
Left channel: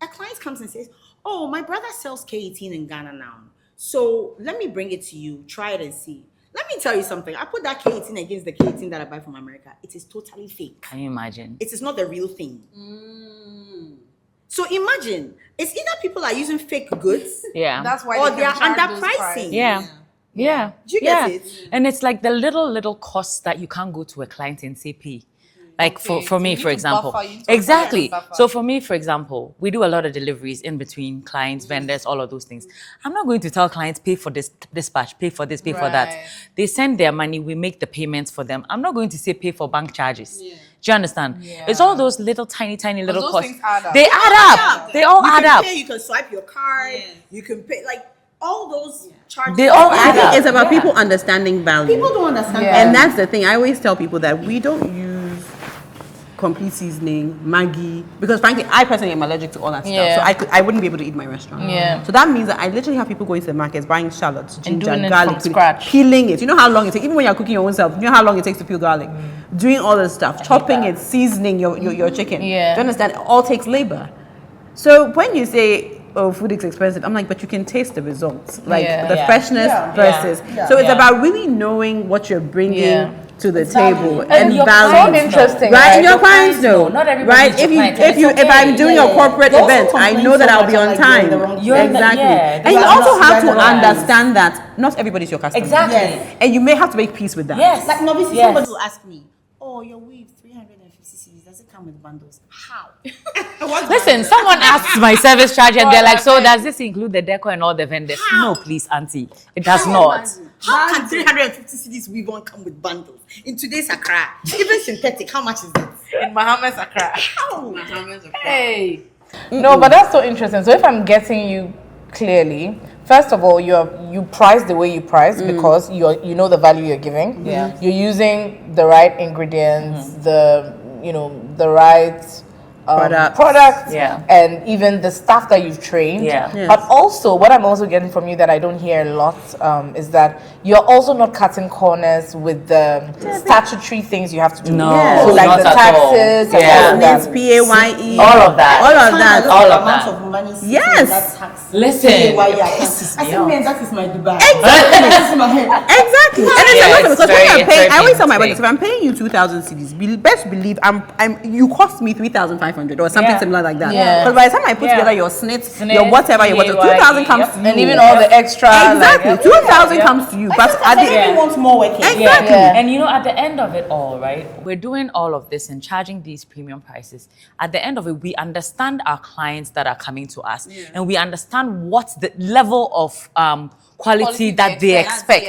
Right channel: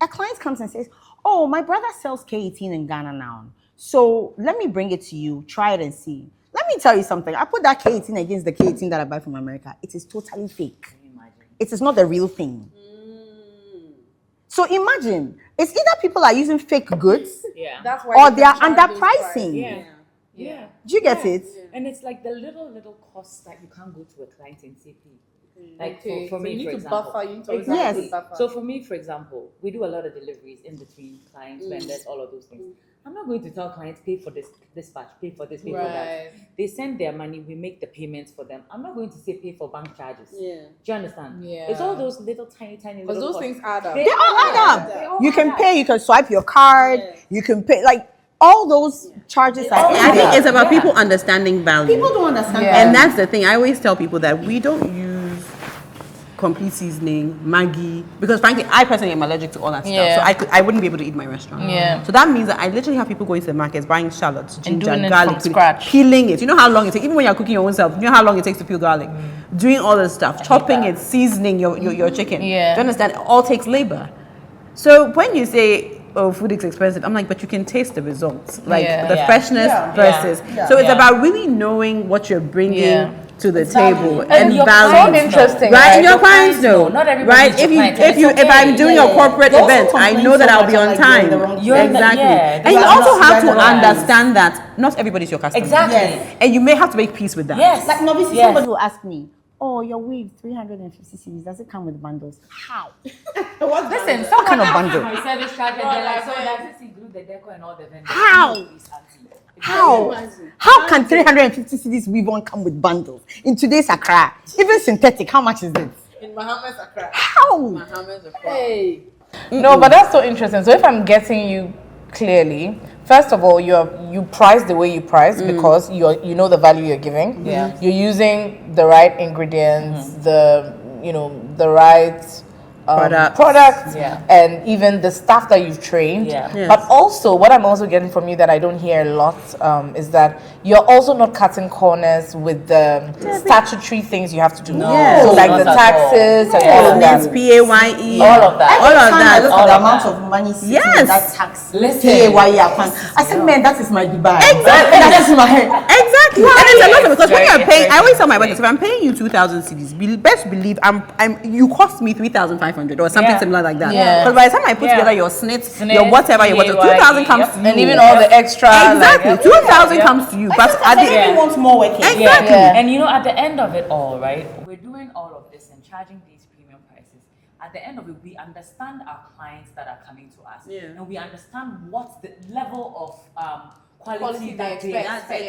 A client comes and says, oh, my brother sells K18 in Ghana now. So let me bring it to you. Try it and see. Let me tell you something. I put that K18 against the K18 that I buy from America. It is totally fake. Can you imagine? It is not the real thing. So imagine, it's either people are using fake goods Yeah. That's why or you they can are charge those underpricing. prices. Yeah. Yeah. Do you get Yeah. it? And it's like the little costs that you can't go to a client and say pay. Like Okay, for so me, you for need to example. buffer, you need to Exactly. buffer. So for me, for example, we do a lot of deliveries in between clients, vendors, all of those things. I'm not going to tell clients pay for this dispatch, pay for this, pay for that. Right. They send their money, we make the payments for them. I'm not going to say pay for bank charges. Do you understand? Yeah. It's all those little tiny little those costs. things add up. They add up. They all You add can up. pay, you can swipe your card, you can pay, like all those charges. They all I add think up. it's about people understanding value. People don't understand Yeah. that. And that's the thing. I always tell people that we don't use complete seasoning, Maggi, because frankly, I personally am allergic to all that Yeah. stuff. So I wouldn't be able to eat my restaurant. Yeah. So that means that I literally have people going to the markets, buying shallots, ginger, doing it garlic, from scratch. peeling it. You know how long it takes, even when you're cooking your own self, you know how long it takes to peel garlic. Doing all this stuff, chopping it, seasoning your chicken. Yeah. Do you understand? It all takes labor. So when you say, oh, food is expensive, I'm like, but you can taste the results. Like Yeah. the Yeah. freshness Yeah. versus. Yeah. So it's Yeah. about really knowing what you're bringing Yeah. to the table And and your value. clients So interesting, know. Right, right? and your Your clients clients know. know. Not everybody Right, is your if you client, and if you it's if I'm okay. doing a corporate They also event, I complain know that so I'll much be on about you're in the time. wrong You're in the- Exactly, yeah, and you you are also not- have you to are not understand that not everybody's your customer. Exactly. Yes. and you may have to make peace with that. Yes. Like Norvisi, Yes. somebody will ask me, oh, your weave, 350 cedis, does it come with bundles? How? Listen, someone asks my service charge and they're like, so does this include the decor and all the vendors? How? No, please, auntie. It does How? not. How can 350 cedis weave won't come with bundles? In today's Accra, even synthetic, how much is it? In Bahamas, Accra. How? Hey. No, but that's so interesting. So if I'm getting you clearly, first of all, you price the way you price because you know the value you're giving. Yeah. You're using the right ingredients, the right products, Yeah. and even the staff that you've trained. Yeah. Yes. But also, what I'm also getting from you that I don't hear a lot is that you're also not cutting corners with the statutory things you have to do. No, Yes. So like not the at all. taxes and Yeah. all of that. It's PAYE. All of that. All of that. All of amount that. of money sitting Yes. in that tax. Listen. PAYE account. I said, man, that is my Dubai. Exactly. That is my Exactly. And it's a lot of because when Very you're paying, I always tell my interesting. workers, if I'm paying you 2,000 cedis, best believe you cost me 3,500. 2,500 or something similar like that. Yeah. Because by the time I put together your snits, your whatever, your whatever, 2,000 comes to you. And even all the extra. Exactly, 2,000 comes to you. But at the Everybody wants more working. exactly. Yeah. And at the end of it all, right, we're doing all of this and charging these premium prices. At the end of it, we understand our clients that are coming to us, and we understand what's the level of quality that they expect.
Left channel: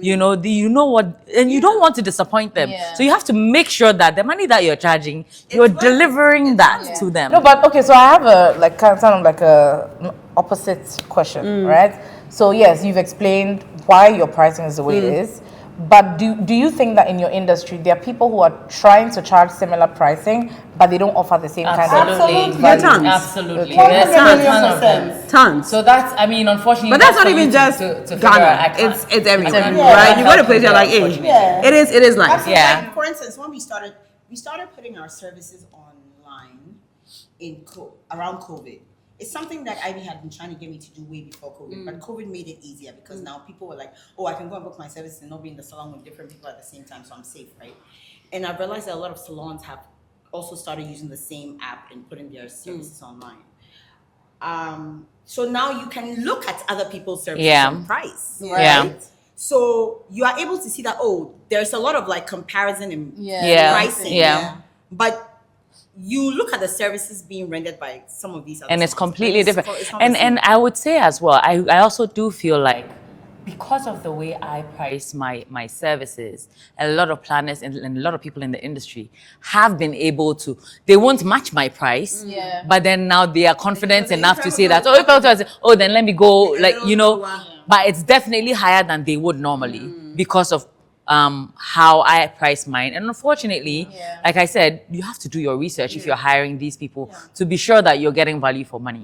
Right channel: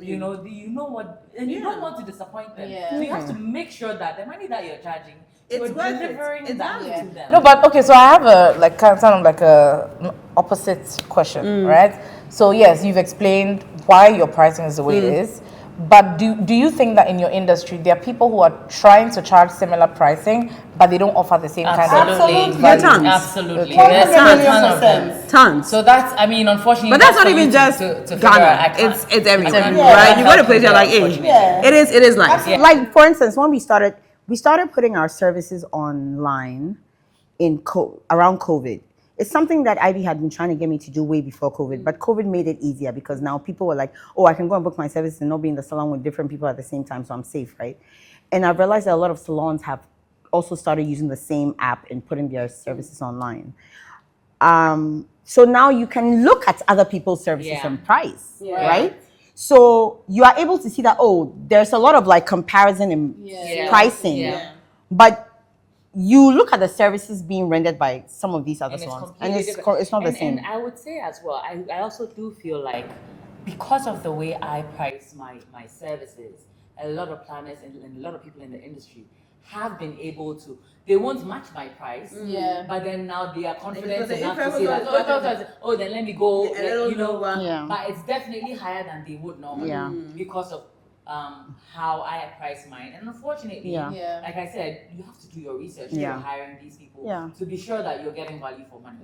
You know what, and you don't want to disappoint them. So you have to make sure that the money that you're charging, you're delivering that to them. No, but okay, so I have a kind of like a opposite question, right? So yes, you've explained why your pricing is the way it is. But do you think that in your industry there are people who are trying to charge similar pricing, but they don't offer the same kind of Absolutely. value? Tons. Absolutely. Okay. There's tons of them. Tons. So that's, unfortunately. But that's not for even you just to figure Ghana. out. It's everywhere, everywhere. right? You go to places you're like, Unfortunately. it is like Absolutely. Yeah. Like for instance, when we started putting our services online around COVID. It's something that Ivy had been trying to get me to do way before COVID, but COVID made it easier because now people were like, oh, I can go and book my services and not be in the salon with different people at the same time, so I'm safe, right? And I've realized that a lot of salons have also started using the same app and putting their services online. So now you can look at other people's services and price, right? So you are able to see that, oh, there's a lot of like comparison in pricing. But you look at the services being rendered by some of these other And it's salons, completely different. It's not the same. And I would say as well, I also do feel like because of the way I price my services, a lot of planners and a lot of people in the industry have been able to, they won't match my price, but then now they are confident enough to say that, then let me go, but it's definitely higher than they would normally because of how I price mine. And unfortunately, like I said, you have to do your research if you're hiring these people to be sure that you're getting value for money.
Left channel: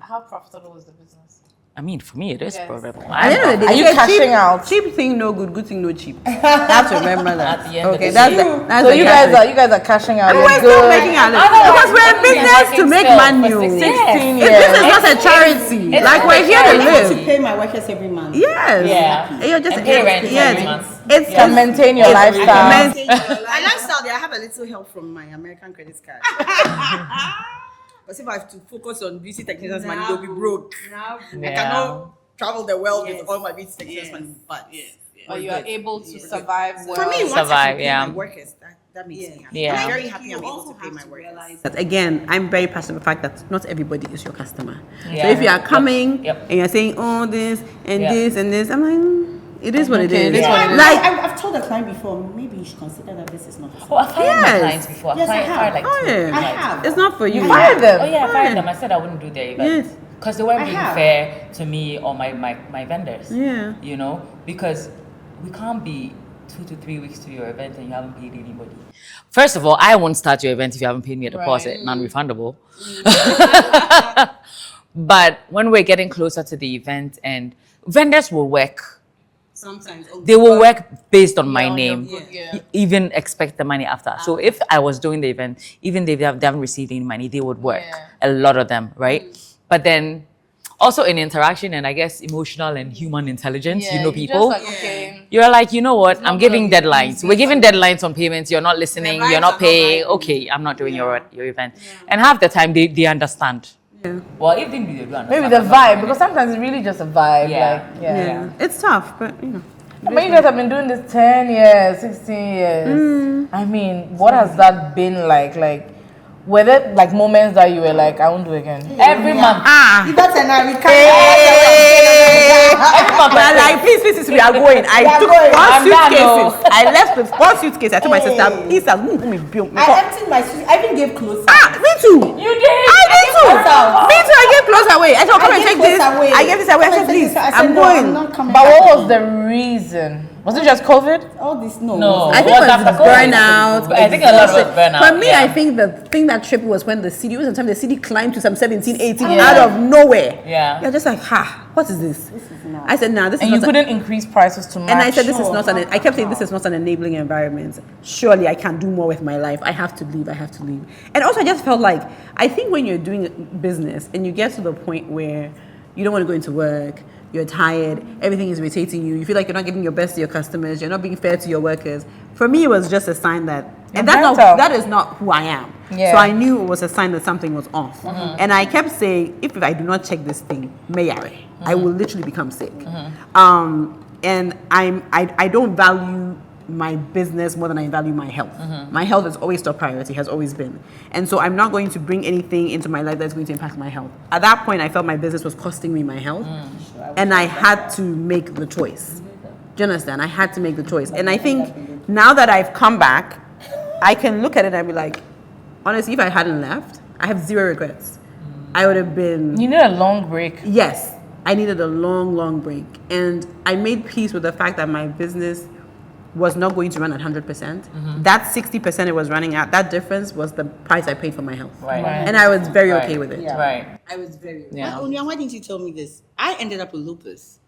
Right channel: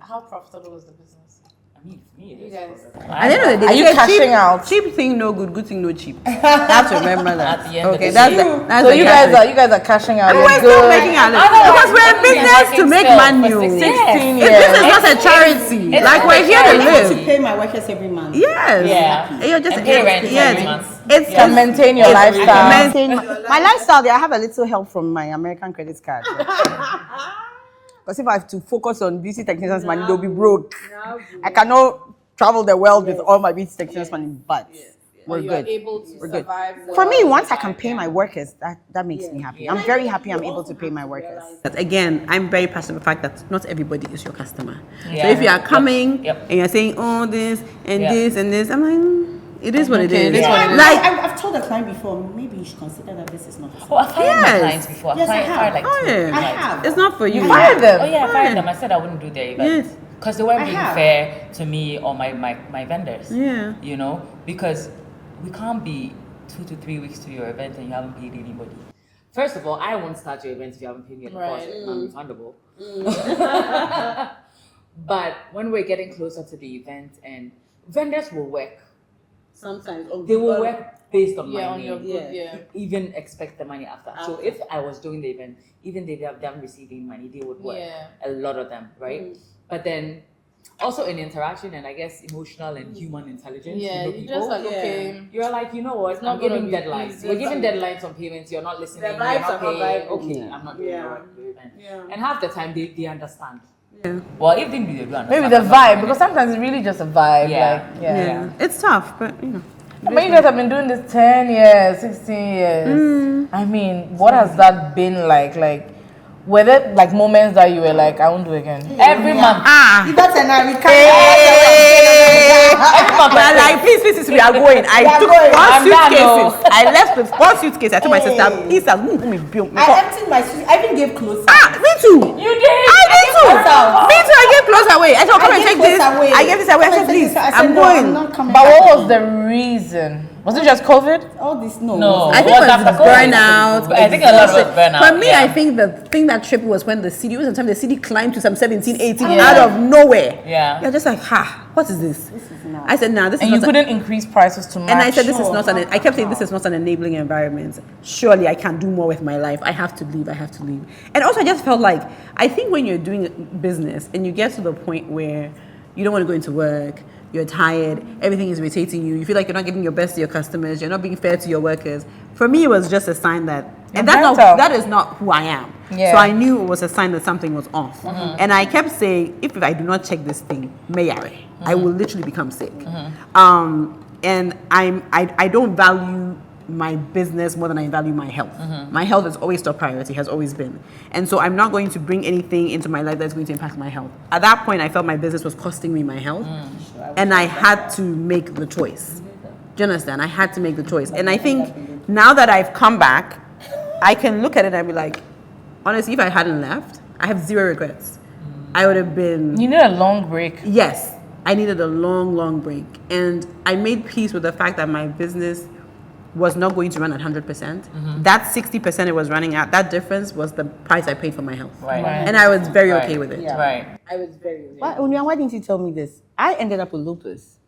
How profitable is the business? I mean, for me, it is profitable. At the end of the day, Are you they say cashing out? Cheap thing no good, good thing no cheap. You have to remember that. At the end of Okay, the that's day. that's So the you guys are cashing out. And You're we're still good. making our living because we're in business to make money. 16 This is not a charity. Like we're here to I have to live. pay my workers every month. Yes. Yeah. You're just And pay rent every month. It's To maintain your lifestyle. My lifestyle, I have a little help from my American credit card. Because if I have to focus on beauty technicians' money, they'll be broke. I cannot travel the world with all my beauty technicians' money, but we're good. able to survive. For me, once I Survive, can pay yeah. my workers, that makes me happy. Yeah. I'm very happy I'm able to pay my workers. But again, I'm very passionate about the fact that not everybody is your customer. Yeah. So if you are coming Yep. and you're saying, oh, this and Yep. this and this, I'm like, it is what it is. it is what it is. Like, I've told a client before, maybe you should consider that this is not. Oh, I've fired my Yes. clients before. Yes, I I've have. fired like oh two yeah, I have. it's not for you. You fired them. Oh yeah, I fired them. I said I wouldn't do their event. Yes. Because they weren't I being have. fair to me or my vendors. Yeah. Because we can't be 2 to 3 weeks to your event and you haven't paid anybody. First of all, I won't start your event if you haven't paid me a deposit, non-refundable. But when we're getting closer to the event and vendors will work, Sometimes they will work based on my name, even expect the money after. So if I was doing the event, even if they haven't received any money, they would work, a lot of them, right? But then also in interaction and I guess emotional and human intelligence, people, you're like, you know what, I'm giving deadlines. We're giving deadlines on payments, you're not listening, you're not paying, okay, I'm not doing your event. And half the time they understand. Well, if they do, they do understand. Maybe the vibe, because sometimes it's really just a vibe. Yeah. It's tough, but you know. But you guys have been doing this 10 years, 16 years. I mean, what has that been like? Like, were there like moments that you were like, I won't do again? Every month. That's an American. But like, please, we are going. I took four suitcases. I left with 4 suitcases. I told my sister, please, I emptied my suit. I even gave clothes. Me too. You did? I did too. Me too. I gave clothes away. I said, come and take this. I gave this away. I said, please, I'm going. But what was the reason? Was it just COVID? All this, no. I think it was after COVID. burnout. I think a lot was burnout. For me, yeah. I think the thing that tripped was when the CD climbed to some 17, 18 out of nowhere. Yeah. You're just like, what is this? I said, nah, this is And not. you couldn't increase prices too much. And I said, this is not an. I kept saying, this is not an enabling environment. Surely I can do more with my life. I have to leave. And also, I just felt like, I think when you're doing business and you get to the point where you don't want to go into work, you're tired, everything is irritating you, you feel like you're not giving your best to your customers, you're not being fair to your workers. For me, it was just a sign that, and that is not who I am. Yeah. So I knew it was a sign that something was off. And I kept saying, if I do not check this thing, I will literally become sick. And I don't value my business more than I value my health. My health is always top priority, has always been. And so I'm not going to bring anything into my life that's going to impact my health. At that point, I felt my business was costing me my health. And I had to make the choice. Do you understand? I had to make the choice. And I think now that I've come back, I can look at it and be like, honestly, if I hadn't left, I have zero regrets. I would have been... You need a long break. Yes. I needed a long, long break. And I made peace with the fact that my business was not going to run at 100%. That 60% it was running at, that difference was the price I paid for my health. Right. And I was very okay with it. Yeah. Right. I was very. Yeah. Why didn't you tell me this? I ended up with lupus.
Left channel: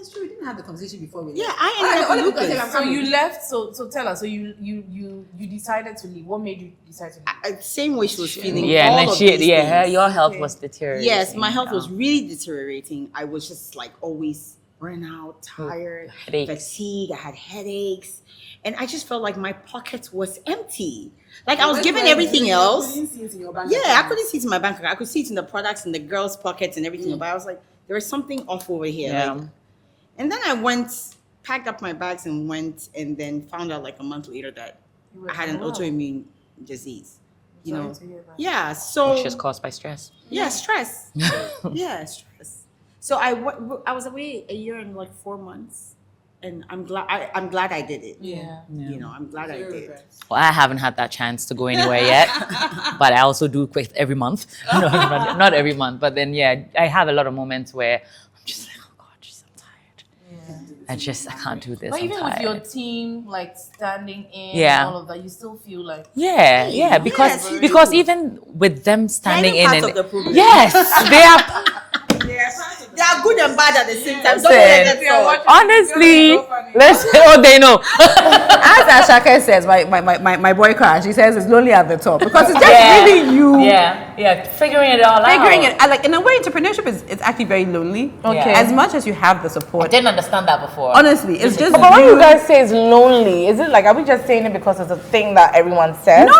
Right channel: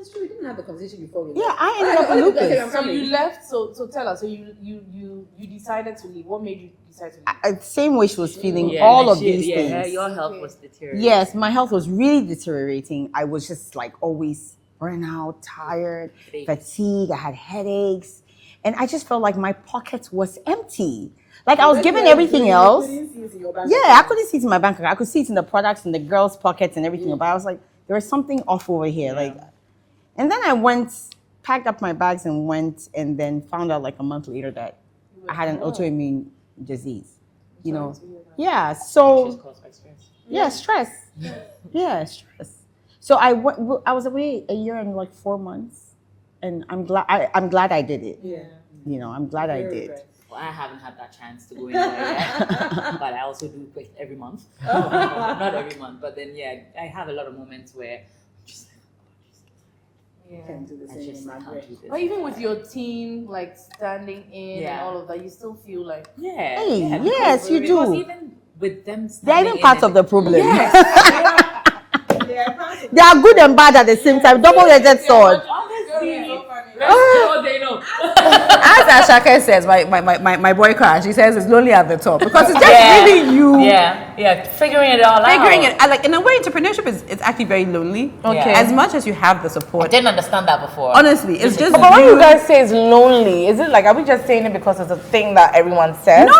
It's true, we didn't have the conversation before. Yeah, I ended up with lupus. So you left. So tell us. So you decided to leave. What made you decide to leave? Same way she was feeling Yeah, all and of then these her, things. your health was deteriorating. Yes, my health was really deteriorating. I was just like always burnout, tired, Headaches. fatigue. I had headaches. And I just felt like my pocket was empty. Like I was given everything else. Yeah, I couldn't see it in my bank account. I could see it in the products, in the girls' pockets and everything. But I was like, there's something off over here. Yeah. Like, and then I went, packed up my bags and went, and then found out like a month later that I had an autoimmune disease. You know? Yeah, so... Which is caused by stress. Yeah, stress. Yeah, stress. So I was away a year and like 4 months, and I'm glad I did it. Yeah. You know, I'm glad I did. Well, I haven't had that chance to go anywhere yet, but I also do quit every month. No, not every month, but then yeah, I have a lot of moments where I'm just like, oh God, I'm tired. I can't do this. But I'm even with tired. your team, like standing in Yeah. and all of that, you still feel like Yeah, because yes, you because do. even with them They're standing even in, part and of the problem. yes, they are. They are good and bad at the same time. Double-edged sword. Honestly, let's they know. As Ashake says, my boy Crash, he says it's lonely at the top because it's just really you figuring it all figuring out. it. Like in a way, entrepreneurship is it's actually very lonely. Okay. As much as you have the I support, didn't understand that before. honestly, it's just. But when you guys say it's lonely, is it like, are we just saying it because it's a thing that everyone says? No.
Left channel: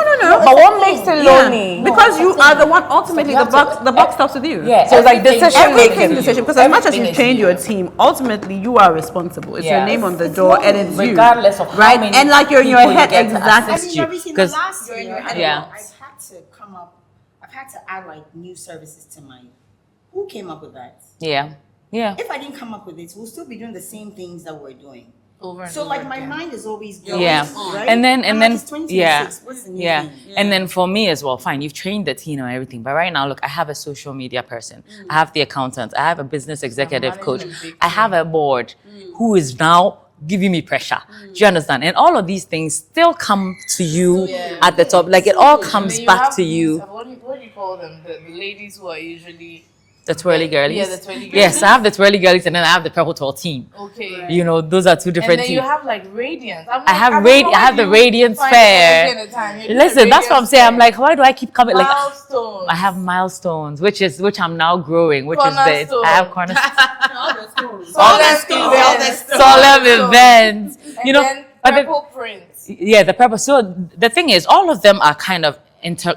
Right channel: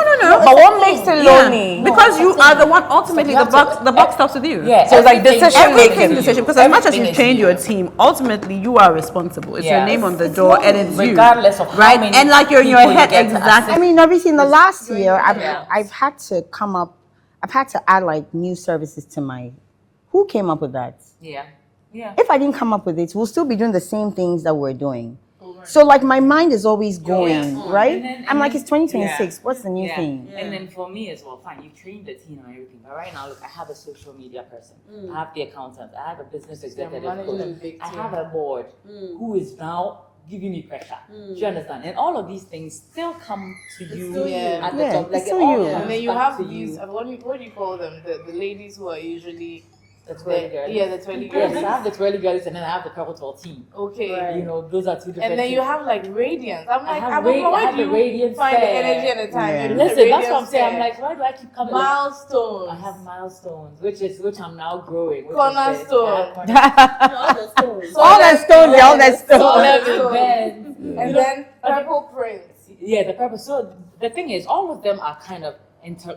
But what makes it Yeah, lonely? because you are the one. Ultimately, the buck stops with you. Yeah, So it's like everything- decision Everything making. decision, because as much as Everything you is trained you. your team, ultimately you are responsible. It's your Yes. name on the door, and it's Regardless you, of how right? many And like you're in your people you head, get to exactly. I mean, you. obviously, in the 'Cause- last year, Yeah. I've had to I've had to add like new services to my. Who came up with that? Yeah. If I didn't come up with it, we'll still be doing the same things that we're doing. So like my mind is always going, right? And then I'm like, it's 2026. What's the new yeah. thing? And then for me as well, fine, you've trained the team and everything. But right now, look, I have a social media person. I have the accountant. I have a business executive coach. I have a board who is now giving me pressure. Do you understand? And all of these things still come to you at the top. Like it all comes back to you. What do you call them? The ladies who are usually The twirly girlies. Yeah, the twirly girlies. Yes, I have the twirly girlies and then I have the purple tall team. okay. You know, those are two And different then you teams. have like Radiance. I have the Radiance Fair. Listen, that's what I'm saying. I'm like, why do I keep coming? Like, milestones. I have milestones, which I'm now growing, which is this. Cornerstone. I have cornerstones. All that stones, all that stones. Solemn events. And You know, then but the- Purple Prince. yeah, the purpose. So the thing is, all of them are kind of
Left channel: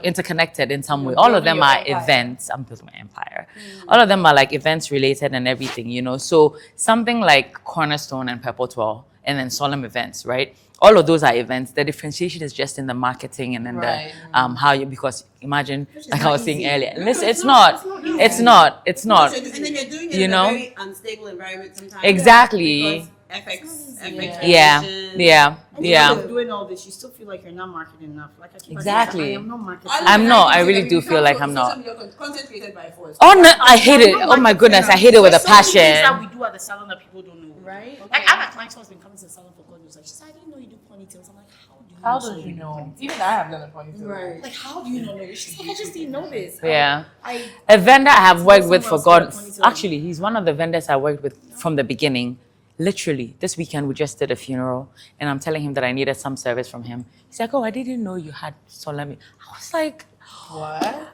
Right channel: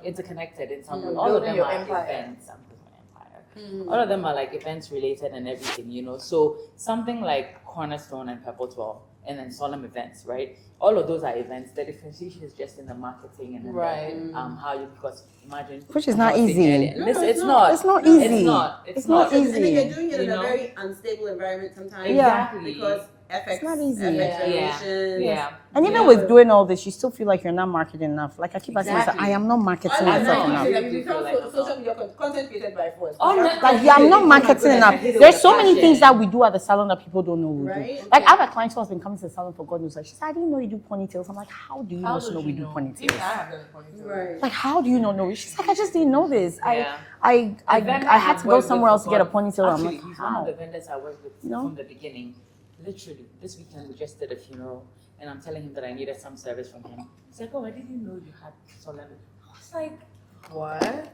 interconnected in some way. All of building them your are empire. events. I'm building my empire. All of them are like events related and everything, you know. So something like Cornerstone and Purple 12 and then Solemn Events, right? All of those are events. The differentiation is just in the marketing and then Right. the how you, because imagine, Which is like not I was saying easy. earlier, listen, it's not. It's not easy. It's not. It's not. easy. And then you're doing it You in know? a very unstable environment sometimes. Exactly. Because FX, not easy. FX Yeah. regulation. Yeah. And even Yeah. with doing all this, you still feel like you're not marketing enough. Like I keep saying, Exactly. I am not marketing. I'm enough. not. I really do feel like I'm not. Content created by force. Oh no, I hate I'm it. not Oh my marketing goodness, I enough. hate it with a There's so many things that passion. we do at the salon that people don't know we Right? do. Like I have a client who has been coming to the salon for God knows. Like she said, I didn't know you do ponytails. I'm like, how do you How not did know you we do know? ponytails? Even I have done a ponytail. Right. Like how do you not know? She's like, I just didn't know this. Yeah. I A vendor I had have to go worked with somewhere for else to get a God. ponytail. I'm Actually, like, he's one of the vendors I worked with from the beginning. Literally, this weekend we just did a funeral, and I'm telling him that I needed some service from him. He's like, "Oh, I didn't know you had solemn." I was like, What?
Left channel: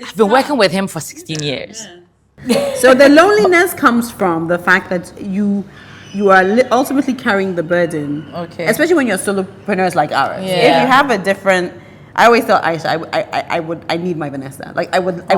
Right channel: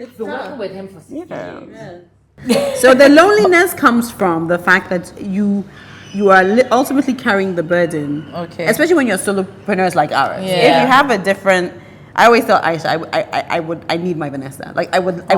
"I've been working with him for 16 years." So the loneliness comes from the fact that you are ultimately carrying the burden. Okay. Especially when you're solopreneurs like ours. Yeah. If you have a different I always tell Aisha, I need my Vanessa. Like I would Yeah.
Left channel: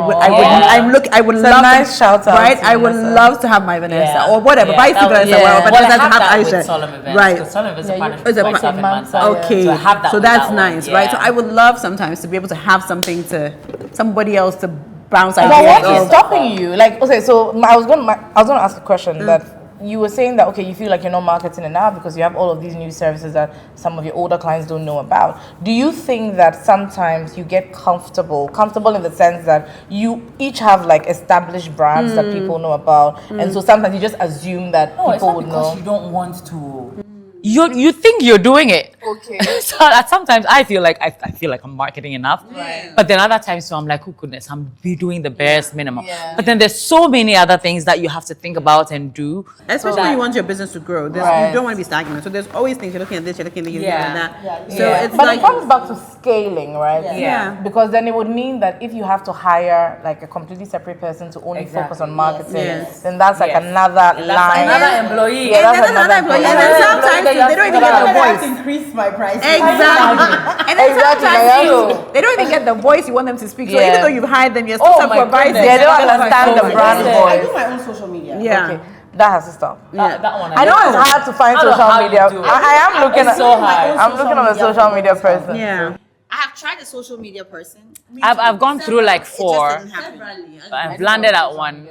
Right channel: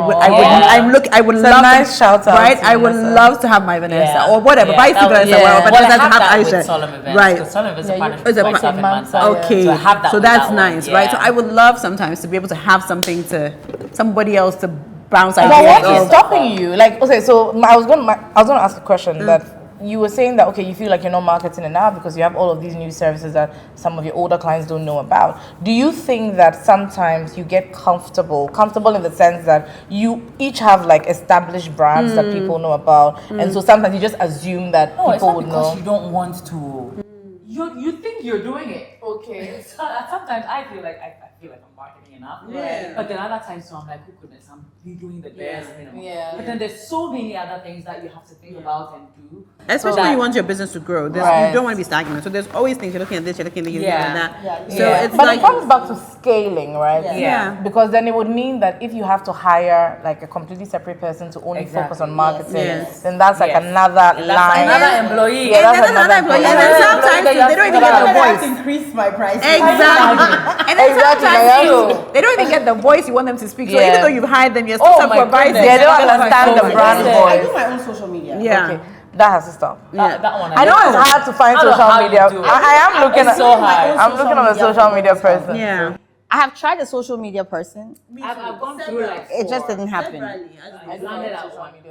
I would It's a love nice shout out right? to I would Vanessa. love to have my Vanessa Yeah. or whatever. Yeah, Vice that would- versa, yeah. well, but Well, I doesn't have have that Aisha. with Solemn Events. Right. Because Solemn Events is a partnership It's a with myself and Mansa, Mansa. Okay, So I have that so with that's that nice, one. right? So Yeah. I would love sometimes to be able to have something to somebody else to bounce But ideas what is off. stopping you? Like, okay, so I was going to ask a question that you were saying that, okay, you feel like you're not marketing enough because you have all of these new services that some of your older clients don't know about. Do you think that sometimes you get comfortable in the sense that you each have like established brands that people know about, and so sometimes you just assume that No, it's people not would because know? you don't want to. You think you're doing it. Okay. So that sometimes I feel like I feel like I'm marketing enough. Right. But then other times so I'm like, oh goodness, I'm be doing the barest minimum. Yeah. But then there's so many other things that you have to think about and do. Especially when you want your business to grow. Right. You don't want to be stagnant. So there's always things you're looking at this, you're looking at this, you're looking at that. So Yeah. it's But like it comes back to scaling, right? Yeah. Because then it would mean that if you have to hire like a completely separate person to only focus on marketing, Yes. then that's like Yes. another That's line. another employee. Yeah, and that's then another employee, and then employee. sometimes They they don't even get the voice. increase my price. Exactly. And then Exactly, sometimes they don't even get the voice you want them to speak. So Yeah. even though you've hired them, you're still Oh my supervising. goodness. They don't understand the Yes. brand Yes. I voice. do my own social media. Yeah. Okay, that has to stop. That one I know it's hard to find I don't know social how you media. do it. I am looking It's at. so hard. I'm looking at a social media person. Yeah. I have tried a social media person. I've gone through like It just 4. didn't happen. I've landed at one.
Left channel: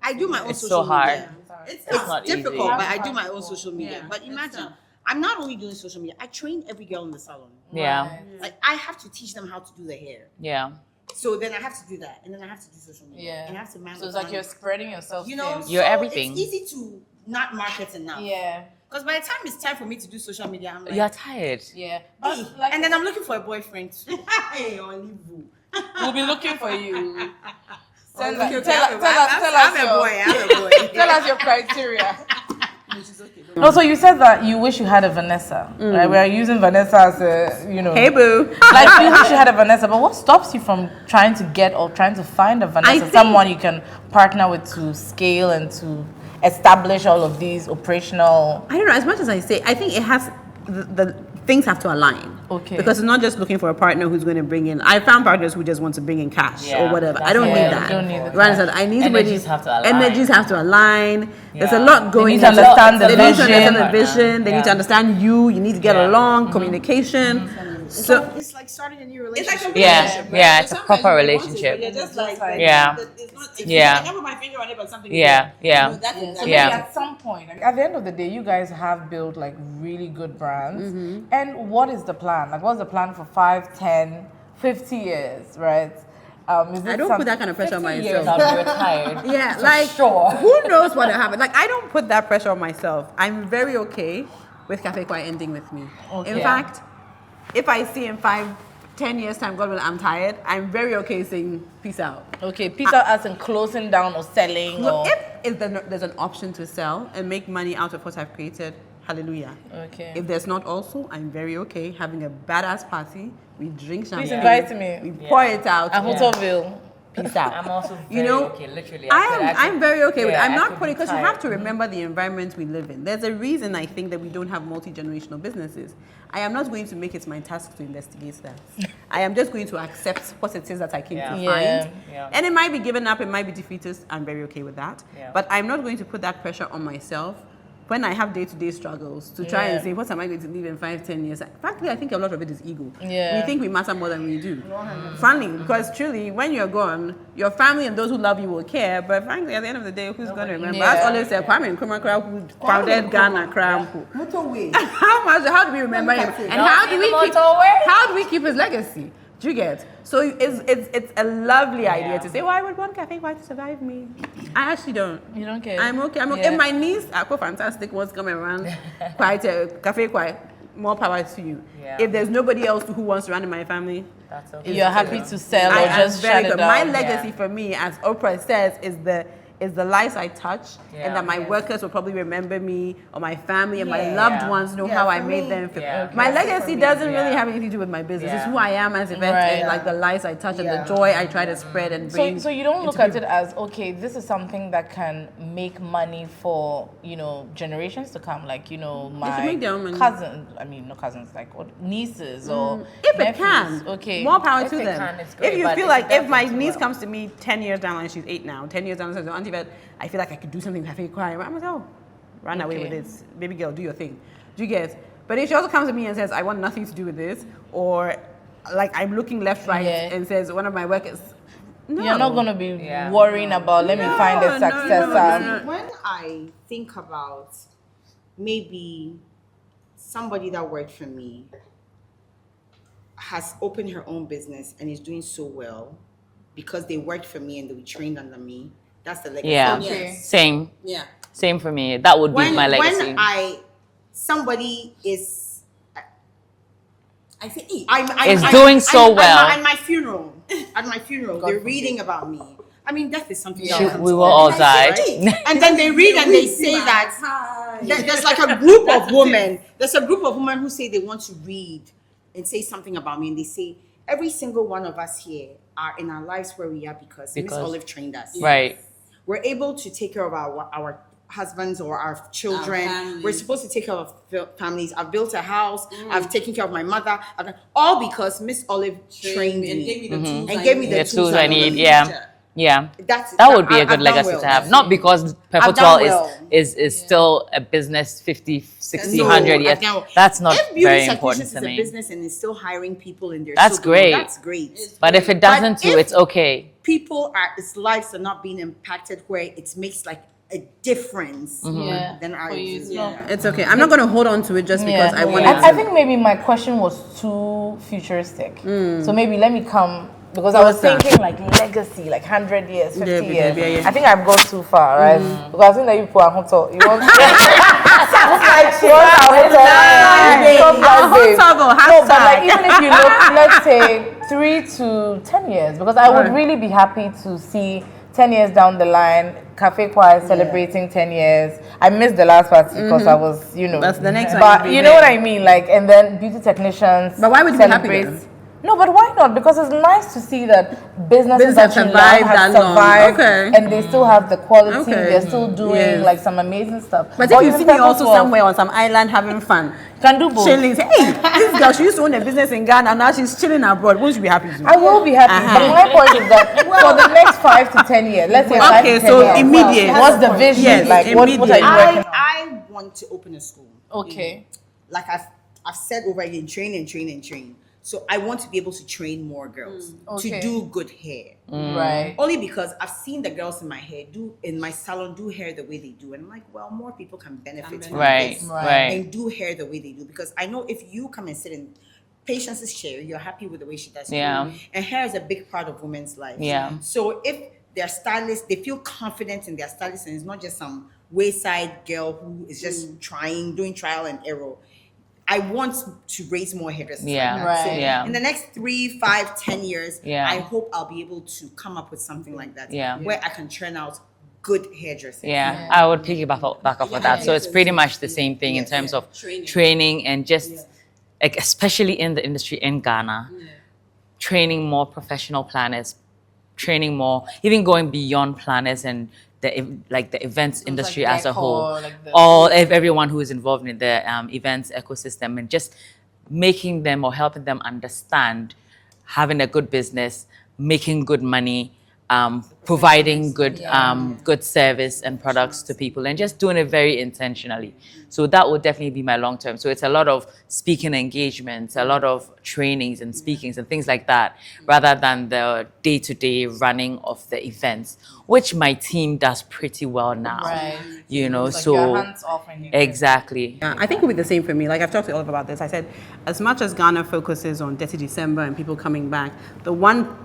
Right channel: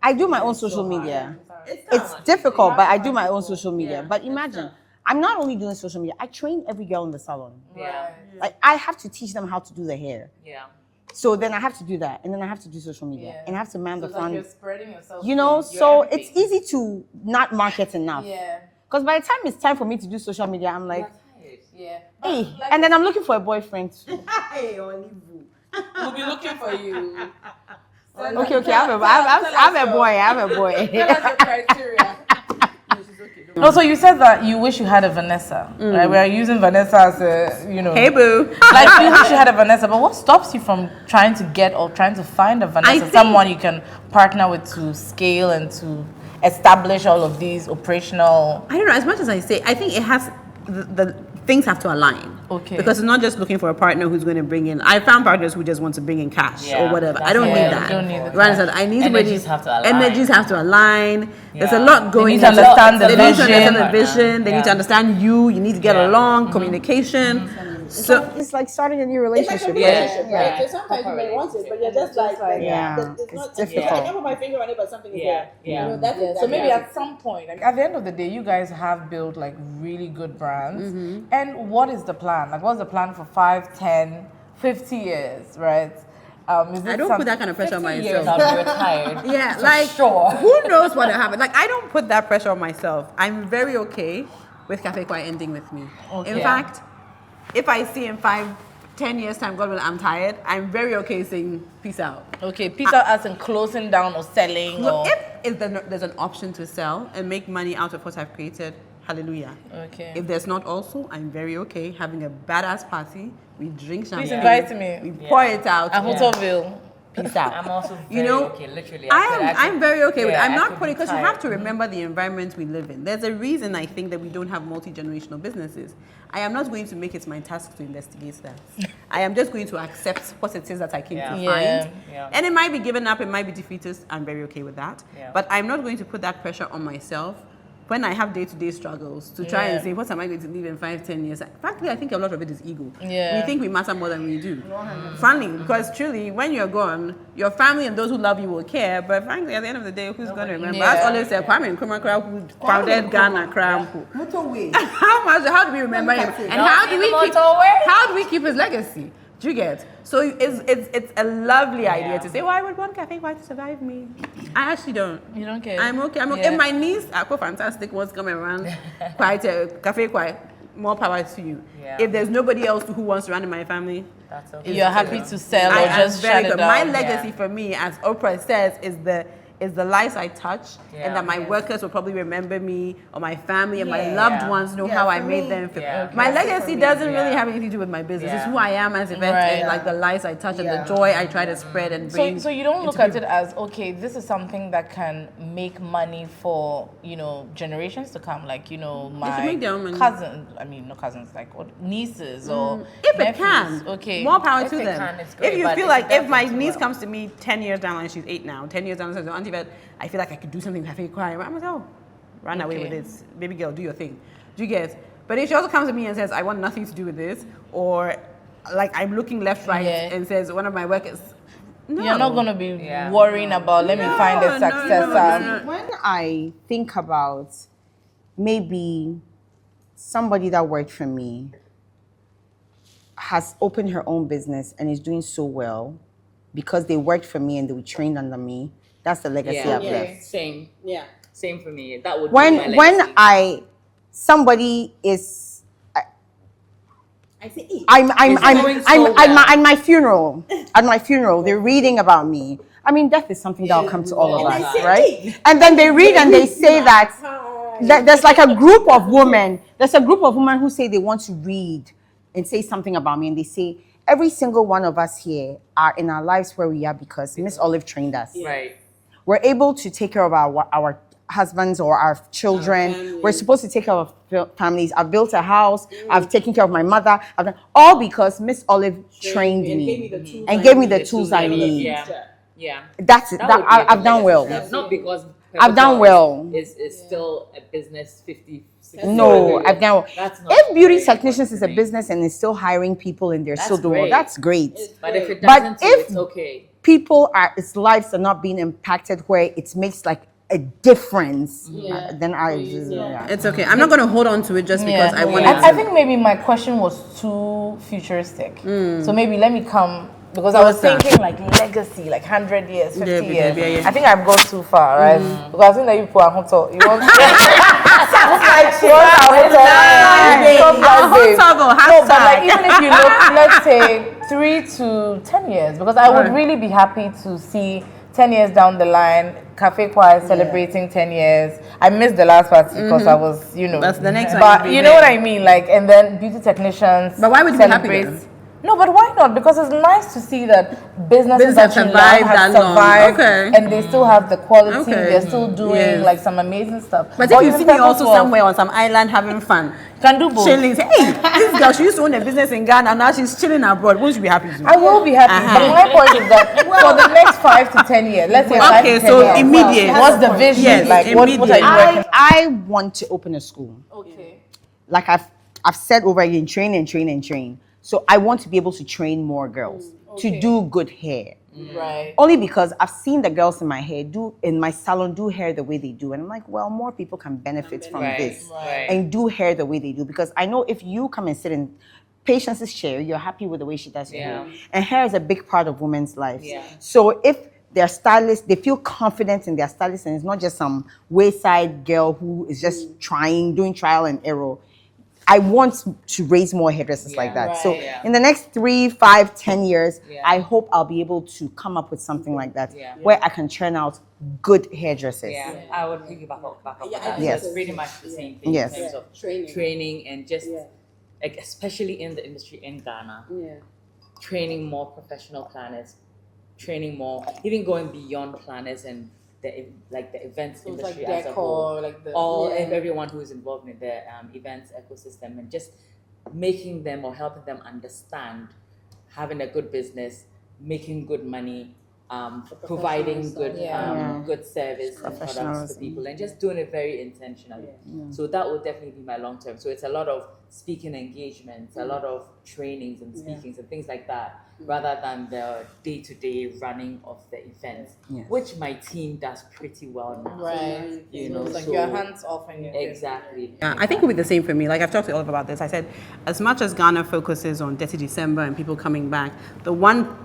I do my own It's so social hard. media. It's not Difficult, easy. but I do my own social media. But imagine, I'm not only doing social media, I train every girl in the salon. Yeah. Like I have to teach them how to do the hair. Yeah. So then I have to do that, and then I have to do social media, Yeah. and I have to man So the it's like front. you're spreading yourself. You know, You're so everything. it's easy to not market enough. Yeah. Because by the time it's time for me to do social media, I'm like, You're tired. Yeah. hey, and then I'm looking for a boyfriend. We'll be looking for you. Okay, I'm a boy. Tell us your criteria. No, so you said that you wish you had a Vanessa, right? We are using Vanessa as a, you know. Hey, boo. Like you wish you had a Vanessa, but what stops you from trying to get or trying to find a Vanessa, think- someone you can partner with to scale and to establish all of these operational? I don't know. As much as I say, I think it has the things have to align. Okay. Because it's not just looking for a partner who's going to bring in. I found partners who just want to bring in cash Yeah, or whatever. that's I don't it. need Yeah, that. you don't need the You understand? I need Energies somebody. have to align. Energies have to align. There's a Yeah. lot going. need to into- understand the They need to understand vision. the vision. They need to Yeah. understand you. You need to get Yeah. along. Communication. So It's like starting a new relationship. Yeah, it's a proper relationship. just like Yeah. Yeah. I can't put my finger on it, but something. Yeah, yeah. So maybe Yeah. at some point, like, at the end of the day, you guys have built like really good brands. And what is the plan? Like, what's the plan for 5, 10, 50 years, right? Is it I don't put that kind of pressure on 50 years myself. I'll be retired. Yeah, like sure. who knows what will happen? Like I don't put that pressure on myself. I'm very okay with Cafe Kwai ending with me. Okay. In fact, if I see in 5, 10 years time, God will, I'm tired. I'm very okay saying peace out. Okay, peace out as in closing down or selling So or... if there's an option to sell and make money out of what I've created, hallelujah. Okay. If there's not also, I'm very okay having a badass party. We drink champagne. invite me. We pour it out. At Hotelville. Peace out. I'm also very You know, okay, literally. I could- I'm very okay with it. yeah, I'm I not could putting, be because you tired. have to remember the environment we live in. There's a reason I think that we don't have multi-generational businesses. I am not going to make it my task to investigate that. I am just going to accept what it is that I came Yeah. to Yeah. find. Yeah. And it might be given up, it might be defeatist. I'm very okay with that. Yeah. But I'm not going to put that pressure on myself when I have day-to-day struggles to try and Yeah. say, what am I going to leave in 5, 10 years? Frankly, I think a lot of it is ego. Yeah. We think we matter more than we do. Frankly, because truly, when you're gone, your family and those who love you will care. But frankly, at the end of the day, who's going to remember? Yeah. As always said, Kwame Nkrumah who founded Ghana Krampo. Motorway. How do we remember him? And how do we keep his legacy? Do you get? So it's a lovely idea to say, well, I would want Cafe Kwai to survive me. I actually don't. You don't care? I'm okay. Yeah. If my niece, fantastic ones coming around, Cafe Kwai, more power to you. Yeah. If there's nobody else who wants to run in my family, That's okay. You're happy to sell I or am just very shut it good. My down? legacy for me, as Oprah says, is the is the lives I touch, and that my workers will probably remember me, or my family and my loved ones know how I made them feel. My legacy doesn't really have anything to do with my business. It's who I am as Yvette, and like the lives I touch and the joy I try to spread and bring. So you don't look at it as, okay, this is something that can make money for, generations to come, like, my make their own money. cousins, not cousins, like nieces or If it nephews. can, Okay. more power If to it them. can, it's great, If you but feel if like, it if my doesn't, niece well. comes to me 10 years down the line, she's 8 now, 10 years down the line, Auntie Yvette, I feel like I could do something cafe cry. I'm like, oh, run away with this. Baby girl, do your thing. Do you get? But if she also comes to me and says, I want nothing to do with this, or like I'm looking left, right, and says one of my workers, no. You're not going to be worrying about, let me find a successor. When I think about maybe somebody that worked for me has opened her own business and is doing so well because they worked for me and they were trained under me, that's the legacy. Yeah. Same. Yeah. Same for me. That would When be my legacy. when somebody is I say, doing so well. at my funeral, they're reading about me. I mean, death is something that will come we to will all all of us, die. right? And then they read and they say that there's like a group of women. There's a group of women who say they want to read and say something about me, and they say every single one of us here are in our lives where we are because Miss Olive trained us. Right. We're able to take care of our husbands or our children. We're supposed to take care of families. I've built a house. I've taken care of my mother. I've done all because Miss Olive trained me and gave me the tools I need. Yeah. That's it. That would be a I've good done legacy well. to have. Not because I've done well. Perpetual is still a business 50, 60, No, 100 years. I've done well. That's not If beauty very important technicians is to a me. business and is still hiring people and they're That's still doing great. well, that's great. But if it doesn't, if it's okay. People its lives are not being impacted where it makes like a difference. Then It's okay. I'm not going to hold on to it just because I want I think maybe my question was too futuristic. So maybe let me come, because I was Closer. thinking like legacy, like 100 years, 50 Yeah, years. yeah. I think I've gone too far, right? Because I think that you put a hotel. You want No, but like even if you look, let's say 3 to 10 years, because I would really be happy to see 10 years down the line, Cafe Choir celebrating 10 years. I missed the last part because I was, That's the next one. But you know what I mean? Like, and then beauty technicians. But why would you be happy celebrate- then? No, but why not? Because it's nice to see that businesses Business that have you love survived have that long. survived, Okay. and they still have the quality. Okay. They're still doing Yes. like some amazing stuff. But Or if you even see me also Purple somewhere on some island having fun, can do both. chilling, say, hey, this girl, she used to own a business in Ghana, now she's chilling abroad. Won't you be happy too? I will be happy. But my point is that for the next 5 to 10 years, let's say 5 Okay, to 10 so years, immediate. what's the vision? Yes, like, what are you immediate. working on? I want to open a school. Okay. Like I've said over again, train. So I want to be able to train more girls to do good hair. Right. Only because I've seen the girls in my salon do hair the way they do. And I'm like, well, more people can benefit from this. Right. And do hair the way they do. Because I know if you come and sit in Patience's chair, you're happy with the way she does her hair. And hair is a big part of women's lives. Yeah. So if their stylist, they feel confident in their stylist, and it's not just some wayside girl who is just doing trial and error. I want to raise more hairdressers like that. Right. So Yeah. in the next 3, 5, 10 years, Yeah. I hope I'll be able to come up with something like that Yeah. where I can churn out good hairdressers. Yeah, I would piggyback back off of that. So it's pretty much the same thing Yes. in terms of training and just, like, especially in the industry in Ghana, training more professional planners, training more, even going beyond planners and the events industry as a whole, everyone who is involved in the events ecosystem, and just making them or helping them understand having a good business, making good money, providing good service and products to people, and just doing it very intentionally. So that would definitely be my long term. So it's a lot of speaking engagements, a lot of trainings and speakings and things like that, rather than the day-to-day running of the events, which my team does pretty well now. Right. You know, Like so your hands off and you're exactly. I think it would be the same for me. Like I've talked to Olive about this. I said, as much as Ghana focuses on Dirty December and people coming back, the one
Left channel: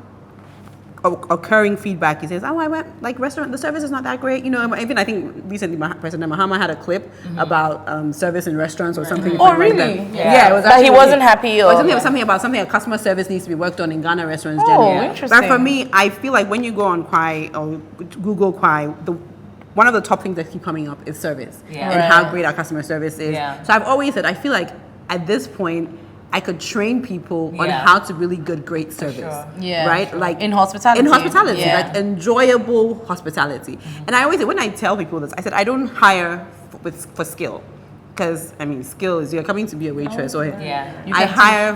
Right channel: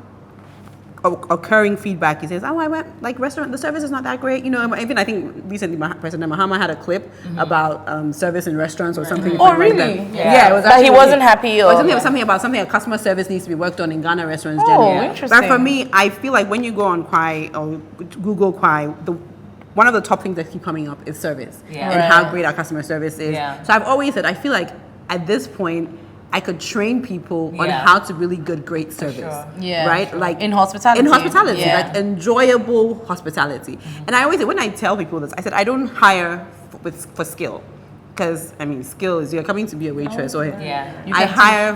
occurring feedback. He says, "Oh, I went like restaurant. The service is not that great." You know, even I think recently President Mahama had a clip about service in restaurants or something. Oh, really? Yeah, it was. That he actually- wasn't happy, or something about customer service needs to be worked on in Ghana restaurants. Oh, generally. interesting. But for me, I feel like when you go on Kwai or Google Kwai, one of the top things that keep coming up is service and how great our customer service is. Yeah. So I've always said I feel like at this point I could train people on how to really great service. Sure. Yeah. Right? Like In hospitality. Yeah. like enjoyable hospitality. And I always say when I tell people this, I said I don't hire for skill. Because I mean skill is you're coming to be a waitress or I hire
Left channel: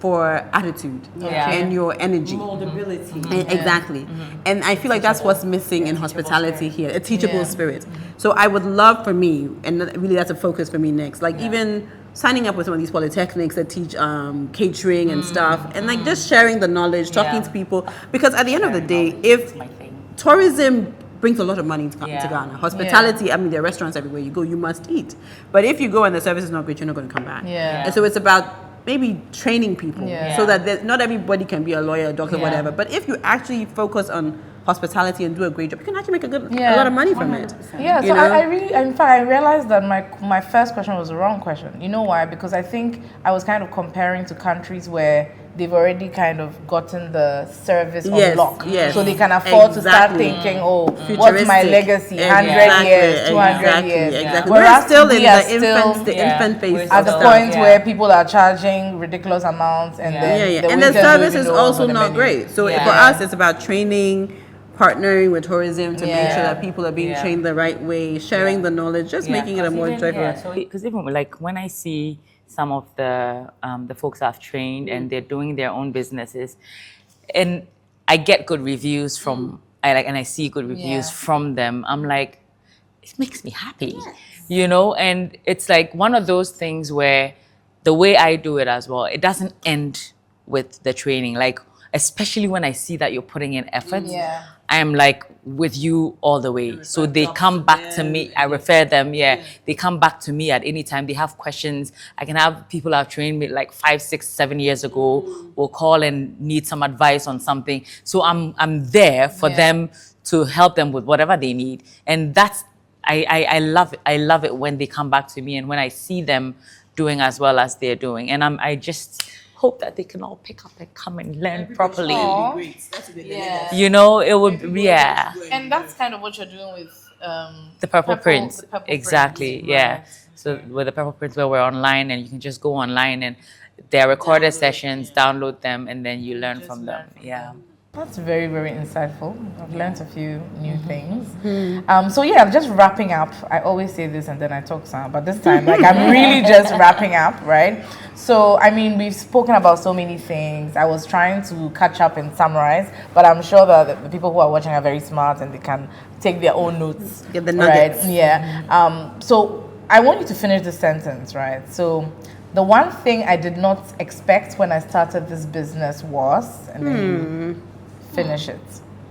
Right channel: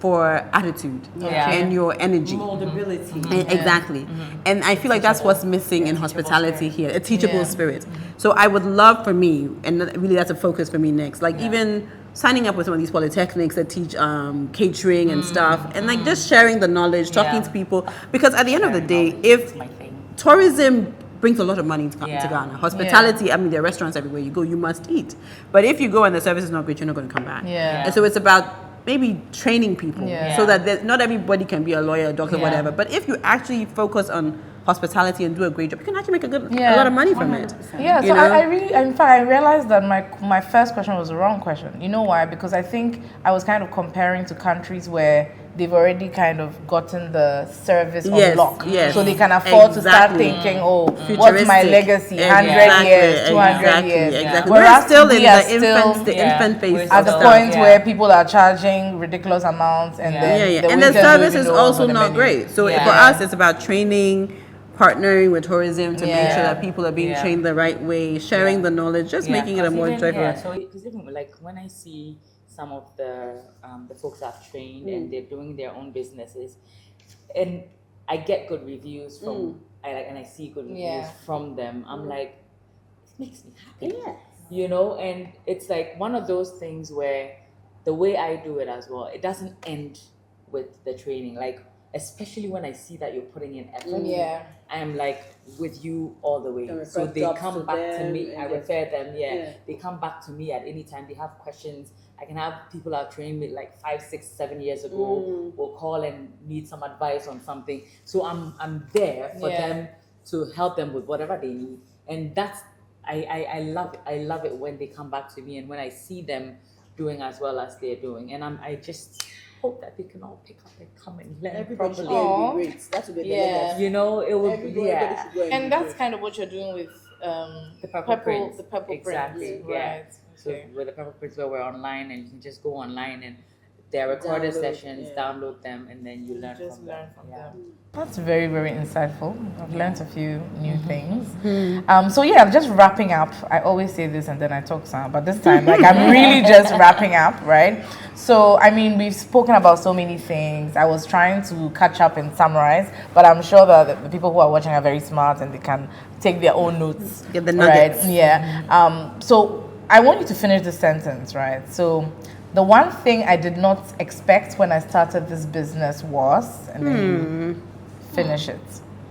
for attitude and your energy. Moldability. Exactly. And I feel like that's what's missing in hospitality here, a teachable spirit. So I would love for me, and really that's a focus for me next, like even signing up with some of these polytechnics that teach catering and stuff, and like just sharing the knowledge, talking to people, because at the end of the day, if tourism brings a lot of money to Ghana. Hospitality, I mean, there are restaurants everywhere you go, you must eat. But if you go and the service is not great, you're not going to come back. And so it's about maybe training people so that not everybody can be a lawyer, a doctor, whatever. But if you actually focus on hospitality and do a great job, you can actually make a lot of money from it. Yeah, so I really, in fact, I realized that my first question was the wrong question. You know why? Because I think I was kind of comparing to countries where they've already kind of gotten the service on lock. So they can afford to start thinking, what's my legacy? 100 years, 200 years. Exactly. Whereas We're still in the infant phase. at the point where people are charging ridiculous amounts and then and the service is also not great. So for us, it's about training, partnering with tourism to make sure that people are being trained the right way, sharing the knowledge, just making it a more joyful. So because even like when I see some of the folks I've trained and they're doing their own businesses, and I get good reviews from I see good reviews from them. I'm like, it makes me happy, you know. And it's like one of those things where the way I do it as well, it doesn't end with the training. Like especially when I see that you're putting in effort, I'm like with you all the way. So they come back to me. I refer them. They come back to me at any time. They have questions. I can have people I've trained me like 5, 6, 7 years ago will call and need some advice on something. So I'm there for them to help them with whatever they need. And that's I love it. I love it when they come back to me and when I see them doing as well as they're doing. And I just hope that they can all pick up and come and learn properly. You know, it would And that's kind of what you're doing with the Purple Prince. the Purple Exactly, Prince, yeah. right. So with the Purple Prince where we're online and you can just go online and there are recorded sessions, download them and then you learn from them. Yeah. That's very, very insightful. I've learned a few new things. So yeah, just wrapping up. I always say this and then I talk some, but this time, like I'm really just wrapping up, right? So, I mean, we've spoken about so many things. I was trying to catch up and summarize, but I'm sure that the people who are watching are very smart and they can take their own notes. Get the nuggets. Right? Yeah. So I want you to finish the sentence, right? So the one thing I did not expect when I started this business was, and then you finish it.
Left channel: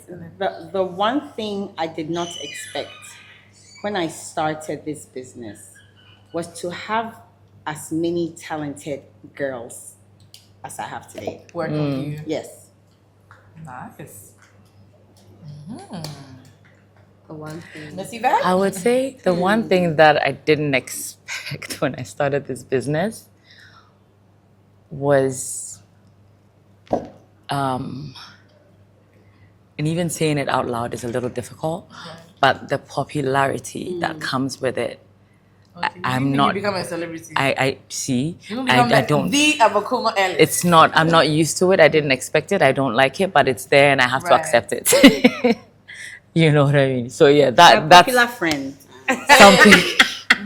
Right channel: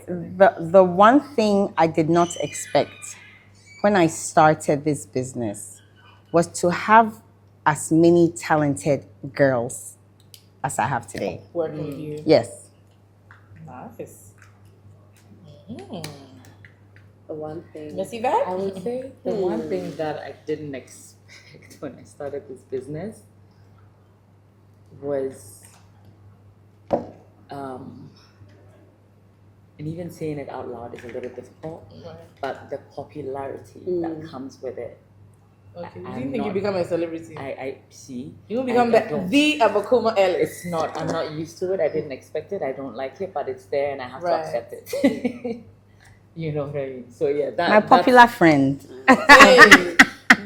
The one thing I did not expect when I started this business was to have as many talented girls as I have today. Work with you. Yes. Nice. The one thing. Miss Yvette? I would say the one thing that I didn't expect when I started this business was, and even saying it out loud is a little difficult, but the popularity that comes with it. I'm not. You become a celebrity. I see. You become I don't. the Abakuma Ellis. It's not. I'm not used to it. I didn't expect it. I don't like it, but it's there, and I have to accept it. You know what I mean? So yeah, that's Popular friend. something.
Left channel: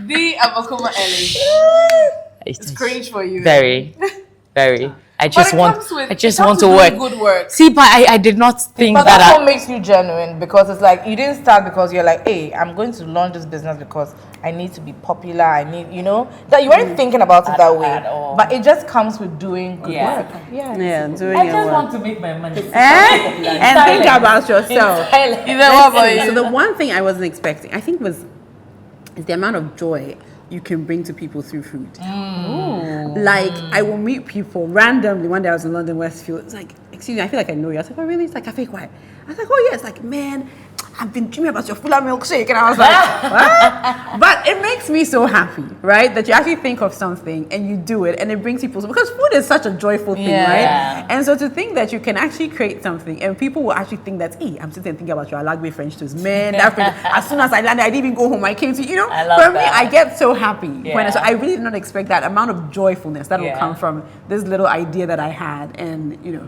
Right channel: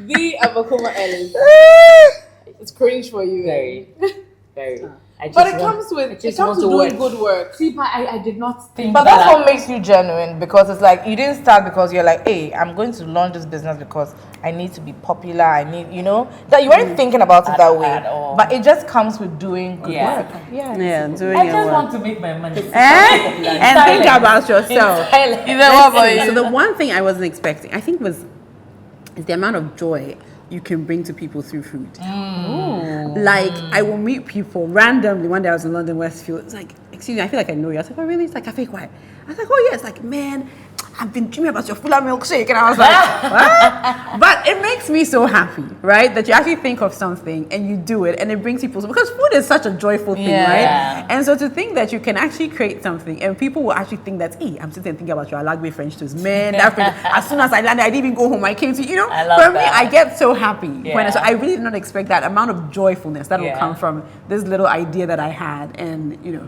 the Abakuma Ellis. It's cringe for you. Very, very. I just But it want. comes with- I just it want comes to with work. good work. See, but I did not think But that. that's what makes you genuine, because it's like you didn't start because you're like, hey, I'm going to launch this business because I need to be popular. I need, you know, that you weren't thinking about it that way. at all. But it just comes with doing good work. Yeah, doing I your just work. want to make my money. And think about yourself. What about you? So the one thing I wasn't expecting, I think, is the amount of joy you can bring to people through food. Like I will meet people randomly. One day I was in London Westfield. It's like, excuse me, I feel like I know you. I was like, oh, really? It's like Cafe Quiet. I was like, oh, yeah. It's like, man, I've been dreaming about your full milkshake. And I was like, what? But it makes me so happy, right? That you actually think of something and you do it and it brings people, because food is such a joyful thing, right? And so to think that you can actually create something and people will actually think that, hey, I'm sitting and thinking about your Alagbe French toast. Man, that French, as soon as I landed, I didn't even go home. I came to, you know, for me, I get so happy. So I really did not expect that amount of joyfulness that will come from this little idea that I had. And, you know,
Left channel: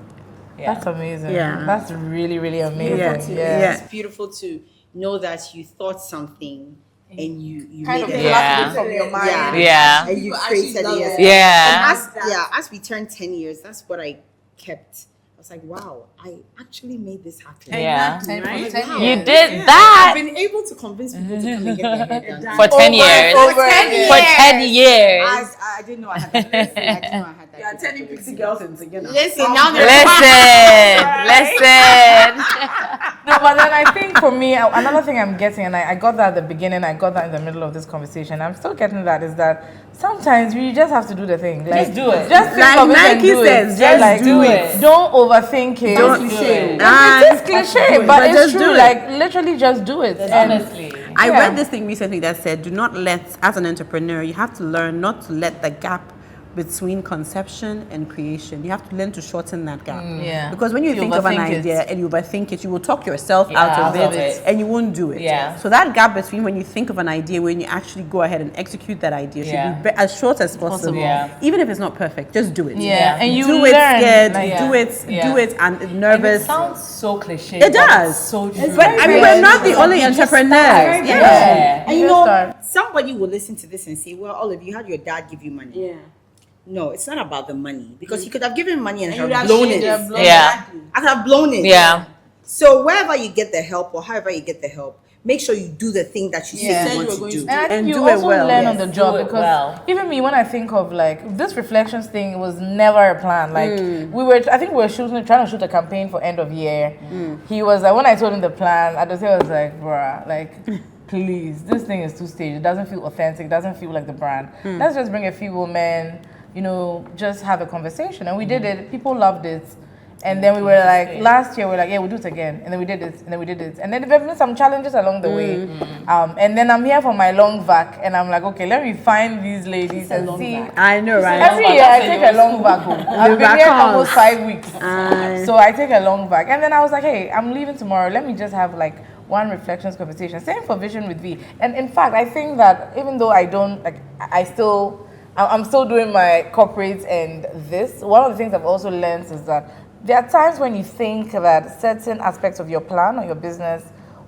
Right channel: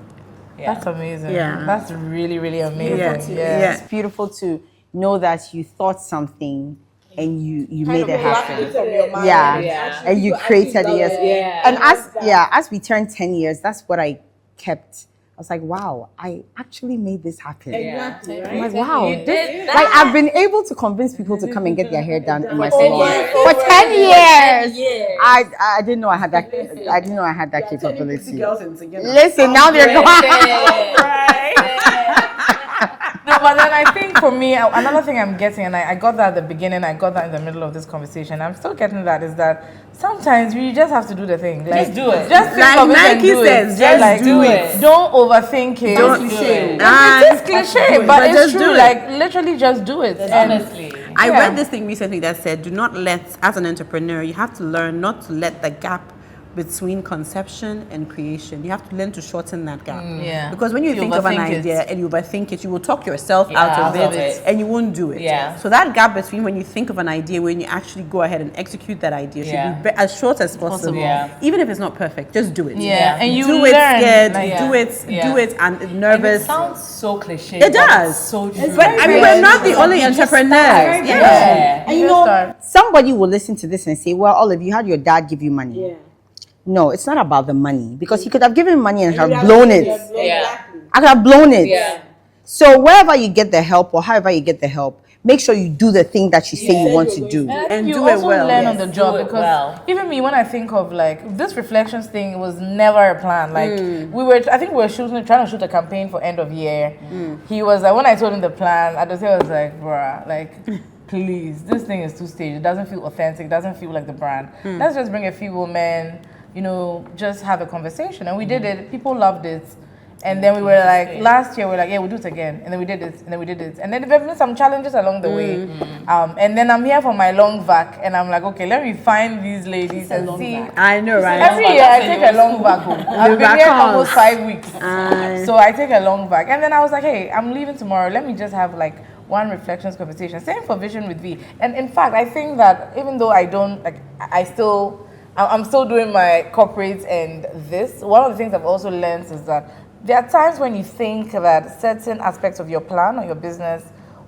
That's amazing. Yeah. That's really, really amazing. It's beautiful to know that you thought something and you made it happen. from your mind. Yeah. And you created it. Yeah. And as we turned 10 years, that's what I kept. I was like, wow, I actually made this happen. Yeah. I'm like, wow. You did Like, that I've been able to convince people to come and get their hair done. for 10 years. For 10 years. For 10 years. I didn't know I had that. I didn't know I had that capability. Girls in together. Listen, now they're Listen. No, but then I think for me, another thing I'm getting, and I got that at the beginning, I got that in the middle of this conversation, I'm still getting that, is that sometimes you just have to do the thing. Like, Just do it. Just think Like of it and Nike do says, it. just Like, do it. Don't overthink it. Don't It cliche. is cliche, but it's just true. do it. Like, literally just do it. And Honestly. I Yeah. read this thing recently that said, do not let, as an entrepreneur, you have to learn not to let the gap between conception and creation. You have to learn to shorten that gap. Yeah. Because when you You think of an overthink it. idea and you overthink it, you will talk yourself Yeah, out of it and you won't do it. Yeah. So that gap between when you think of an idea, when you actually go ahead and execute that idea should be as short as possible. Yeah. Even if it's not perfect, just do it. Yeah. And you do it learn, scared, like, do it and nervous. It sounds so cliche. It but does. it's so true. But I mean, we're not the only You just entrepreneurs. start. Yeah. And You you just know, start. somebody will listen to this and say, well, Olive, you had your dad give you money. Yeah. No, it's not about the money, because he could have given money and have blown it. Yeah. I could have blown it. Yeah. So wherever you get the help or however you get the help, make sure you do the thing that you say you want to do. And I think And you do it also well. learn Yes, on the job, do it because well. even me, when I think of like this reflections thing, was never a plan. Like I think we were trying to shoot a campaign for end of year. He was like, when I told him the plan, I was like, bruh, like, please, this thing is too staged. It doesn't feel authentic. It doesn't feel like the brand. Let's just bring a few women, you know, just have a conversation. And we did it. People loved it. And then we were like, last year, we were like, yeah, we'll do it again. And then we did it, and then we did it. And then there have been some challenges along the way. And then I'm here for my long vac, and I'm like, okay, let me find these ladies and see. I know, right? Every year I take a long vac home. I've been here almost 5 weeks. So I take a long vac. And then I was like, hey, I'm leaving tomorrow. Let me just have like one reflections conversation. Same for Vision with V. And in fact, I think that even though I don't, like, I'm still doing my corporate and this, one of the things I've also learned is that there are times when you think that certain aspects of your plan or your business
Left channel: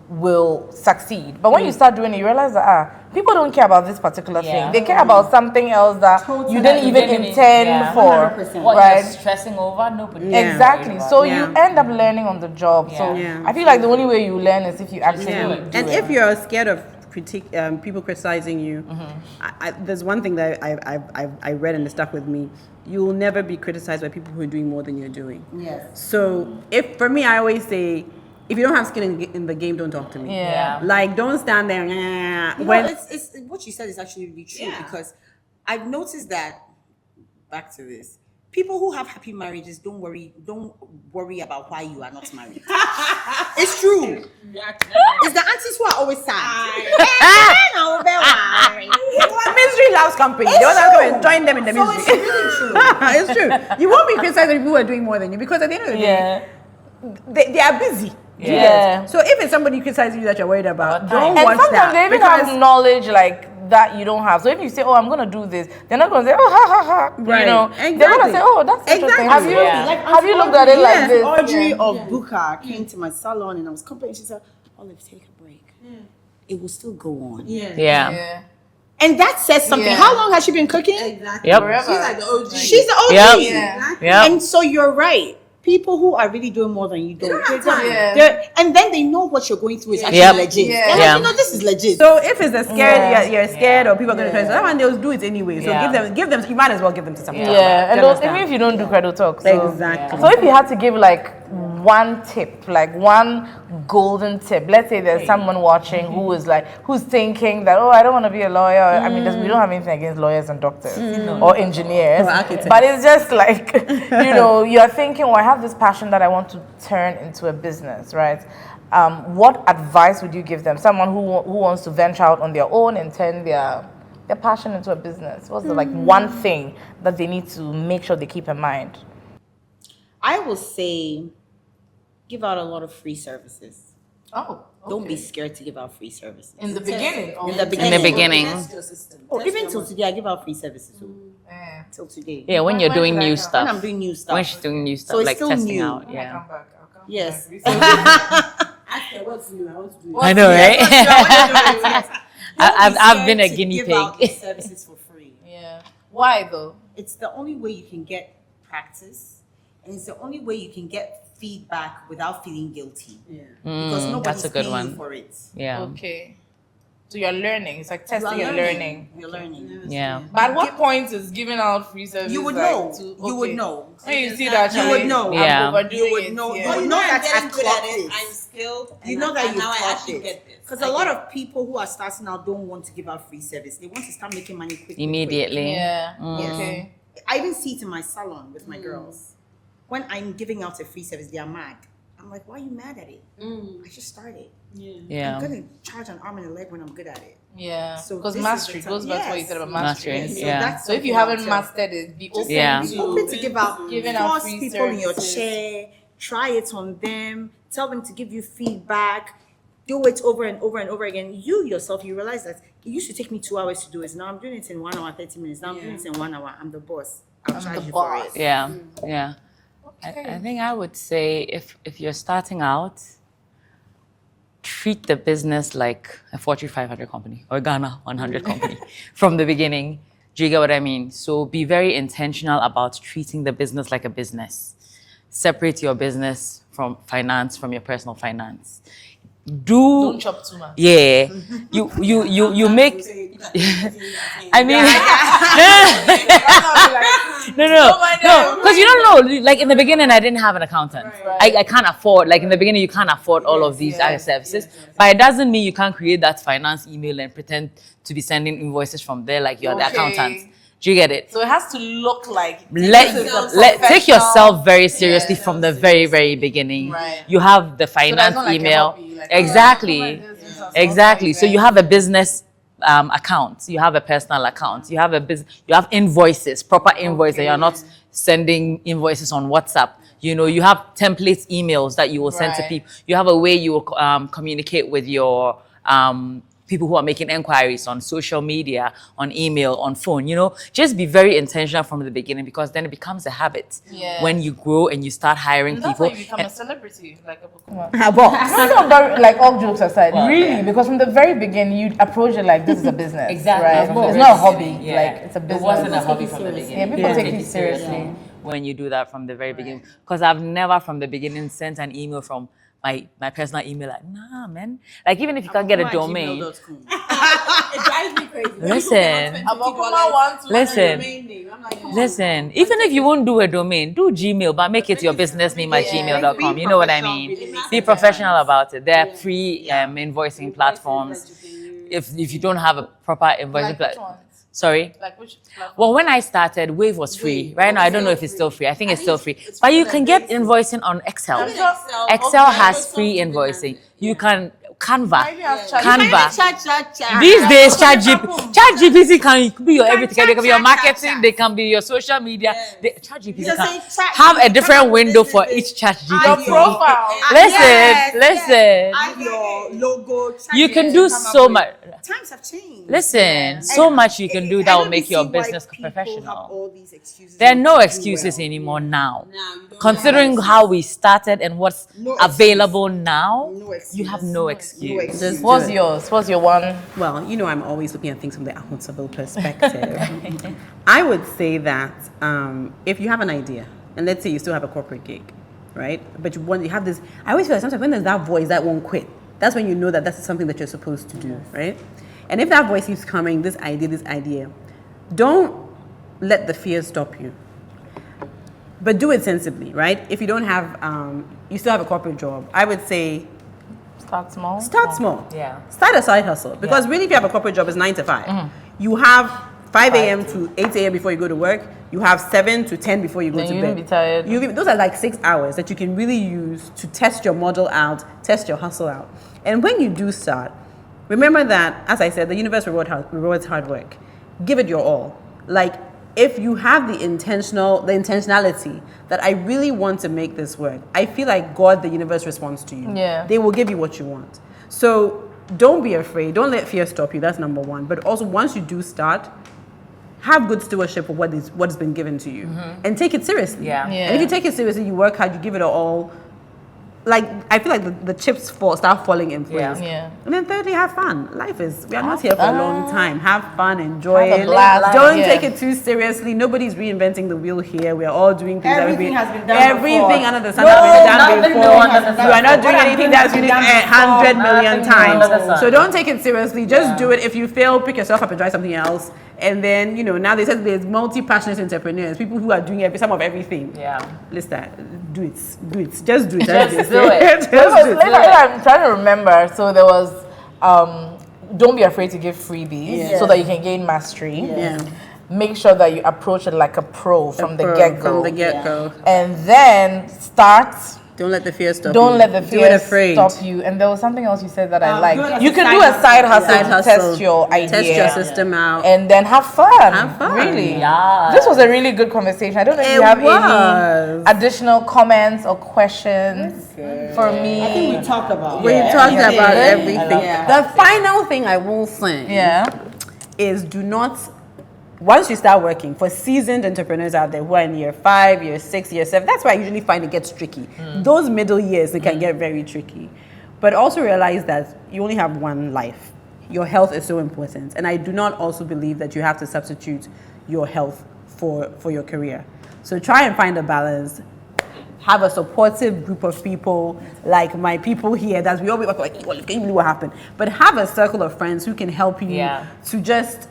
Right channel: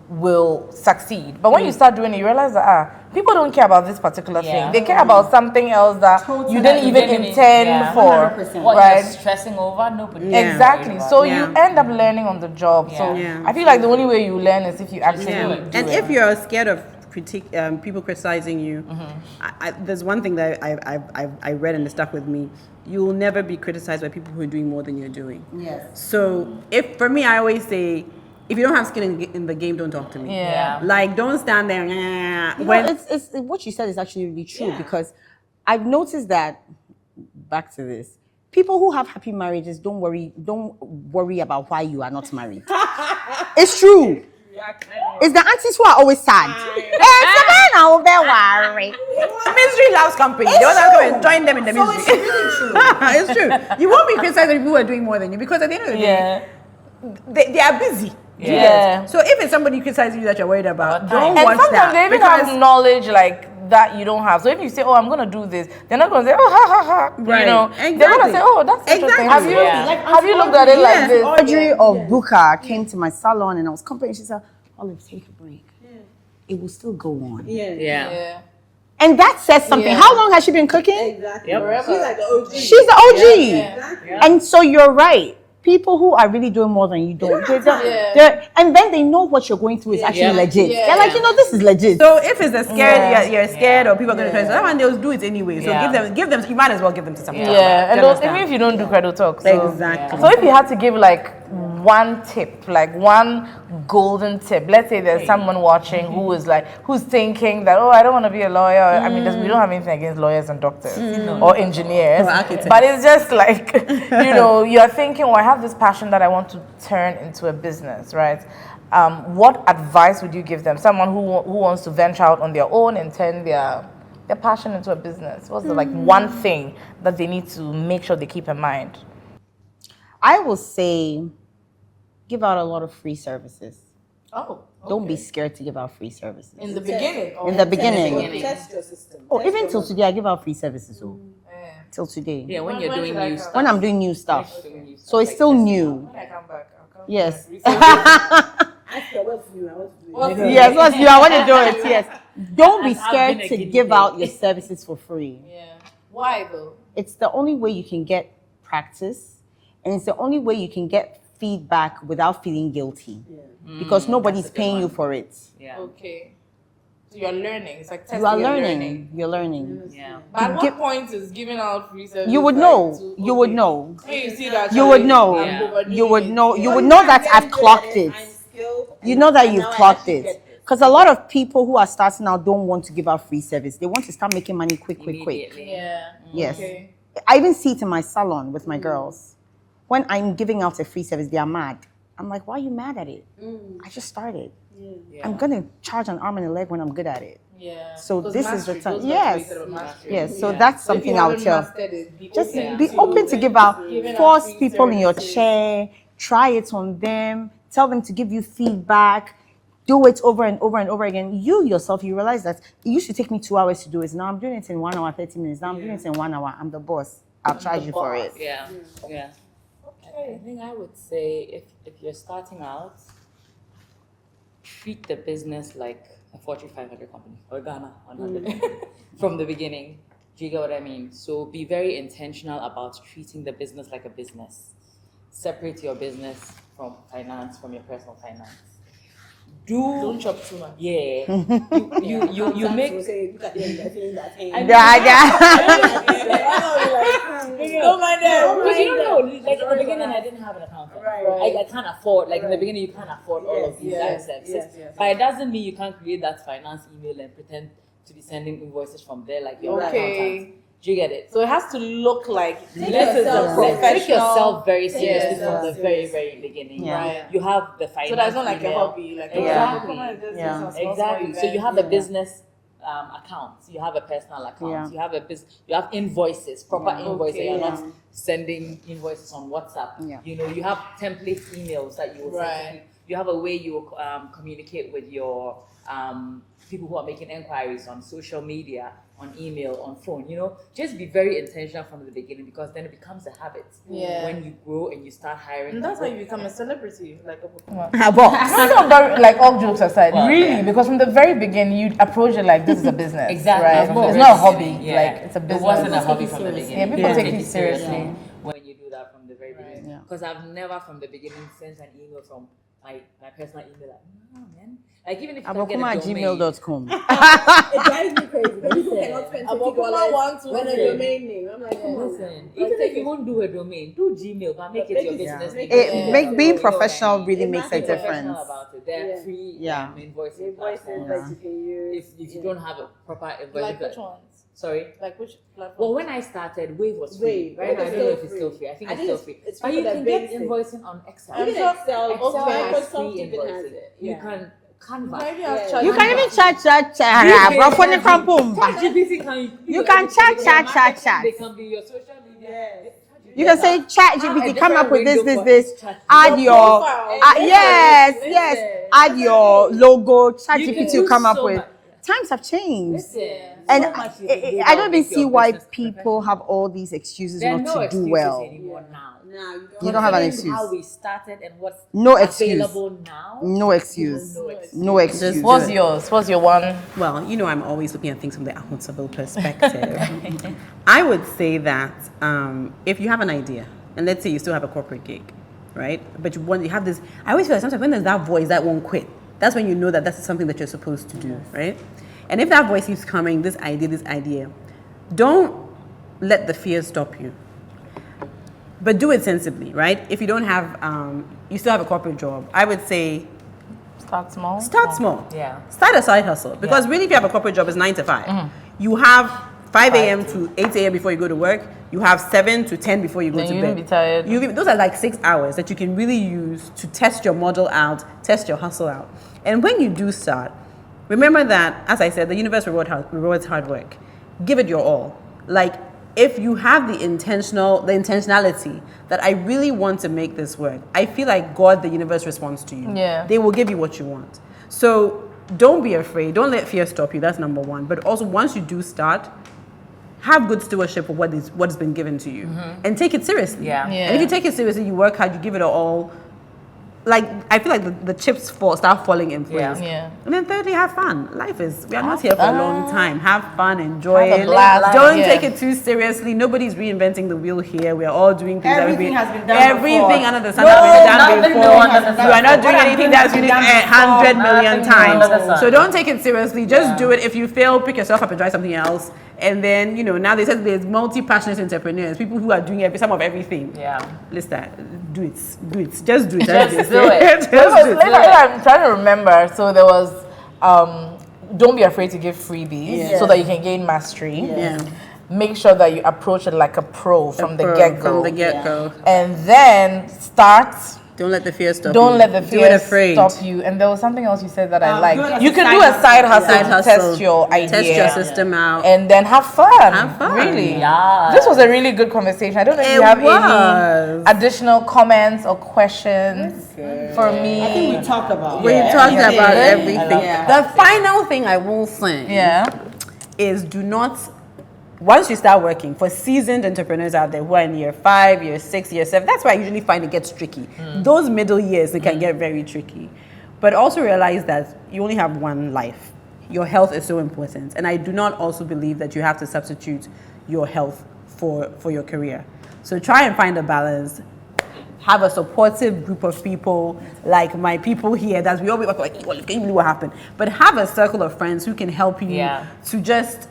will succeed. But when you start doing it, you realize that people don't care about this particular thing. They care about something else that you didn't even intend for. What right? you're stressing over, nobody. Exactly. So you end up learning on the job. So Yeah. I feel like the only way you learn is if you actually do And it. if you're scared of people criticizing you, there's one thing that I read and it stuck with me. You will never be criticized by people who are doing more than you're doing. Yes. So for me, I always say, if you don't have skin in the game, don't talk to me. Yeah. Like, don't stand there. You When know, it's what you said is actually really true, because I've noticed that, back to this, people who have happy marriages don't worry about why you are not married. It's true. It's the aunties who are always sad. misery loves company, they want to come and join them in the So misery. it's really true. It's true. You won't be criticized if people are doing more than you, because at the end of the day, they are busy. Do you Yeah. get? So if it's somebody criticizing you that you're worried about, don't And watch sometimes that. they even because- have knowledge like that you don't have. So if you say, "Oh, I'm gonna do this," they're not gonna say, "Oh, ha ha ha." Right. You know, they're gonna Exactly. say, "Oh, that's interesting." Exactly. Have you Yeah. have you looked at it like this? Audrey of Booker came to my salon and I was complaining. She said, Olive, take a break. It will still go on. Yeah. And that says something. How long has she been cooking? Yep. She's the OG. Yeah. And so you're right. People who are really doing more than you don't. And then they know what you're going through is actually legit. They're like, Yeah. you know, this is legit. So if it's a scared, you're scared, or people are going to criticize, that one they'll do it anyway. So Yeah. give them. You might as well give them to something. Yeah, and Do you those, understand? even if you don't do credit talk. So, Exactly. So if you had to give like one tip, like one golden tip. Let's say there's someone watching who is like, who's thinking that, oh, I don't want to be a lawyer. I mean, we don't have anything against lawyers and doctors or engineers, Or architects. but it's just like, you're thinking, well, I have this passion that I want to turn into a business, right? What advice would you give them? Someone who wants to venture out on their own and turn their passion into a business. What's the like one thing that they need to make sure they keep in mind? I will say, give out a lot of free services. Oh, Don't be scared to give out free services. in the beginning. In the beginning. In the beginning. Oh, even till today, I give out free services. Till today. Yeah, when you're doing new When stuff. I'm doing new stuff. When she's doing new stuff, So it's like still testing new. out. Yeah. Yes. What's new? I want to do I know, Yes, right? what's you? I want to do it. Yes. Don't I've be scared been a to guinea give pig. out your services for free. Yeah. Why though? It's the only way you can get practice, and it's the only way you can get feedback without feeling guilty. Because nobody's that's a good paying you one. for it. Yeah. Okay. So you're learning. It's like You testing are and learning. learning. You're learning. Yeah. But at what point is giving out free service? You would like, know. to- You would okay. know. When you see that, You would know. Yeah. You would know. You would know that I've clocked it. You know that you've clocked it. Because a lot of people who are starting out don't want to give out free service. They want to start making money quick. Immediately. Yeah. Yes. Okay. I even see it in my salon with my girls. When I'm giving out a free service, they are mad. I'm like, why are you mad at it? I just started. Yeah. I'm gonna charge an arm and a leg when I'm good at it. Yeah. So Because this is mastery the time. goes back to what you Yes. said about mastery. Mastery. Yes. So Yeah. that's So if something you I'll haven't tell. mastered it, be Just open Yeah. be to open to give out. giving out Force free people in your services. chair. Try it on them. Tell them to give you feedback. Do it over and over and over again. You yourself, you realize that it used to take me 2 hours to do it. Now I'm doing it in 1 hour, 30 minutes. Now I'm doing it in 1 hour. I'm the boss. I'll charge you for it. Yeah. Yeah. I think I would say if you're starting out, treat the business like a Fortune 500 company or Ghana 100 company from the beginning. Do you get what I mean? So be very intentional about treating the business like a business. Separate your business from finance, from your personal finance. Don't chop too much. Yeah, you make. I mean, no, because you don't know. Like in the beginning, I didn't have an accountant. I can't afford. Like in the beginning, you can't afford all of these other services. But it doesn't mean you can't create that finance email and pretend to be sending invoices from there like you're the accountant. Do you get it? So it has to look like Take yourself very seriously from the very, very beginning. Right. You have the So finance that's not like a email. hobby, like, Exactly. Yeah. Exactly. So you have a business account. You have a personal account. You have a business. You have invoices, proper invoices. You're not sending invoices on WhatsApp. You know, you have template emails that you will send to Right. people. You have a way you will communicate with your people who are making inquiries on social media, on email, on phone. You know, just be very intentional from the beginning because then it becomes a habit. Yeah. When you grow and you start hiring And that's people. how you become a celebrity. Like But but like all jokes aside, really, because from the very beginning you approach it like this is a business. Exactly. Right? Of course. It's not a hobby. Yeah. Like it's a business. It wasn't a hobby from the beginning. Yeah, people take it seriously. When you do that from the very beginning. Because I've never from the beginning sent an email from my personal email like, nah, man. Like even if you can't get a domain. gmail.com. It drives me crazy. Listen. Listen, even if you won't do a domain, do Gmail, but make it your business name at gmail.com. Being You know what I professional mean? really makes Be a professional difference. about it. There are free invoicing platforms. If you don't have a proper invoicing Like which platform. ones? Sorry? Like which platform? Well, when I started, Wave was free. Right now, I don't know if it's still free. I think it's still free. But you can get invoicing on Excel. Excel has free invoicing. You can Canva. Canva. These days, ChatGPT can be your everything. They can be your marketing. They can be your social media. ChatGPT You can say chat. have you a can come different up with window this, for this, each Add ChatGPT. your Listen. Add your logo. You can ChatGPT do come up so with- much. Times have changed. Listen, so much you can do that will make your I don't see business why people professional. have all these excuses. There are not no to do excuses well. anymore now. don't have Considering an how excuse. we started and what's No excuse. available now, No excuse. you have no excuse. No excuse. What's yours? What's your one? Well, you know, I'm always looking at things from the accountable perspective. I would say that if you have an idea, and let's say you still have a corporate gig, right? But you have this. I always feel like sometimes when there's that voice that won't quit, that's when you know that that's something that you're supposed to do, right? And if that voice keeps coming, this idea, don't let the fear stop you. but do it sensibly, right? If you don't have, you still have a corporate job, I would say Start small. start small. Yeah. Start a side hustle. Because really, if you have a corporate job, it's 9 to 5. You have 5 a.m. to 8 a.m. before you go to work. You have 7 to 10 before you go Then to you bed. won't be tired. Those are like 6 hours that you can really use to test your model out, test your hustle out. And when you do start, remember that, as I said, the universe rewards hard work. Give it your all. Like, if you have the intentionality that I really want to make this work, I feel like God, the universe, responds to you. Yeah. They will give you what you want. So don't be afraid. Don't let fear stop you. That's number one. But also, once you do start, have good stewardship of what has been given to you, and take it seriously. Yeah. And if you take it seriously, you work hard, you give it all. Like, I feel like the chips start falling in place. Yeah. And then thirdly, have fun. We are not here for a long time. Have fun, enjoy Have a it. blast, Don't yeah. take it too seriously. Nobody's reinventing the wheel here. We are all doing things. Everything has been done Everything before. under the sun has been done nothing before. new under the sun. You are not doing What anything has that's been unique done 100 million Nothing new under the times. sun. So don't take it seriously. Just do it. If you fail, pick yourself up and try something else. And then, now they said there's multi-passionate entrepreneurs, people who are doing some of everything. Yeah. Listen, do it. Just do it. Just do it. Just do it. I'm trying to remember. So there was, don't be afraid to give freebies so that you can gain mastery. Yeah. Make sure that you approach it like a pro from the get-go. From the get-go. And then start. Don't let the fear stop you. Don't let the Do it fear afraid. stop you. And there was something else you said that I do it liked. as You a can side do a hustle. side hustle Side to hustle. test your idea. Test your system out. And then have fun. Have fun. Really. Yeah. This was a really good conversation. I don't know if It you have was. any additional comments or questions for me. I think we talked about We it. talked Yeah. about Yeah. everything. Yeah. The final thing I will say Yeah. is do not, once you start working, for seasoned entrepreneurs out there who are in year 5, year 6, year 7, that's why I usually find it gets tricky. Those middle years, they can get very tricky. But also realize that you only have one life. Your health is so important. And I do not also believe that you have to substitute your health for your career. So try and find a balance. Have a supportive group of people like my people here that we all be like, well, can you believe what happened? But have a circle of friends who can help you to just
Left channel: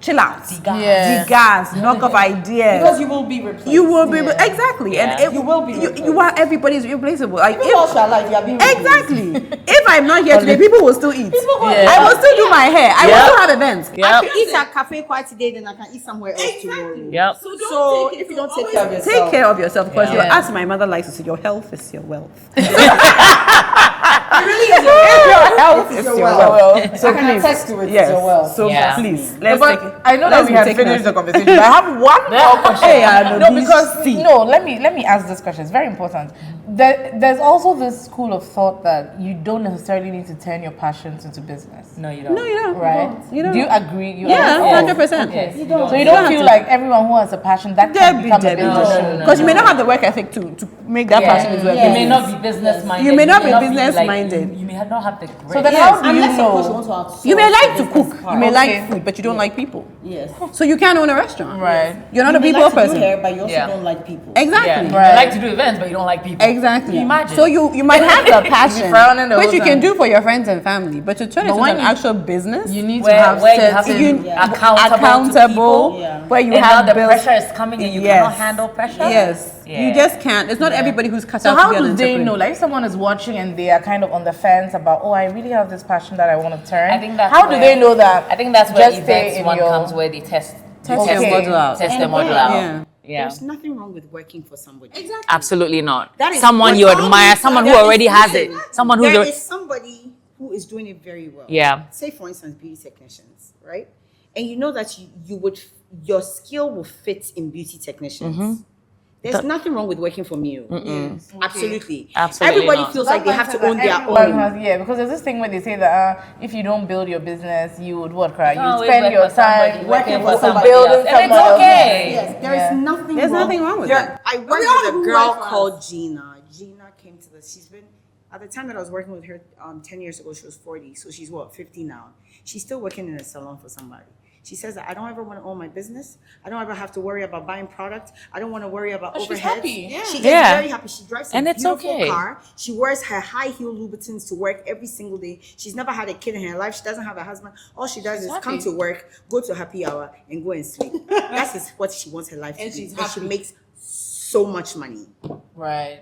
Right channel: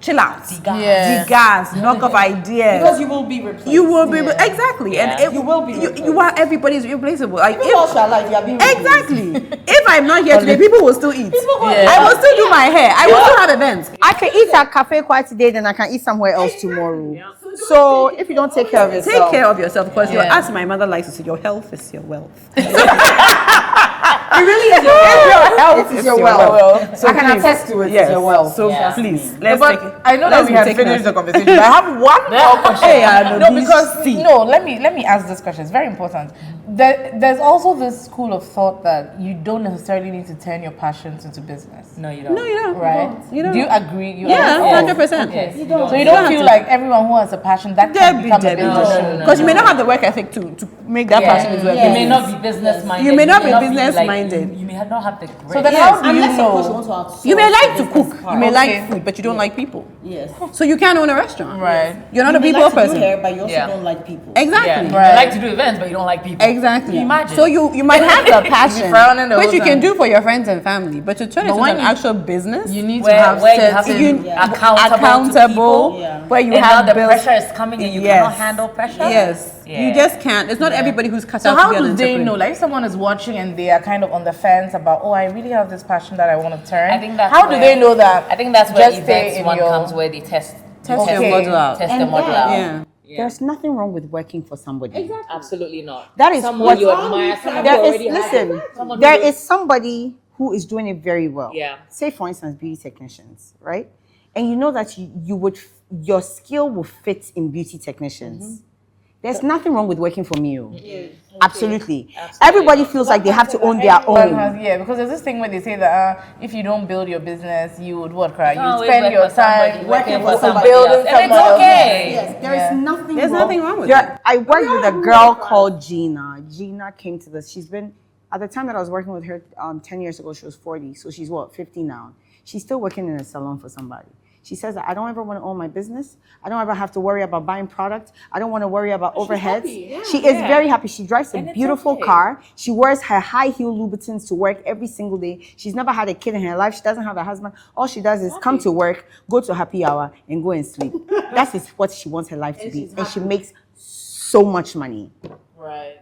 chill out. Yeah. Degas, knock off ideas. Because you will be replaced. You will be exactly, Yeah. and You will be You replaced. are everybody's replaceable. Like Even whilst you are alive, you are being exactly. If I'm not here today, people will still eat. Yeah. I will still do my hair. I will still have events. I can eat at cafe quite today, then I can eat somewhere else tomorrow. Yep. So if you don't take care of yourself, Take care of yourself because Yeah. as my mother likes to say, your health is your wealth. it really is Your health It is is your your wealth. wealth. So I can please, attest to it. yes. It's your wealth. So Yeah. please, let's But take it. I know that let's we be have taking finished us- the conversation. But I have one more question. Hey, I know No, this because thing. let me ask this question. It's very important. There's also this school of thought that you don't necessarily need to turn your passions into business. No, you don't. No, you don't. Right? You don't. Do you agree? You Yeah, agree? 100%. Yes. You don't. So you You don't don't feel have to- like everyone who has a passion that can Debbie, become a Debbie. business. No. Because you may not have the work ethic to make that passion into a You may business. not be business minded. You may not be business-minded. You may not have the So then great- how do you unless of course you know? want to outsource You may like the to cook. business You part. may Okay. like food, but you don't like people. Yes. So you can't own a restaurant. Right. You're not You a may people like to do person. hair, but you also Yeah. don't like people. Exactly. Yeah. You Right. like to do events, but you don't like people. Exactly. Imagine. So you might have the passion, frowning the which whole you can time. do for your friends and family, but to turn it into when an you- actual business, You need to Where have you have certain. to be Yeah. accountable to people. Yeah. where you And now have the bills. pressure is coming and you cannot handle pressure. Yes, Yeah. you just can't. It's not everybody who's cut So out to how be an do they entrepreneur. know? Like if someone is watching and they are kind of on the fence about, oh, I really have this passion that I want to turn. I think that's how do where- they know that? I think that's where Just stay events in one your- comes where they test Test your Okay. model out. test the And model yeah. out. Yeah. Yeah. There's nothing wrong with working for somebody. Absolutely not. That is someone what- you admire, someone who There is- already has it, listen, someone who there you're- is somebody who is doing it very well. Yeah. Say for instance, beauty technicians, right? And you know that your skill will fit in beauty technicians. There's nothing wrong with working for me. Absolutely. Absolutely Everybody not. feels like they have to own their Everyone own. has, yeah, because there's this thing where they say that if you don't build your business, you would what, cry? You No, would it's spend work your for somebody, time working for somebody building else. And it's someone okay. else's. Yes, there is Yeah. nothing There's wrong. nothing wrong with Yeah, that. I worked with a girl called Gina. Gina came to this. She's been, at the time that I was working with her 10 years ago, she was 40. So she's what, 50 now. She's still working in a salon for somebody. She says that I don't ever want to own my business. I don't ever have to worry about buying product. I don't want to worry about overhead. She is Yeah. very happy. She drives a And it's beautiful okay. car. She wears her high heel Louboutins to work every single day. She's never had a kid in her life. She doesn't have a husband. All she does is come to work, go to happy hour, and go and sleep. That is what she wants her life to be. And she makes so much money. Right.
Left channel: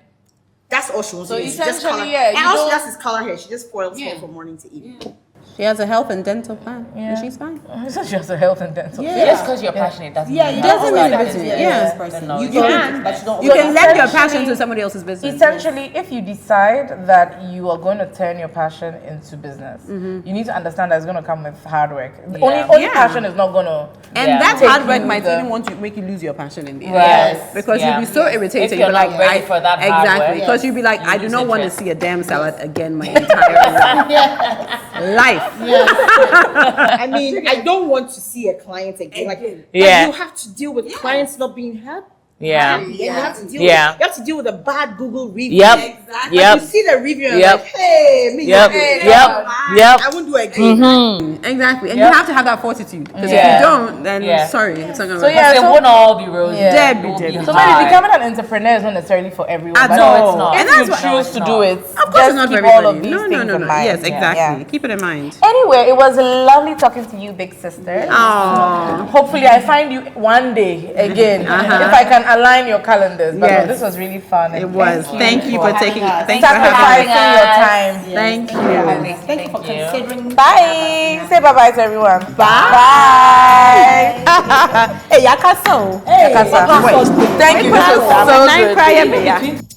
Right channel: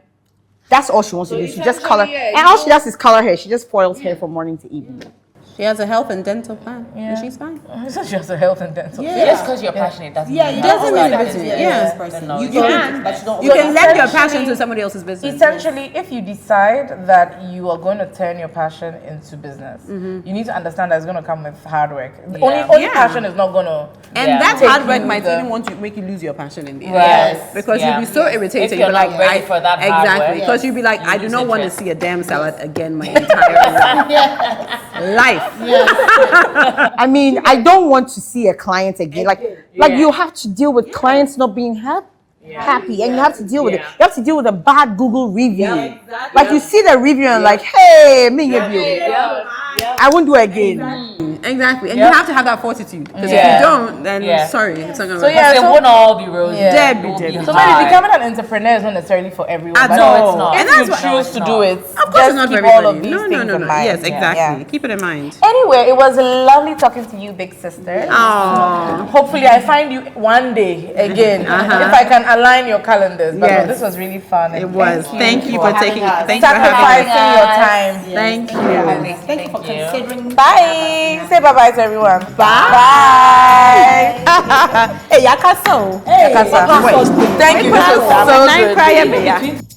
That's all she wants So to do. She just color, essentially, yeah, and you all she know- does is color hair. She just foils hair from morning to evening. She has a health and dental plan, and she's fine. So she has a health and dental. Just because you're passionate doesn't Yeah, mean you that- don't mean always it. have to be Yeah. a business person. No, You you can, but you don't. You always can have lend your essentially- passion to somebody else's business. Essentially, if you decide that you are going to turn your passion into business, you need to understand that it's going to come with hard work. Only Yeah. passion is not going to. And Yeah. that Take hard work you might the- even want to make you lose your passion in the end. Yes. Because Yeah. you'll be so irritated. If you're You'll be not ready for that hard exactly. work, Because you'll be like, you I do lose not want to interest. see a damn salad again my entire life. I mean, I don't want to see a client again. Like Yeah. you have to deal with clients not being happy. Yeah. Happy, and you have to deal with Yeah. you have to deal with a bad Google review. Yep. Like Yep. you see the review and Yep. like, hey, me, Yep. you- Yep. Yep. I won't do it again. Exactly. And Yep. you have to have that fortitude. Because Yeah. if you don't, then Yeah. sorry, it's not going to So work. yeah, It so- won't all be rosy. Yeah. Debbie, It will be Debbie. So maybe hard. becoming an entrepreneur is not necessarily for everyone. At but all. it's not. If And you that's what- choose to do it, Of course, just it's not for keep all everybody. of these No, no, things no, in no. mind. Yes, Yeah. exactly. Yeah. Keep it in mind. Anyway, it was lovely talking to you, big sister. Oh, Hopefully, I find you one day again if I can align your calendars. But Yes. this was really fun. it and was. Thank you for taking. us. Thank you for having sacrificing us. your time. Thank you. Thank you for considering. Bye. Say bye bye to everyone. Bye. Hey, Yakaso. Yakasa. Thank you. This was so good. Cry,